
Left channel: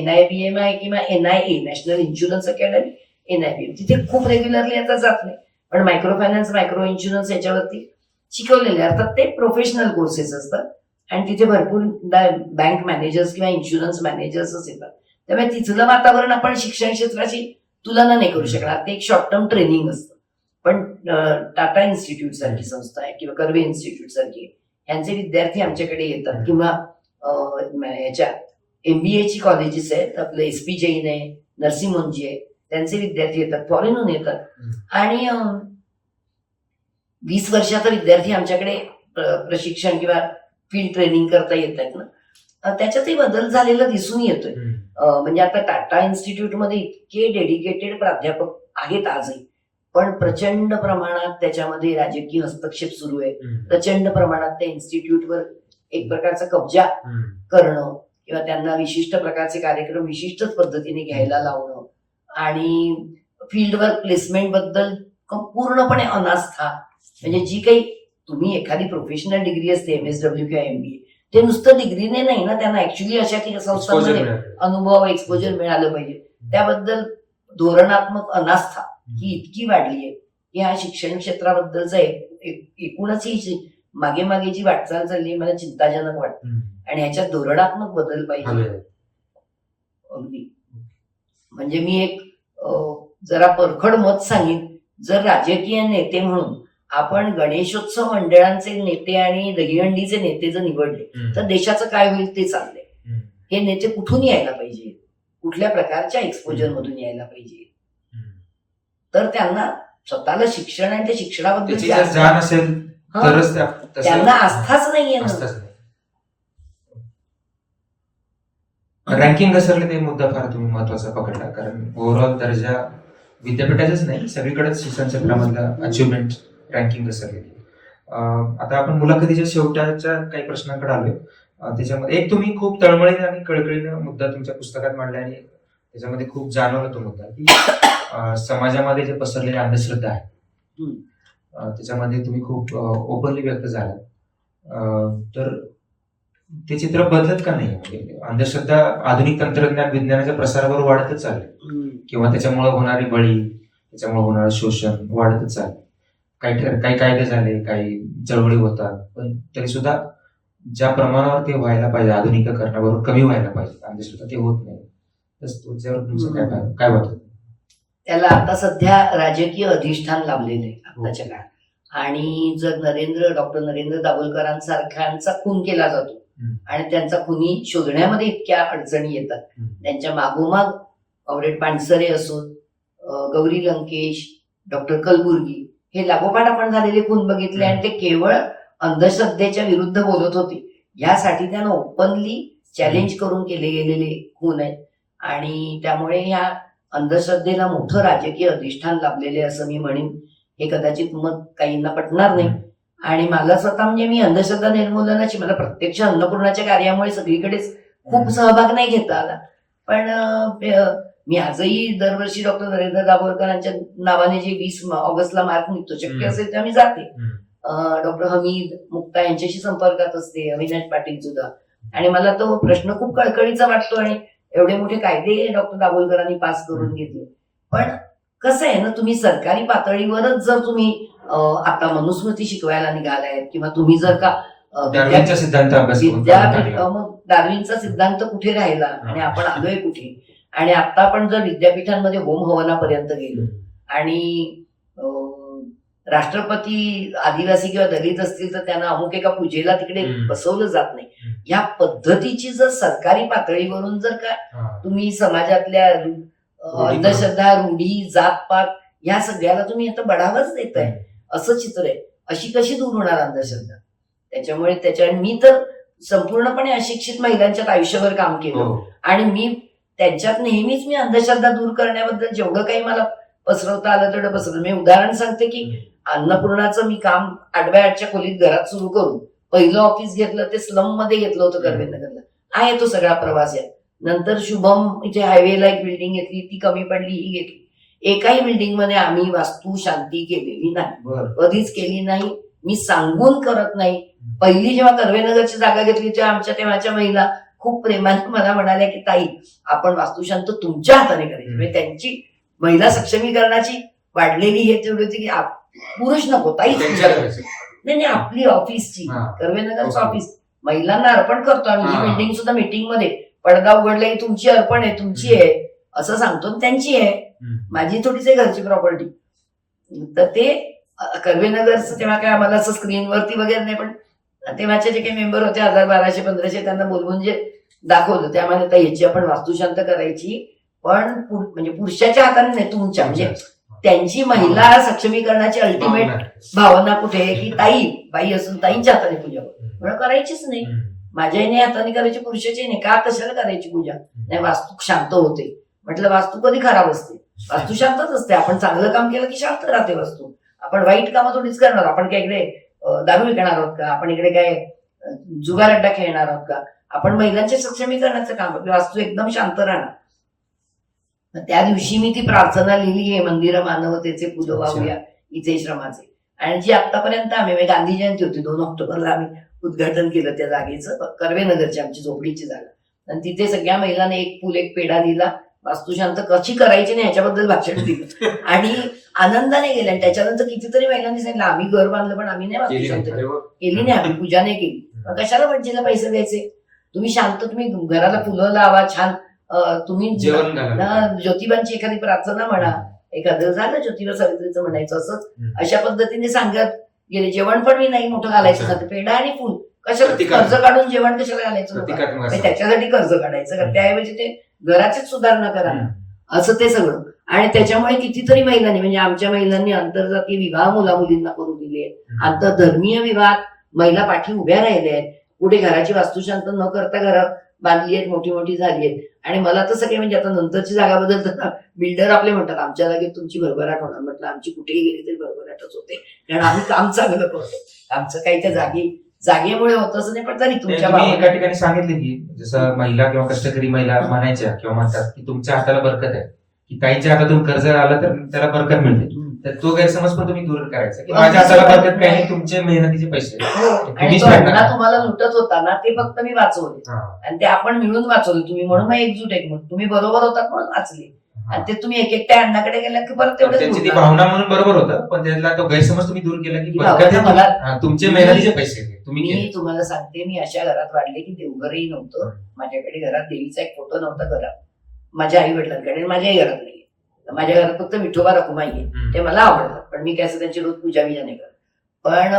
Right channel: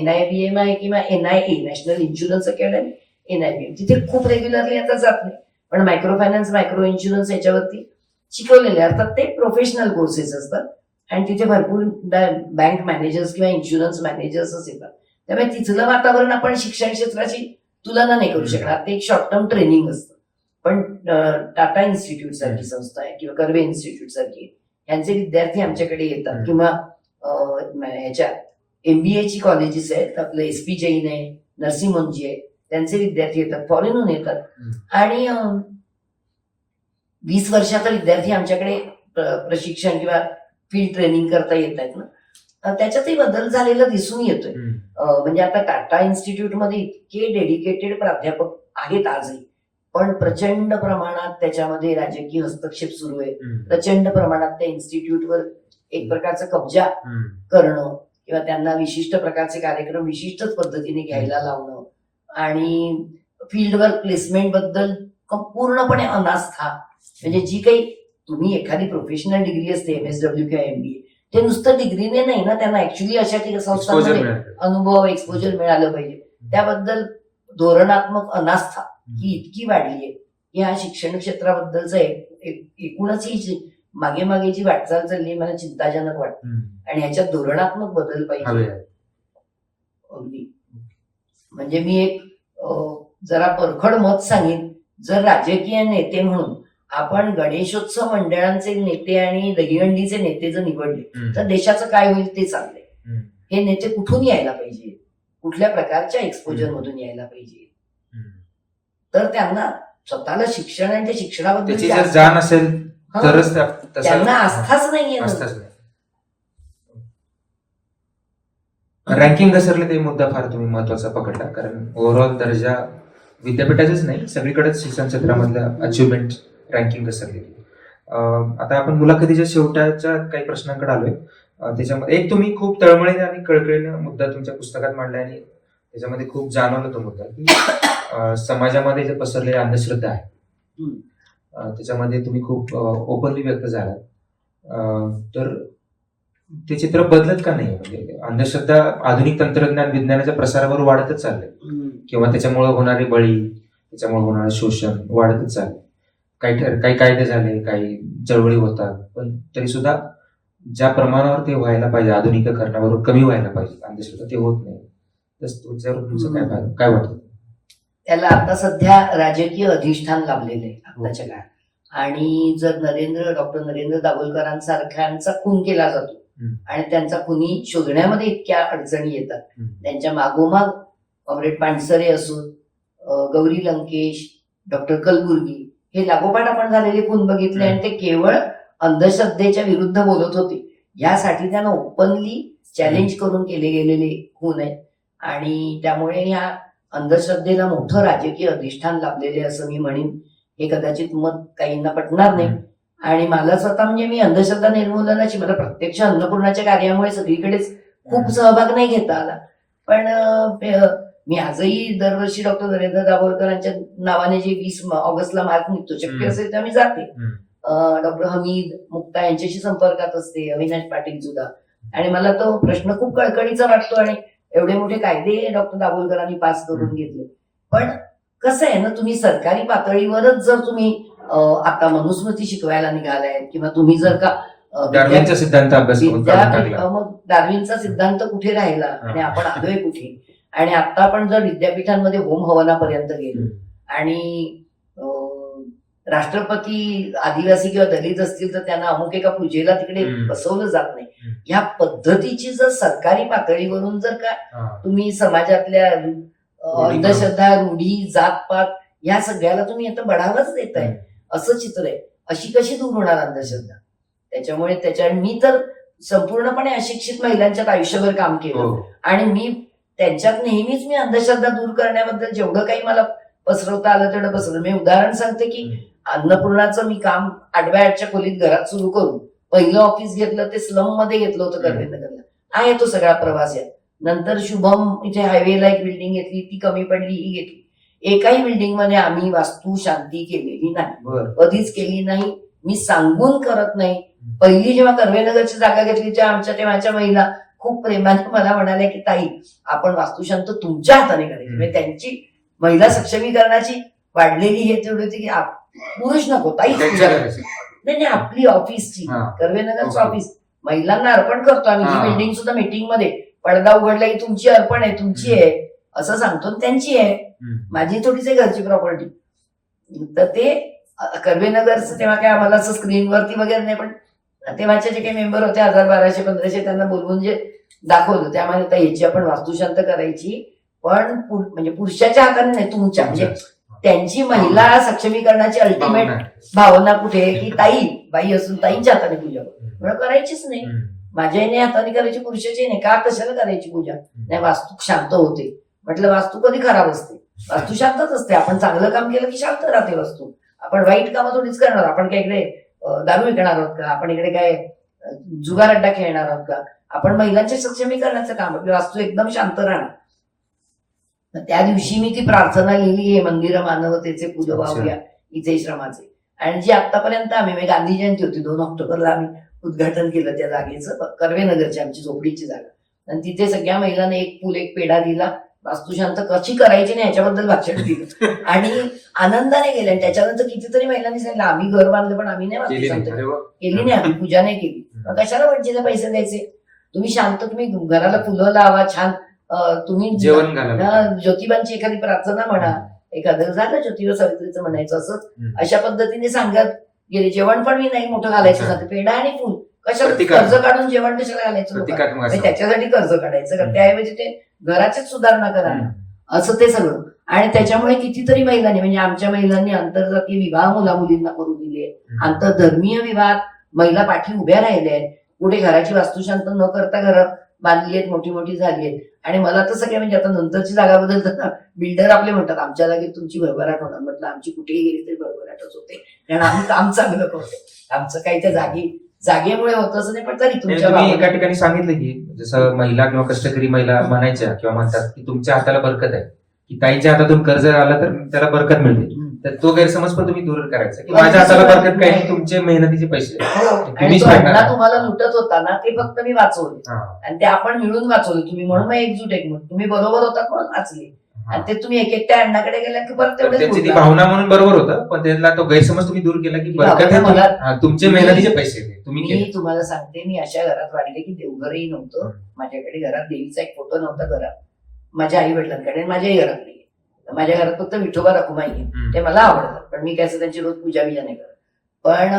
NIBM आहे किंवा NIA national insurance academy, NIBM तिथे खूप रेग्युलरली आता जात नाही, पण मायक्रो फायनान्स, मायक्रो इन्शुरन्स याच्यावरती शिकवलेले अर्थात ते प्रोफेशनल कोर्सेस असतात आणि तिथे भरपूर बँक मॅनेजर्स किंवा इन्शुरन्स मॅनेजर्सच येतात. त्यामुळे तिथलं वातावरण आपण शिक्षण क्षेत्राची तुलना नाही करू शकणार. ते एक शॉर्ट टर्म ट्रेनिंग असतं. पण टाटा इन्स्टिट्यूट सारखी संस्था आहे किंवा कर्वे इन्स्टिट्यूट सारखी, यांचे विद्यार्थी आमच्याकडे येतात. किंवा याच्या MBA ची कॉलेजेस आहेत, आपलं SP जैन आहे, नरसिंह मंजी आहे, त्यांचे विद्यार्थी येतात, फॉरेनहून येतात. आणि 20 वर्षाचा विद्यार्थी आमच्याकडे प्रशिक्षण किंवा फील्ड ट्रेनिंग करता येत आहेत ना, त्याच्यातही बदल झालेला दिसून येतोय. म्हणजे आता टाटा इन्स्टिट्यूटमध्ये इतके डेडिकेटेड प्राध्यापक आहेत आजही, पण प्रचंड प्रमाणात त्याच्यामध्ये राजकीय हस्तक्षेप सुरू आहे. प्रचंड प्रमाणात त्या इन्स्टिट्यूटवर एक प्रकारचा कब्जा करणं किंवा त्यांना विशिष्ट प्रकारचे कार्यक्रम विशिष्टच पद्धतीने घ्यायला लावणं आणि फील्डवर प्लेसमेंट बद्दल पूर्णपणे अनास्था. म्हणजे जी काही तुम्ही एखादी प्रोफेशनल डिग्री असते MSW किंवा MBA, ते नुसतं डिग्रीने नाही ना, त्यांना ऍक्च्युली अशा संस्थांमध्ये अनुभव, एक्सपोजर मिळालं पाहिजे. त्याबद्दल धोरणात्मक अनास्था ही इतकी वाढली आहे की ह्या शिक्षण क्षेत्राबद्दलचा एकूणच ही मागे मागे जी वाटचाल चालली मला चिंताजनक वाटते. आणि ह्याच्यात धोरणात्मक बदल पाहिजे अगदी. म्हणजे मी एक जरा परखड मत सांगेन, जर राजकीय नेते म्हणून आपण गणेशोत्सव मंडळांचे नेते आणि दहीहंडीचे नेते जर निवडले तर देशाचं काय होईल ते चाललंय. हे नेते कुठून यायला पाहिजे, कुठल्या प्रकारच्या एक्सपोजर मधून यायला पाहिजे, तर त्यांना स्वतःला शिक्षण आणि त्या शिक्षणाबद्दल जाण असेल तरच त्यांना आस्थाच नाहीये. रँकिंग घसरलं ते मुद्दा फार तुम्ही महत्वाचा पकडला, कारण ओव्हरऑल दर्जा विद्यापीठाचेच नाही सगळीकडेच शिक्षण क्षेत्रामधल्या अचिव्हमेंट रँकिंग घसरलेली. आता आपण मुलाखतीच्या शेवटाच्या काही प्रश्नांकडे आलोय. त्याच्यामध्ये एक तुम्ही खूप तळमळीने आणि कळकळीने मुद्दा तुमच्या पुस्तकात मांडला आणि त्याच्यामध्ये खूप जाणवलं तो मुद्दा की समाजामध्ये जे पसरलेली अंधश्रद्धा आहे त्याच्यामध्ये तुम्ही खूप ओपनली व्यक्त झाला. तर ते चित्र बदलत का नाही? म्हणजे अंधश्रद्धा आधुनिक तंत्रज्ञान विज्ञानाच्या प्रसारावर वाढतच चाललंय किंवा त्याच्यामुळे होणारे बळी, त्याच्यामुळे होणारं शोषण वाढतच चाललंय. काही कायदे झाले, काही चळवळी होतात, पण तरी सुद्धा ज्या प्रमाणावर ते व्हायला पाहिजे आधुनिकीकरणाबरोबर कमी व्हायला पाहिजे अंधश्रद्धा, ते होत नाही. तुमच्यावर तुमचं काय वाटतं? त्याला आता सध्या राजकीय अधिष्ठान लाभलेलं आहे आताच्या काळात. आणि जर डॉक्टर नरेंद्र दाभोलकरांसारख्यांचा खून केला जातो आणि त्यांचा खुनी शोधण्यामध्ये इतक्या अडचणी येतात, त्यांच्या मागोमाग कॉम्रेड पानसरे असोत, गौरी लंकेश, डॉक्टर कलबुर्गी, हे लागोपाठ आपण झालेले खून बघितले आणि ते केवळ अंधश्रद्धेच्या विरुद्ध बोलत होते. यासाठी त्यांना ओपनली चॅलेंज करून केले गेलेले खून आहेत. आणि त्यामुळे ह्या अंधश्रद्धेला मोठं राजकीय अधिष्ठान लाभलेले असं मी म्हणेन. हे कदाचित मत काहींना पटणार नाही. आणि मला स्वतः म्हणजे मी अंधश्रद्धा निर्मूलनाची मला प्रत्यक्ष अन्नपूर्णाच्या कार्यामुळे सगळीकडेच खूप सहभाग नाही घेता आला, पण मी आजही दरवर्षी डॉक्टर नरेंद्र दाभोलकरांच्या नावाने जे 20 ऑगस्टला मार्च निघतो, शक्य असेल तर मी जाते. डॉक्टर हमीद मुक्ता यांच्याशी संपर्कात असते, अविनाश पाटील सुद्धा. आणि मला तो प्रश्न खूप कळकळीचा वाटतो. आणि एवढे मोठे कायदे डॉक्टर दाभोलकरांनी पास करून घेतले. पण कसं आहे ना, तुम्ही सरकारी पातळीवरच जर तुम्ही आता मनुस्मृती शिकवायला निघालाय किंवा तुम्ही जर का डार्विनचा सिद्धांत मग डार्विनचा सिद्धांत कुठे राहिला आणि आपण आलोय कुठे? आणि आता आपण जर विद्यापीठांमध्ये होम हवनापर्यंत गेलो आणि राष्ट्रपती आदिवासी किंवा दलित असतील तर त्यांना अमुक एका पूजेला तिकडे बसवलं जात नाही. ह्या पद्धतीची जर सरकारी पातळीवरून जर का तुम्ही समाजातल्या अंधश्रद्धा, रूढी, जातपात ह्या सगळ्याला तुम्ही आता बढावाच देताय, असं चित्र आहे. अशी कशी दूर होणार अंधश्रद्धा? त्याच्यामुळे मी तर संपूर्णपणे अशिक्षित महिलांच्यात आयुष्यभर काम केलं आणि मी त्यांच्यात नेहमीच मी अंधश्रद्धा दूर करण्याबद्दल जेवढं काही मला पसरवता आलं तेवढं पसरवलं. मी उदाहरण सांगते की अन्नपूर्णाचं मी काम 8x8च्या खोलीत घरात सुरू करून पहिलं ऑफिस घेतलं ते स्लम मध्ये घेतलं होतं कर्वेनगरला. आहे तो सगळा प्रवास यात. नंतर शुभम इथे हायवेला एक बिल्डिंग घेतली, ती कमी पडली, ही घेतली. एकाही बिल्डिंग मध्ये आम्ही वास्तू शांती केलेली नाही, कधीच केली नाही. मी सांगून करत नाही. पहिली जेव्हा कर्वेनगरची जागा घेतली तेव्हाच्या महिला खूप प्रेमाने मला म्हणाल्या की ताई आपण वास्तुशांत तुमच्या हाताने करायची. म्हणजे त्यांची महिला सक्षमीकरणाची वाढलेली हे तेवढी होती की पुरुष नको ताई नाही, आपली ऑफिसची कर्वेनगरचं ऑफिस महिलांना अर्पण करतो आणि ही बिल्डिंग सुद्धा मीटिंग मध्ये पडदा उघडला ही तुमची अर्पण आहे, तुमची आहे असं सांगतो, त्यांची आहे, माझी थोडीच आहे घरची प्रॉपर्टी. तर ते कर्वेनगरचं तेव्हा काय आम्हाला असं स्क्रीनवरती वगैरे नाही, पण तेव्हाचे जे काही मेंबर होते 1000-1200-1500 त्यांना बोलवून जे दाखवलं ते आम्हाला आता ह्याची आपण वास्तुशांत करायची, पण म्हणजे पुरुषाच्या हाताने नाही, तुमच्या म्हणजे त्यांची महिला सक्षमीकरणाची अल्टिमेट भावना कुठे की ताई बाई असून ताईंच्या हाताने पूजा म्हणून करायचीच नाही. माझ्याही हाताने करायची, पुरुषाची नाही. का कशाला करायची पूजा? नाही वास्तू शांत होते. म्हटलं वास्तू कधी खराब असते? वास्तू शांतच असते. आपण चांगलं काम केलं की शांत राहते वास्तू. आपण वाईट कामं थोडीच करणार. आपण काय इकडे दारू विकणार आहोत का? आपण इकडे काय जुगार अड्डा खेळणार आहोत का? आपण महिलांच्या सक्षमीकरणाचं काम, वास्तू एकदम शांत राहणार. त्या दिवशी मी ती प्रार्थना लिहिली, हे मंदिर मानवतेचे फुलं वाहूया इथे श्रमाचे. आणि जी आतापर्यंत आम्ही गांधी जयंती होती 2 ऑक्टोबरला आम्ही उद्घाटन केलं त्या जागेचं, कर्वेनगरची आमची झोपडीची जागा. आणि तिथे सगळ्या महिलांना एक फुल एक पेढा दिला, वास्तुशांत कशी करायची नाही याच्याबद्दल भाषण दिलं आणि आनंदाने गेले. आणि त्याच्यानंतर कितीतरी महिलांनी सांगितलं आम्ही घर बांधलं पण आम्ही नाही वास्तुशांत केली, नाही आम्ही पूजा नाही केली. कशाला भटजीला पैसे द्यायचे? तुम्ही शांत, तुम्ही घराला फुलं लावा, छान तुम्ही ज्योतिबांची एखादी प्रार्थना म्हणा, एखादं झालं ज्योतिबा सावित्रीचं म्हणायचं, असं अशा पद्धतीने सांगत गेले. जेवण पण मी नाही मोठं घालायचं नव्हतं, पेढा आणि फुल. कशाला कर्ज काढून जेवण कशाला घालायचं? त्याच्यासाठी कर्ज काढायचं, त्याऐवजी ते घराचीच सुधारणा करा असं ते सगळं. आणि त्याच्यामुळे कितीतरी महिलांनी, म्हणजे आमच्या महिलांनी आंतरजातीय विवाह मुला मुलींना करू दिले, आंतरधर्मीय विवाह महिला पाठी उभ्या राहिल्या आहेत. कुठे घराची वास्तुशांत न करता घरात बांधली आहेत, मोठी मोठी झाली आहेत. आणि मला तर सगळे म्हणजे आता नंतरची जागा बदलताना बिल्डर आपले म्हणतात आमच्या जागेत तुमची भरभराट होणार. म्हटलं आमची कुठेही गेली तरी भरभराटच होते, कारण आम्ही काम चांगलं करतो. आमचं काही त्या जागेमुळे होतं असं नाही. पण तरी तुमच्या एका ठिकाणी सांगितलं की जसं महिला किंवा कष्टकरी महिला म्हणायच्या किंवा म्हणतात की तुमच्या हाताला बरकत आहे, की ताईच्या हातातून कर्ज आलं तर त्याला बरकत मिळते. तर तो गैरसमज पण तुम्ही दूर करायचा की माझ्या हाताला बरकत काही नाही, तुमचे मेहनतीचे पैसे. आणि तो अण्णा तुम्हाला लुटत होता ना, ते फक्त मी वाचवले आणि ते आपण मिळून वाचवले. तुम्ही म्हणून मग एकजूट एक म्हणून तुम्ही बरोबर होतात म्हणून वाचले. आणि ते तुम्ही एक एकट्या अण्णाकडे गेला की परत तेवढं त्यांची ती भावना म्हणून बरोबर होतं, पण त्यातला तो गैरसमज तुम्ही दूर केला की मला तुमचे मेहनतीचे पैसे तुम्ही. मी तुम्हाला सांगते, मी अशा घरात वाढले की देवघरही नव्हतं माझ्याकडे. घरात देवीचा एक फोटो नव्हता घरात, माझ्या आई वडिलांकडे, माझ्याही घरात नाही. माझ्या घरात फक्त विठोबा रखुमाई आहे, ते मला आवडतात, पण मी काय त्यांची रोज पूजा बिजा नाही करत. पण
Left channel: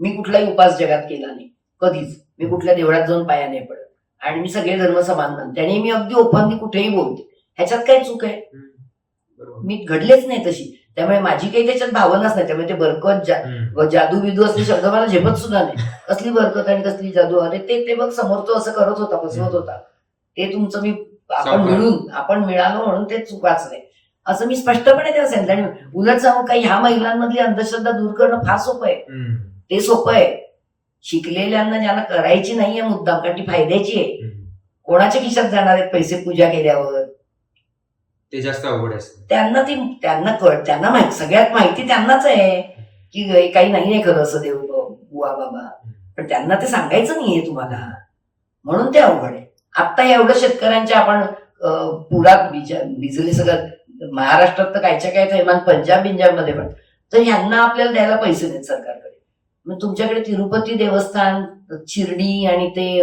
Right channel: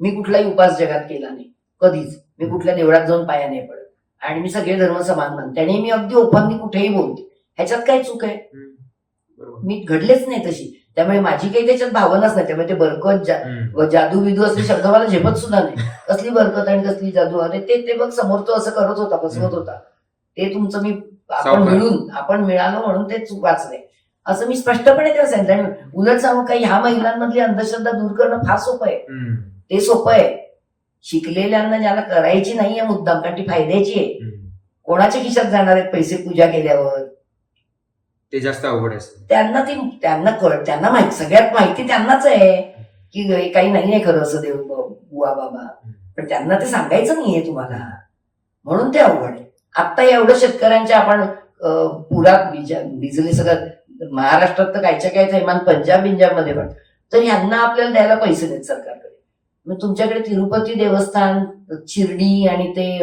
मी कुठलाही उपास जगात केला नाही कधीच. मी कुठल्या देवळात जाऊन पाया नाही पडत आणि मी सगळे धर्म समान मानते आणि मी अगदी ओपनली कुठेही बोलते. ह्याच्यात काय चूक आहे? मी घडलेच नाही तशी, त्यामुळे माझी काही त्याच्यात भावनाच नाही. त्यामुळे ते बरकत जादू विदू असले शब्द मला झेपत सुद्धा नाही. कसली बरकत आणि कसली जादू? अरे ते बघ समोर तो असं करत होता, फसवत होता. ते तुमचं आपण मिळालो म्हणून ते चूक वाचले असं मी स्पष्टपणे तेव्हा सांगितलं. आणि उलट सांगू काही, ह्या महिलांमधली अंधश्रद्धा दूर करणं फार सोपं आहे. ते सोपं आहे. शिकलेल्यांना ज्याला करायची नाहीये मुद्दाम, कारण ती फायद्याची आहे. कोणाच्या खिशात जाणार आहेत पैसे पूजा केल्यावर? ते जास्त अवघड आहे. त्यांना माहिती, सगळ्यात माहिती त्यांनाच आहे की काही नाहीये खरं असं देव बुवा बाबा, पण त्यांना ते सांगायचं नाहीये तुम्हाला, म्हणून ते अवघड आहे. आता एवढं शेतकऱ्यांच्या आपण पुरात भिजले सगळं. महाराष्ट्रात तर कायच्या काय थैमान, पंजाब मध्ये पण, तर ह्यांना आपल्याला द्यायला पैसे नाहीत सरकारकडे. मग तुमच्याकडे तिरुपती देवस्थान, शिर्डी आणि ते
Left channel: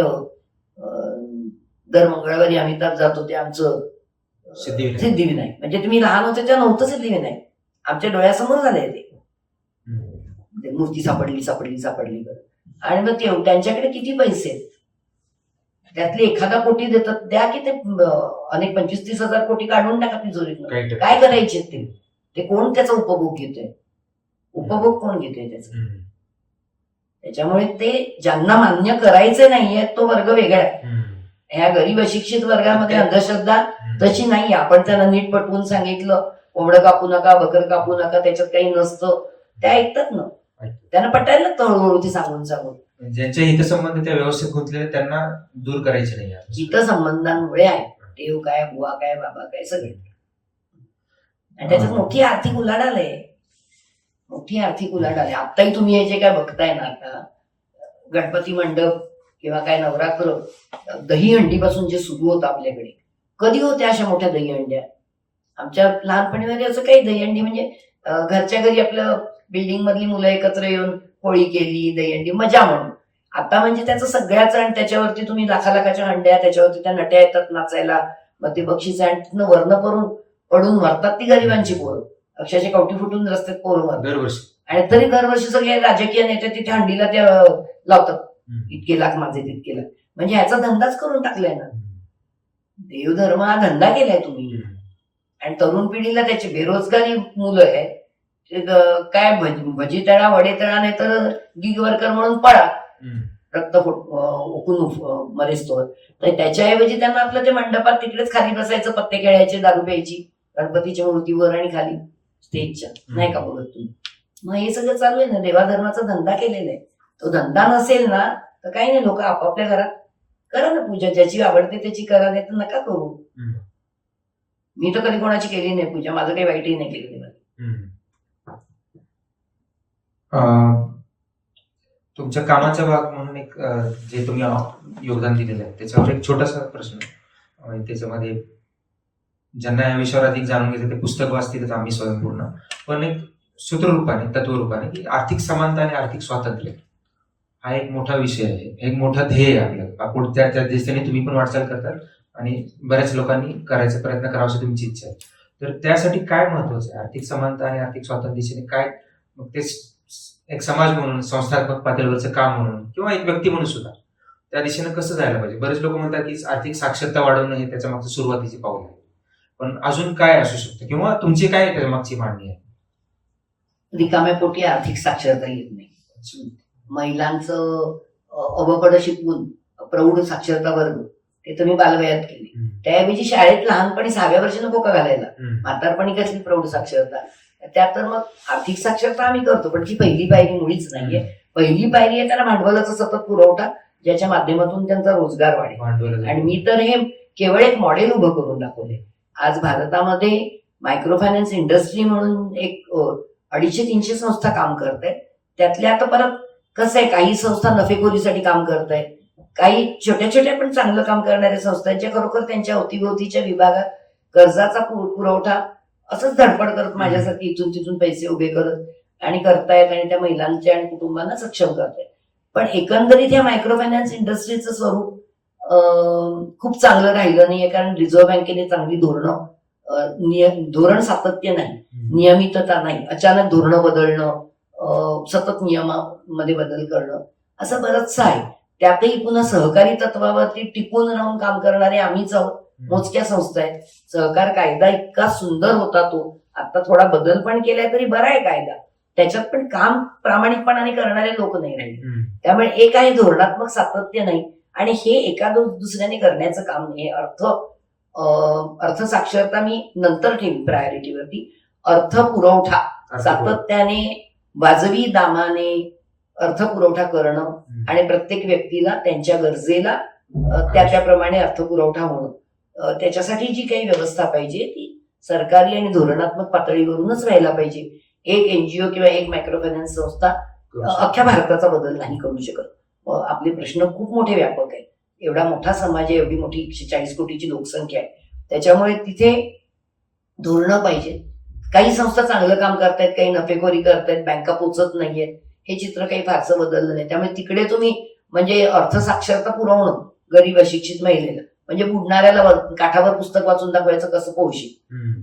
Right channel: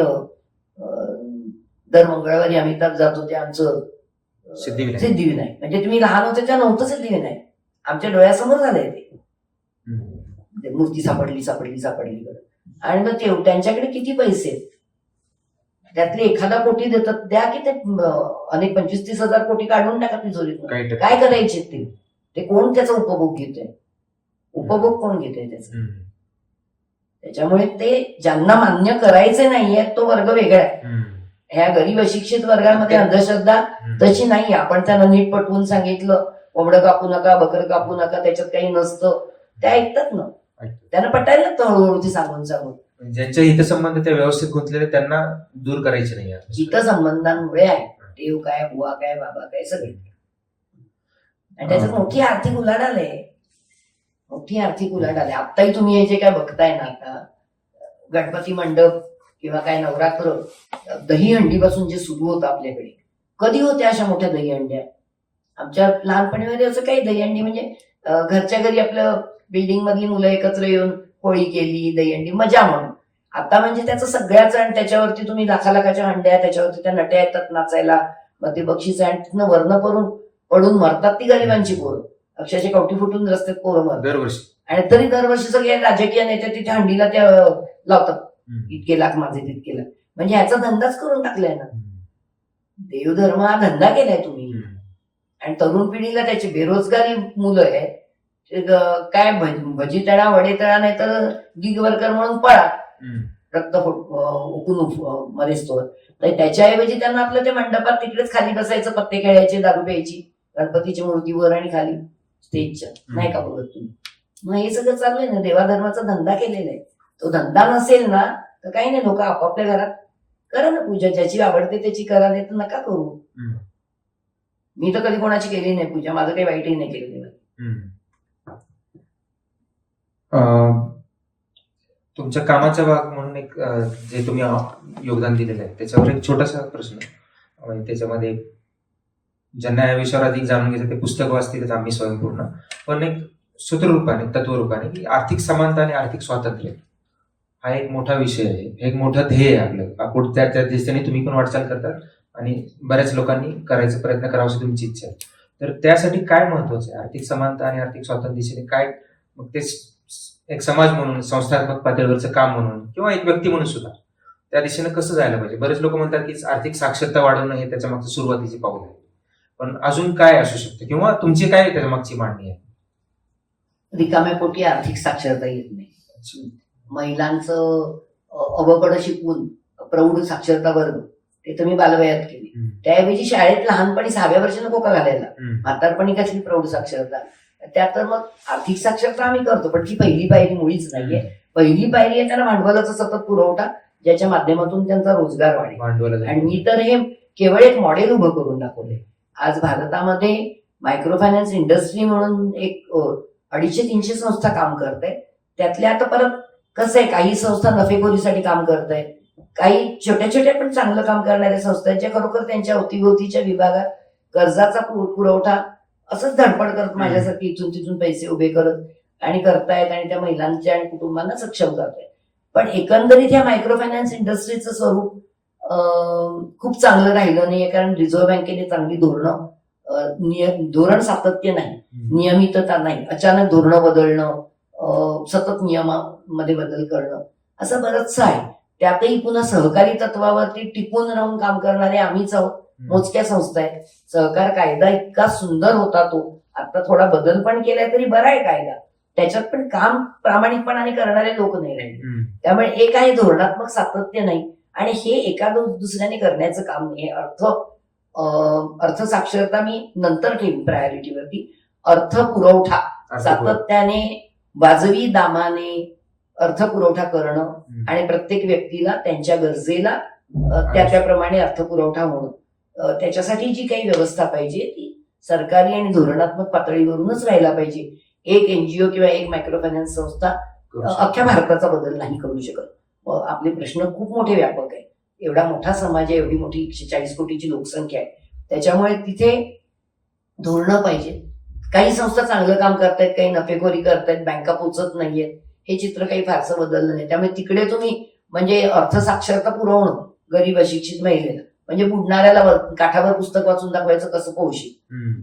दर मंगळवारी अमिताभ जातो ते आमचं सिद्धिविनायक. म्हणजे तुम्ही लहान होते तेव्हा नव्हतं सिद्धिविनायक, आमच्या डोळ्यासमोर झालंय ते. मूर्ती सापडली बरं. आणि मग त्यांच्याकडे किती पैसे आहेत? त्यातले एखादा कोटी देतात, द्या की ते अनेक 25-30 हजार कोटी काढून टाका तिजोरीतून. काही टक्के. काय करायचे ते कोण त्याचा उपभोग घेतोय? उपभोग कोण घेतोय त्याचा? त्याच्यामुळे ते ज्यांना मान्य करायचे नाहीये तो वर्ग वेगळा आहे. ह्या गरीब अशिक्षित वर्गामध्ये अंधश्रद्धा तशी नाही. आपण त्यांना नीट पटवून सांगितलं, कोंबडं कापू नका, बकर कापू नका, त्याच्यात काही नसतं, त्या ऐकतात ना. त्यांना पटायला लागतं हळूहळू ते सांगून ज्यांच्या हितसंबंध त्या व्यवस्थित गुंतलेले त्यांना दूर करायचे नाही. हितसंबंधांमुळे आहे. देव काय, बुवा काय, बाबा काय, सगळे. आणि त्याच्यात मोठी आर्थिक उलाढाल आहे. आत्ताही तुम्ही हे जे काय बघताय ना, आता गणपती मंडप किंवा काय नवरात्र, दहीहंडीपासून जे सुरू होतं आपल्याकडे, कधी होत्या अशा मोठ्या दहीहंड्या? आमच्या लहानपणीमध्ये असं काही दहीहंडी म्हणजे घरच्या घरी आपलं बिल्डिंग मधली मुलं एकत्र येऊन होळी केली, दहीहंडी, मजा म्हणून. आता म्हणजे त्याचं सगळ्याच, आणि त्याच्यावरती तुम्ही लाखाच्या हंड्या, त्याच्यावरती त्या नट्या येतात नाचायला, मग ते बक्षीस, आणि तिथनं वर्ण पडून मरतात ती गरिबांची पोरं. अक्षरशः कवटी फुटून रस्त्यात पोरं मरतात दरवर्षी. आणि तरी दरवर्षी सगळे राजकीय नेते तिथे हंडीला त्या लावतात, इतके लाख माझे, तितके लाख. म्हणजे ह्याचा धंदाच करून टाकलाय ना. देवधर्म हा धंदा केलाय तुम्ही. आणि तरुण पिढीला त्याची बेरोजगारी मुलं आहे, काय भजी तळा, वडे तळा, नाही तर गिग वर्कर म्हणून पळा, रक्त ओकून मरेस्तोवर. तर त्याच्याऐवजी त्यांना आपलं ते मंडपात तिकडेच खाली बसायचं, पत्ते खेळायचे, दारू प्यायची, गणपतीच्या मूर्तीवर आणि खाली स्टेजच्या, नाही का बोलत तुम्ही? मग हे सगळं चालू आहे ना. देवाधर्माचा धंदा केलेला आहे. तो धंदा नसेल ना तर काही नाही, लोक आपापल्या घरात करा ना पूजा, ज्याची आवडते त्याची करा, नाही तर नका करू. मी तर कधी कोणाची केली नाही पूजा, माझं काही वाईटही नाही केलं देवाने. तुमच्या कामाचा भाग म्हणून एक जे तुम्ही योगदान दिलेलं आहे त्याच्यावर एक छोटासा प्रश्न, म्हणजे त्याच्यामध्ये ज्यांना या विषयावर अधिक जाणून घ्यायचं ते पुस्तक वाचतीलच आम्ही स्वयंपूर्ण, पण एक सूत्ररूपाने, तत्वरूपाने, की आर्थिक समानता आणि आर्थिक स्वातंत्र्य हा एक मोठा विषय आहे, एक मोठं ध्येय आहे आपलं. त्या दिशेने तुम्ही पण वाटचाल करतात आणि बऱ्याच लोकांनी करायचा प्रयत्न करावा अशी तुमची इच्छा आहे. तर त्यासाठी काय महत्वाचं आहे? आर्थिक समानता आणि आर्थिक स्वातंत्र्य दिशेने काय, मग ते एक समाज म्हणून, संस्थात्मक पातळीवरचं काम म्हणून, किंवा एक व्यक्ती म्हणून सुद्धा त्या दिशेने कसं जायला पाहिजे? बरेच लोक म्हणतात की आर्थिक साक्षरता वाढवणं हे त्याच्या मागचं सुरुवातीची पाऊल आहे, पण अजून काय असू शकतं, किंवा तुमची काय त्याच्या मागची मांडणी आहे? रिकाम्या पोटी आर्थिक साक्षरता येत नाही. महिलांचं अवकडं शिकवून प्रौढ साक्षरता वर्ग ते तर मी बालवयात केली. त्याऐवजी शाळेत लहानपणी 6व्या वर्षी नको का घालायला? म्हातारपणी कसली प्रौढ साक्षरता? त्यात तर मग आर्थिक साक्षरता आम्ही करतो, पण ती पहिली पायरी मुळीच नाहीये. पहिली पायरी आहे त्याला भांडवलाचा सतत पुरवठा, ज्याच्या माध्यमातून त्यांचा रोजगार वाढेल. आणि मी तर हे केवळ एक मॉडेल उभं करून दाखवले. आज भारतामध्ये मायक्रो फायनान्स इंडस्ट्री म्हणून एक 250-300 संस्था काम करत आहेत. त्यातल्या आता परत कसं आहे, काही संस्था नफेखोरीसाठी काम करत आहेत, काही छोट्या छोट्या पण चांगलं काम करणाऱ्या संस्था आहेत, ज्या खरोखर त्यांच्या अवतीभोवतीच्या विभागात कर्जाचा पुरवठा असंच धडपड करत माझ्यासारखी इथून तिथून पैसे उभे करत आणि करतायत, आणि त्या महिलांच्या आणि कुटुंबांना सक्षम करतायत. पण एकंदरीत या मायक्रो फायनान्स इंडस्ट्रीचं स्वरूप खूप चांगलं राहिलं नाहीये, कारण रिझर्व्ह बँकेने चांगली धोरण सातत्य नाही, नियमितता नाही, अचानक धोरणं बदलणं, सतत नियमामध्ये बदल करणं, असं बरंचसं आहे. त्यातही पुन्हा सहकारी तत्वावरती टिकून राहून काम करणारे आम्हीच आहोत. मोजक्या संस्था आहेत. सहकार कायदा इतका सुंदर होता, तो आता थोडा बदल पण केलाय तरी बरा आहे कायदा, त्याच्यात पण काम प्रामाणिकपणाने करणारे लोक नाही राहिले. त्यामुळे एक आहे धोरणात्मक सातत्य नाही, आणि हे एका दुसऱ्याने करण्याचं काम नाही. अर्थ साक्षरता मी नंतर ठेवी प्रायोरिटीवरती. अर्थ पुरवठा सातत्याने वाजवी दामाने अर्थ पुरवठा करणं, आणि प्रत्येक व्यक्तीला त्यांच्या गरजेला त्याप्रमाणे अर्थ पुरवठा होणं, त्याच्यासाठी जी काही व्यवस्था पाहिजे ती सरकारी आणि धोरणात्मक पातळीवरूनच व्हायला पाहिजे. एक एनजीओ किंवा एक मायक्रो फायनान्स संस्था अख्ख्या भारताचा बदल नाही करू शकत. आपले प्रश्न खूप मोठे व्यापक आहेत. एवढा मोठा समाज आहे, एवढी मोठी 140 कोटीची लोकसंख्या आहे, त्याच्यामुळे तिथे धोरणं पाहिजे. काही संस्था चांगलं काम करतायत, काही नफेखोरी करतायत, बँका पोचत नाहीयेत, हे चित्र काही फारसं बदललं नाही. त्यामुळे तिकडे तुम्ही म्हणजे अर्थसाक्षरता पुरवणं गरीब अशिक्षित महिलेला, म्हणजे बुडणाऱ्याला काठावर पुस्तक वाचून दाखवायचं कसं पोहशी,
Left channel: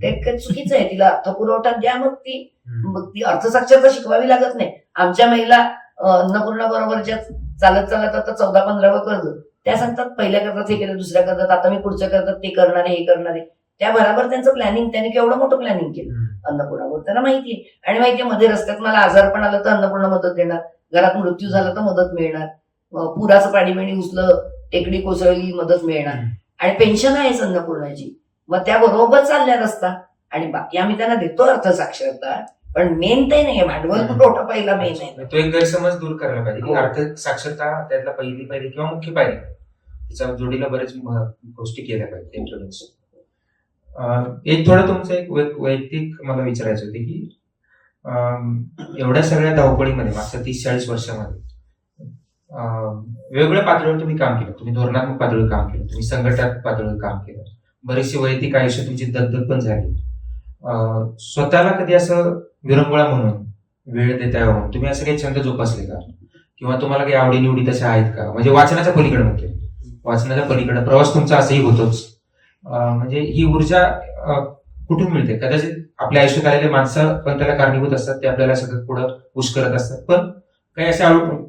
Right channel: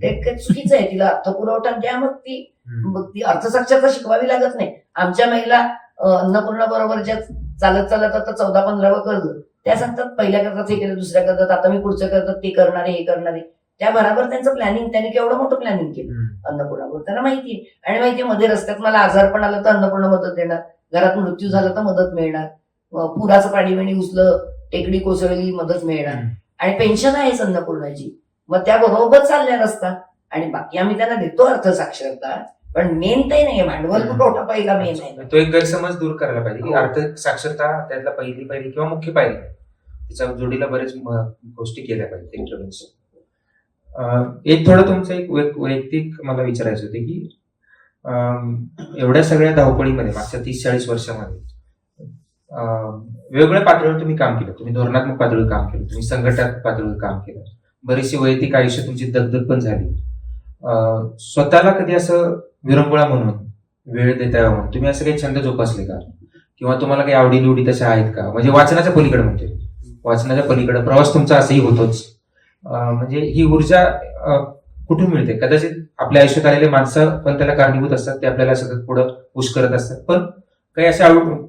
ते चुकीचं आहे. तिला अर्थ पुरवठा द्या, मग ती मग ती अर्थसाक्षरता शिकवावी लागत नाही. आमच्या महिला अन्नपूर्णा बरोबरच्या चालत चालत आता 14-15 कर्ज त्या सांगतात, पहिल्या करतात हे केलं, दुसऱ्या करतात, आता मी पुढच्या करतात, ते करणार आहे, हे करणार आहे. त्या बरोबर त्यांचं प्लॅनिंग, त्याने केवढं मोठं प्लॅनिंग केलं अन्नपूर्णावर. त्यांना माहितीये, आणि माहितीये मध्ये रस्त्यात मला आजारपण आलं तर अन्नपूर्णा मदत देणार, घरात मृत्यू झाला तर मदत मिळणार, पुराचं पाणी बिणी घुसलं, टेकडी कोसळली, मदत मिळणार, आणि पेन्शन आहेच अन्नपूर्णाची. मग त्या बरोबर चालल्या रस्ता. आणि बाकी आम्ही त्यांना देतो अर्थसाक्षरता, पण मेन ते नाही, भांडवल पुरवठा पहिला मेन आहे. तो एक गैरसमज दूर करायला पाहिजे की हो. अर्थ साक्षरता त्यातला पहिली किंवा मुख्य पायरी, त्याच्या जोडीला बरेच गोष्टी केल्या पाहिजे इंटरव्हेन्शन. एक थोडं तुमचं एक वैयक्तिक मला विचारायचं होते की एवढ्या सगळ्या धावपळीमध्ये मागच्या 30-40 वर्षामध्ये वेगवेगळ्या पातळीवर तुम्ही काम केलं. तुम्ही धोरणात्मक पातळीवर काम केलं, तुम्ही संघटनात्मक पातळीवर काम केलं, बरीचशी वैयक्तिक आयुष्य तुमची दगदग पण झाली. स्वतःला कधी असं विरंगुळा म्हणून वेळ देता यावं म्हणून तुम्ही असं काही छंद जोपासले का, किंवा तुम्हाला काही आवडीनिवडी तशा आहेत का? म्हणजे वाचनाच्या पलीकडे म्हणते, वाचनाच्या पलीकडे प्रवास तुमचा असंही होतोच. म्हणजे ही ऊर्जा कुठून मिळते? कदाचित आपल्या आयुष्यात आलेले माणसं पण त्याला कारणीभूत असतात, ते आपल्याला सतत पुढं पुश करत असतात. पण काही असे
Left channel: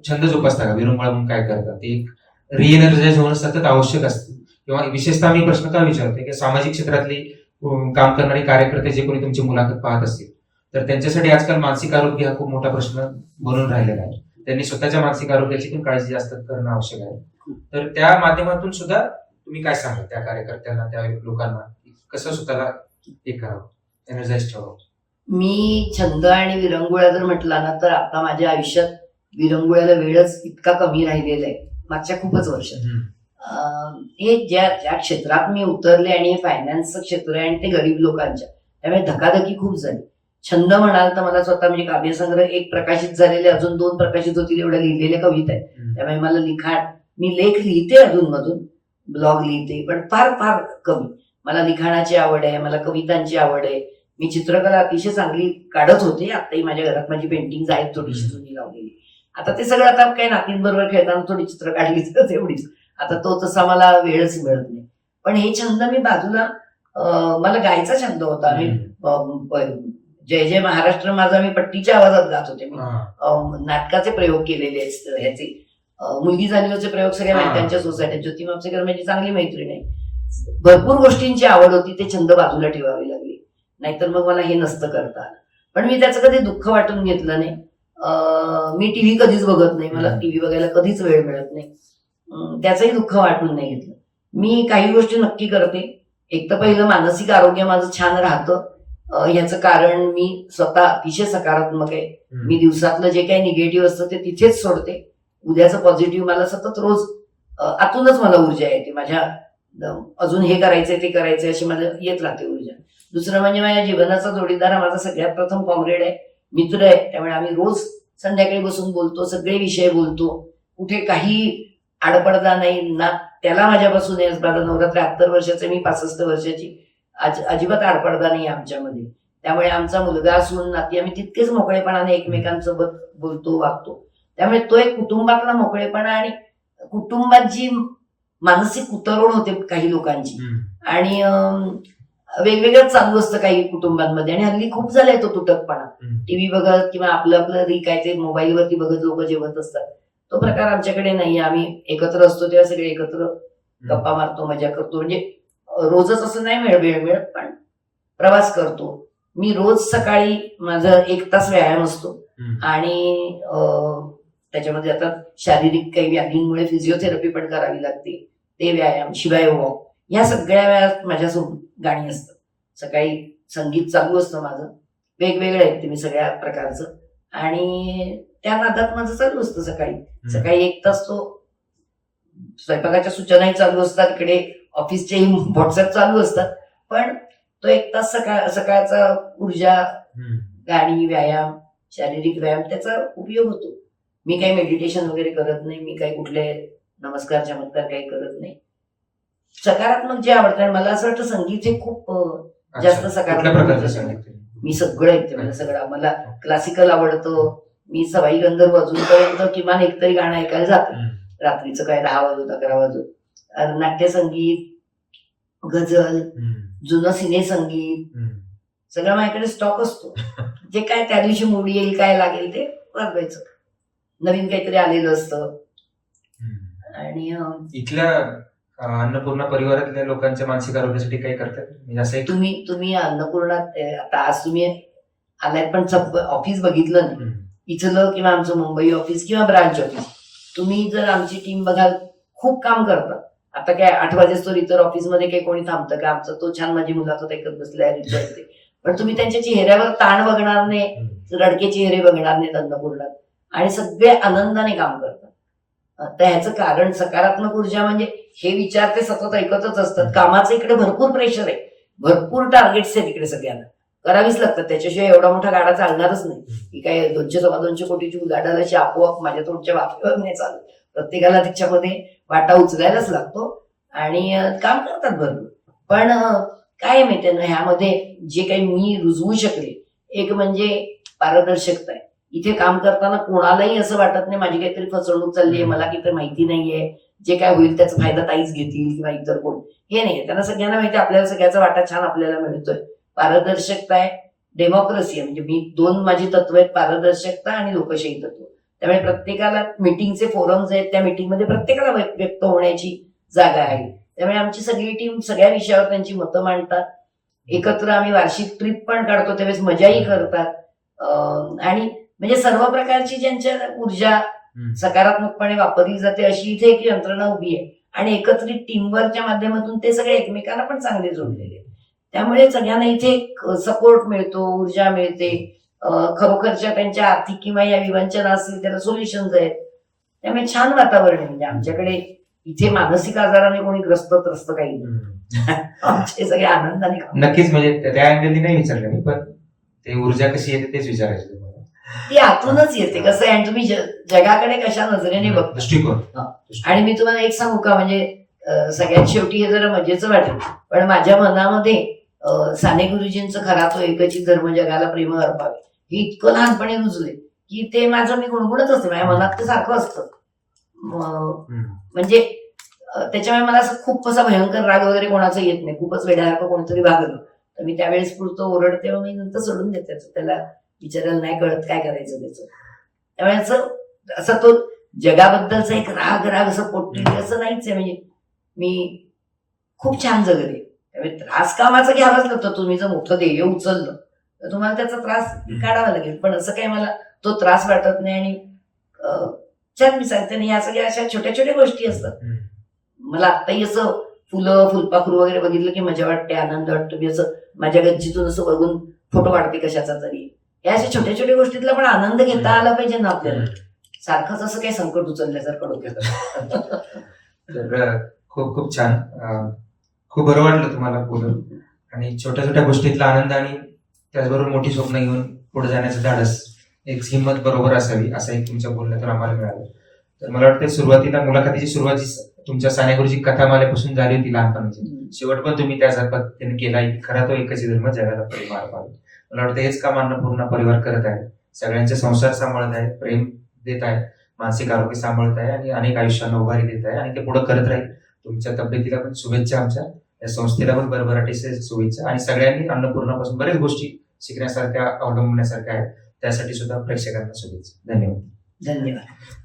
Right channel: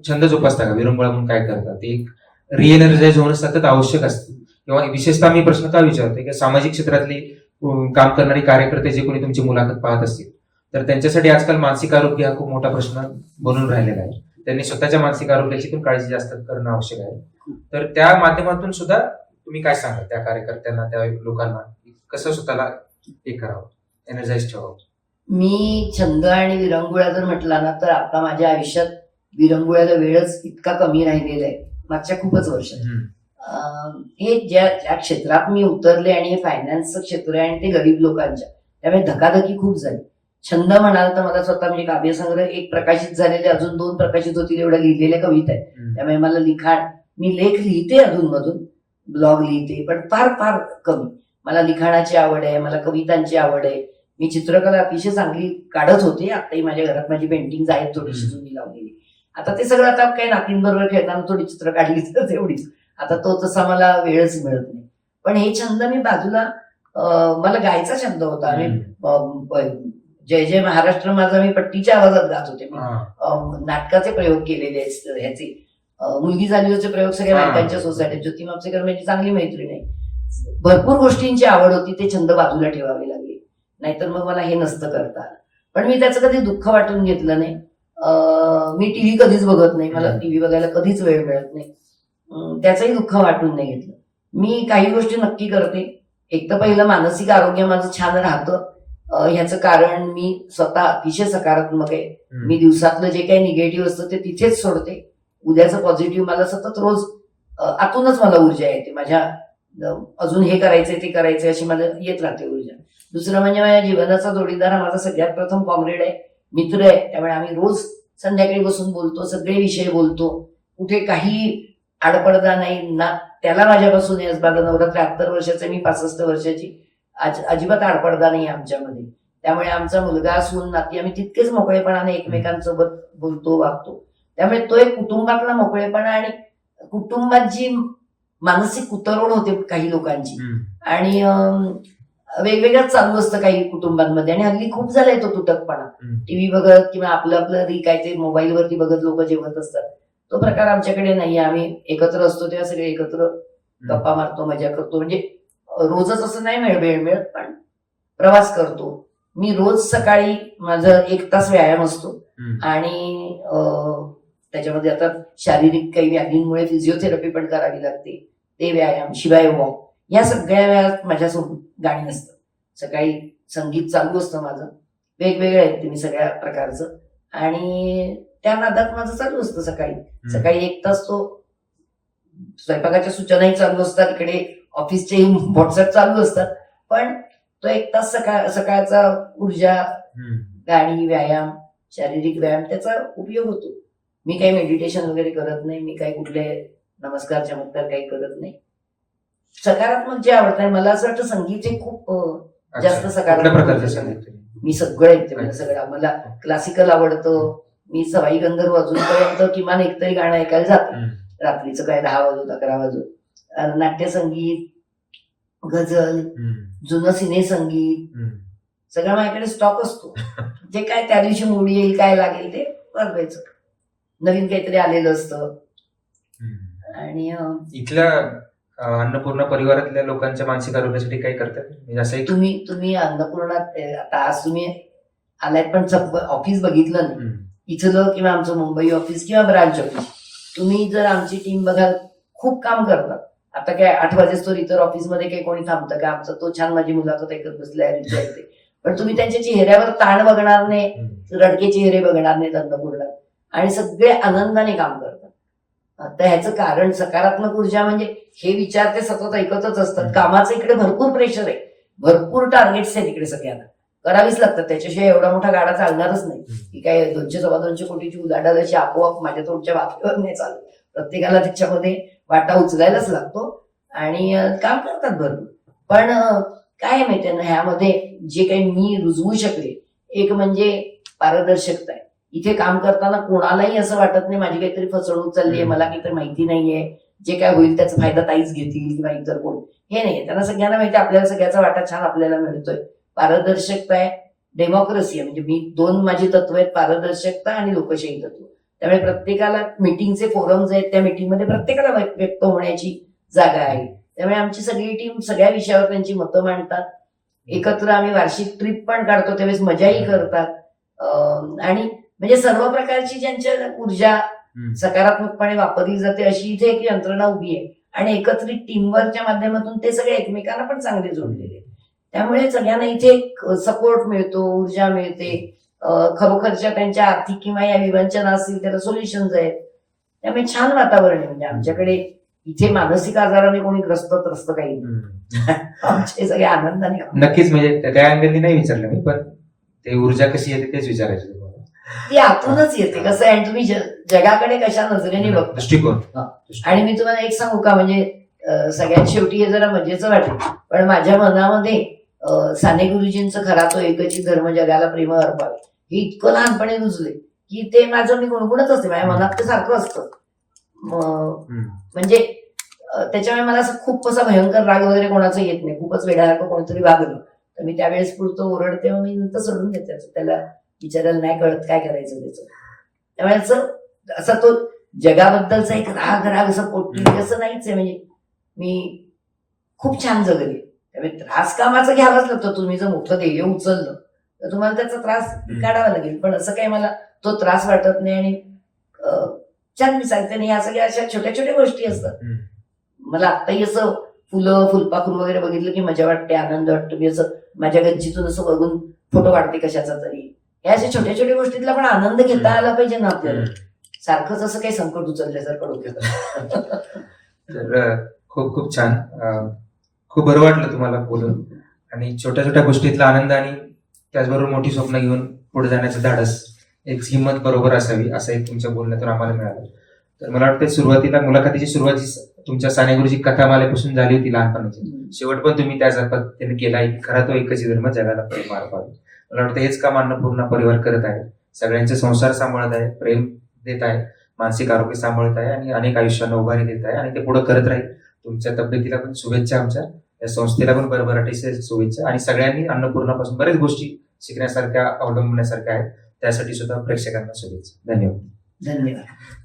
छंद जोपासता का विरंगुळा म्हणून? काय करतात? ते एक रिएनर्जाइज होणं सतत आवश्यक असतं. किंवा विशेषतः मी प्रश्न काय विचारतोय की सामाजिक क्षेत्रातली काम करणारे कार्यकर्ते जे कोणी तुमची मुलाखत पाहत असतील, तर त्यांच्यासाठी आजकाल मानसिक आरोग्य हा खूप मोठा प्रश्न बनून राहिलेला आहे. त्यांनी स्वतःच्या मानसिक आरोग्याची पण काळजी जास्त करणं आवश्यक आहे. तर त्या माध्यमातून सुद्धा तुम्ही काय सांगाल त्या कार्यकर्त्यांना, त्या लोकांना, कसं स्वतःला हे करावं, एनर्जाइज ठेवावं? मी छंद आणि विरंगुळा जर म्हटला ना, तर आता माझ्या आयुष्यात विरंगुळ्याला वेळच इतका कमी राहिलेला आहे मागच्या खूपच वर्षात. हे ज्या ज्या क्षेत्रात मी उतरले, आणि हे फायनान्सचं क्षेत्र आहे, आणि ते गरीब लोकांच्या, त्यामुळे धकाधकी खूप झाली. छंद म्हणाल तर मला स्वतः म्हणजे काव्यसंग्रह एक प्रकाशित झालेले, अजून 2 प्रकाशित होतील एवढ्या लिहिलेल्या कविता आहेत. त्यामुळे मला लिखाण, मी लेख लिहिते अधूनमधून, ब्लॉग लिहिते, पण फार फार कमी. मला लिखाणाची आवड आहे, मला कवितांची आवड आहे. मी चित्रकला अतिशय चांगली काढत होते. आताही माझ्या घरात माझी पेंटिंग आहेत थोडीशी जुनी लावलेली. आता ते सगळं आता काही नातींबरोबर खेळताना थोडी चित्र काढली तर एवढीच. आता तो तसा मला वेळच मिळत नाही. पण हे छंद मी बाजूला, मला गायचा छंद होता. मी जय जय महाराष्ट्र माझा मी पट्टीच्या आवाजात गात होते. मी नाटकाचे प्रयोग केलेले आहेत. ह्याचे मुलगी झालीचे प्रयोग सगळ्या बायकांच्या सोसायटीत. ज्योती मापसेकर माझी चांगली मैत्रीण आहे. भरपूर गोष्टींची आवड होती, ते छंद बाजूला ठेवावे लागले, नाहीतर मग मला हे नसतं करता आलं. पण मी त्याचं कधी दुःख वाटून घेतलं नाही. मी टीव्ही कधीच बघत नाही, मला टीव्ही बघायला कधीच वेळ मिळत नाही. त्याचंही दुःख वाटून नाही घेतलं. मी काही गोष्टी नक्की करते. एक तर पहिलं, मानसिक आरोग्य माझं छान राहतं. ह्याचं कारण मी स्वतः अतिशय सकारात्मक आहे. मी दिवसातलं जे काही निगेटिव्ह असतं ते तिथेच सोडते. उद्याचं पॉझिटिव्ह मला सतत रोज आतूनच मला ऊर्जा येते. माझ्या अजून हे करायचंय ते करायचंय अशी माझं येत राहते ऊर्जा. दुसरं म्हणजे माझ्या जीवनाचा जोडीदार हा माझा सगळ्यात प्रथम कॉम्रेड आहे, मित्र आहे. त्यामुळे आम्ही रोज संध्याकाळी बसून बोलतो, सगळे विषय बोलतो, कुठे काही आडपडदा नाही ना. त्याला माझ्यापासून आहे, माझा नवरा 73 वर्षाचा, मी 65 वर्षाची. अजिबात आडपडदा नाही आमच्यामध्ये. त्यामुळे आमचा मुलगा सून नाती आम्ही तितकेच मोकळेपणाने एकमेकांसोबत बोलतो, वागतो. त्यामुळे तो एक कुटुंबातला मोकळेपणा, आणि कुटुंबात जी मानसिक उतरवण होते काही लोकांची, आणि वेगवेगळंच चालू असतं काही कुटुंबांमध्ये. आणि हल्ली खूप झालाय तो तुटकपणा. टीव्ही बघत किंवा आपलं काय ते मोबाईलवरती बघत लोक जेवत असतात, तो प्रकार आमच्याकडे नाही. आम्ही एकत्र असतो तेव्हा सगळे एकत्र गप्पा मारतो, मजा करतो. म्हणजे रोजच असं नाही वेळ मिळत, पण प्रवास करतो. मी रोज सकाळी माझा 1 तास व्यायाम असतो, आणि त्याच्यामध्ये आता शारीरिक काही व्याधींमुळे फिजिओथेरपी पण करावी लागते, ते व्यायाम, शिवाय वॉक, या सगळ्या वेळात माझ्यासोबत गाणी असतात. सकाळी संगीत चालू असतं माझं, वेगवेगळं ऐकते मी सगळ्या प्रकारचं, आणि त्या नादात माझं चालू असतं. सकाळी 1 तास तो स्वयंपाकाच्या सूचनाही चालू असतात, इकडे ऑफिसचेही व्हॉट्सअप चालू असतात, पण तो 1 तास सकाळचा ऊर्जा, गाणी, व्यायाम, शारीरिक व्यायाम, त्याचा उपयोग होतो. मी काही मेडिटेशन वगैरे करत नाही, मी काही कुठले नमस्कार चमत्कार काही करत नाही. सकारात्मक जे आवडतं, आणि मला असं वाटतं संगीत हे खूप जास्त सकारात्मक. मी सगळं ऐकते, मला सगळं. मला क्लासिकल आवडतं. मी सवाई गंधर्व अजूनपर्यंत किमान एकतरी गाणं ऐकायला जाते, रात्रीचं काय 10 वाजून 11 वाजून. नाट्यसंगीत, गझल, जुनं सिने संगीत, सगळं माझ्याकडे स्टॉक असतो. जे काय त्या दिवशी मूड येईल, काय लागेल ते वाजवायचं. नवीन काहीतरी आलेलं असतं. आणि इथल्या अन्नपूर्णा परिवारातल्या लोकांच्या मानसिक आरोग्यासाठी काय करतात म्हणजे असं एक तुम्ही अन्नपूर्णात आता आज तुम्ही आलात पण ऑफिस बघितलं नाही इथलं, किंवा आमचं मुंबई ऑफिस किंवा ब्रांच ऑफिस. तुम्ही जर आमची टीम बघाल, खूप काम करतात. आता काय 8 वाजेस्तोवर इतर ऑफिसमध्ये काही कोणी थांबतं का? आमचं तो छान माझी मुलाखत ऐकत बसलाय विचारते, पण तुम्ही त्यांच्या चेहऱ्यावर ताण बघणार नाही, रडके चेहरे बघणार नाहीत अन्नपूर्णात, आणि सगळे आनंदाने काम करतात. तर ह्याचं कारण सकारात्मक ऊर्जा म्हणजे हे विचार ते सतत ऐकतच असतात. कामाचं इकडे भरपूर प्रेशर आहे, भरपूर टार्गेट्स आहेत इकडे, सगळ्यांना करावीच लागतात. त्याच्याशिवाय एवढा मोठा गाडा चालणारच नाही. की काय 200-250 कोटीची उलाढाल अशी आपोआप माझ्या तोंडच्या वाफेवर नाही चालत. प्रत्येकाला त्याच्यामध्ये वाटा उचलायलाच लागतो आणि काम करतात भरपूर. पण काय माहितीये ना, ह्यामध्ये जे काही मी रुजवू शकले, एक म्हणजे पारदर्शकता आहे. इथे काम करताना कोणालाही असं वाटत नाही माझी काहीतरी फसवणूक चालली आहे, मला काहीतरी माहिती नाहीये, जे काय होईल त्याचा फायदा ताईच घेतील किंवा इतर कोण, हे नाहीये. त्यांना सगळ्यांना माहिती आपल्याला सगळ्याचा वाटा छान आपल्याला मिळतोय. पारदर्शकता आहे, डेमोक्रेसी आहे. म्हणजे मी 2 माझी तत्व आहेत, पारदर्शकता आणि लोकशाही तत्व. त्यामुळे प्रत्येकाला मीटिंगचे फोरम्स आहेत, त्या मीटिंगमध्ये प्रत्येकाला व्यक्त होण्याची जागा आहे. त्यामुळे आमची सगळी टीम सगळ्या विषयावर त्यांची मतं मांडतात. एकत्र आम्ही वार्षिक ट्रिप पण काढतो, त्यावेळेस मजाही करतात. आणि म्हणजे सर्व प्रकारची ज्यांच्या ऊर्जा सकारात्मकपणे वापरली जाते अशी इथे एक यंत्रणा उभी आहे. आणि एकत्रित टीमवर्कच्या माध्यमातून ते सगळे एकमेकांना पण चांगले जोडलेले आहेत. त्यामुळे सगळ्यांना इथे सपोर्ट मिळतो, ऊर्जा मिळते. खरोखरच्या त्यांच्या आर्थिक किंवा या विवंचना असतील त्याला सोल्युशन्स आहेत. त्यामुळे छान वातावरण आहे. म्हणजे आमच्याकडे इथे मानसिक आजाराने कोणी त्रस्त काही नाही. आमचे सगळे आनंदाने काम. नक्कीच, म्हणजे त्या अँगलनी नाही विचारलं मी, पण ते ऊर्जा कशी येते तेच विचारायचं तुम्हाला. ती आतूनच येते. कसं आहे, आणि तुम्ही जगाकडे कशा नजरेने बघता दृष्टिकोन. आणि मी तुम्हाला एक सांगू का, म्हणजे सगळ्यात शेवटी हे जरा मजेचं वाटेल, पण माझ्या मनामध्ये साने गुरुजींचं खरा तो एकची धर्म जगाला प्रेम अर्पावे हे इतकं लहानपणी रुजले की ते माझं मी गुणगुणच असते. माझ्या मनात ते सारखं असतं. म्हणजे त्याच्यामुळे मला असं खूप असा भयंकर राग वगैरे कोणाचा येत नाही. खूपच वेड्यासारखं कोणीतरी वागलं तर मी त्यावेळेस पुरतो ओरडते, मग मी नंतर सोडून देते. त्याला विचारायला नाही कळत काय करायचं त्याचं. त्यामुळे असं तो जगाबद्दलचा एक राग असं पोटली असं नाहीच आहे. म्हणजे मी खूप छान जगले. त्यामुळे त्रास कामाचा घ्यावाच लागतो. तुम्ही जर मोठं ध्येय उचललं तर तुम्हाला त्याचा त्रास काढावा लागेल, पण असं काही मला तो त्रास वाटत नाही. आणि छान मी सांगते नाही, या सगळ्या अशा छोट्या छोट्या गोष्टी असतात. मला आत्ताही असं फुलं फुलपाखरू वगैरे बघितलं की मजा वाटते, आनंद वाटतो. मी असं माझ्या गच्चीतून असं बघून फोटो काढते कशाचा तरी. या अशा छोट्या छोट्या गोष्टीतला पण आनंद घेता आला पाहिजे ना आपल्याला. सारखंच असं काही संकट उचलल्यासारखं डोक्यात. तर खूप खूप छान. खूप बरं वाटलं तुम्हाला बोलून, आणि छोट्या छोट्या गोष्टीतला आनंद आणि त्याचबरोबर मोठी स्वप्न घेऊन पुढे जाण्याचं धाडस, एक हिंमत बरोबर असावी, असं एक तुमच्या बोलण्यातून आम्हाला मिळालं. तर मला वाटतं सुरुवातीला मुलाखतीची सुरुवात तुमच्या साने गुरुजी कथामालेपासून झाली होती लहानपणाची. शेवट पण तुम्ही त्याच पद्धतीने केला. खरा तो एकच धर्म जगाला प्रेम अर्पावे. मला वाटतं हेच काम अन्नपूर्णा परिवार करत आहे. सगळ्यांचे संसार सांभाळत आहे, प्रेम देत आहे, मानसिक आरोग्य सांभाळत आहे आणि अनेक आयुष्यांना उभारी देत आहे, आणि ते पुढे करत राहील. तुमच्या तब्येतीला पण शुभेच्छा, आमच्या या संस्थेला पण भरभराटीचे शुभेच्छा. आणि सगळ्यांनी अन्नपूर्णापासून बऱ्याच गोष्टी शिकण्यासारख्या, अवलंबण्यासारख्या आहेत, त्यासाठी सुद्धा प्रेक्षकांना शुभेच्छा. धन्यवाद. धन्यवाद.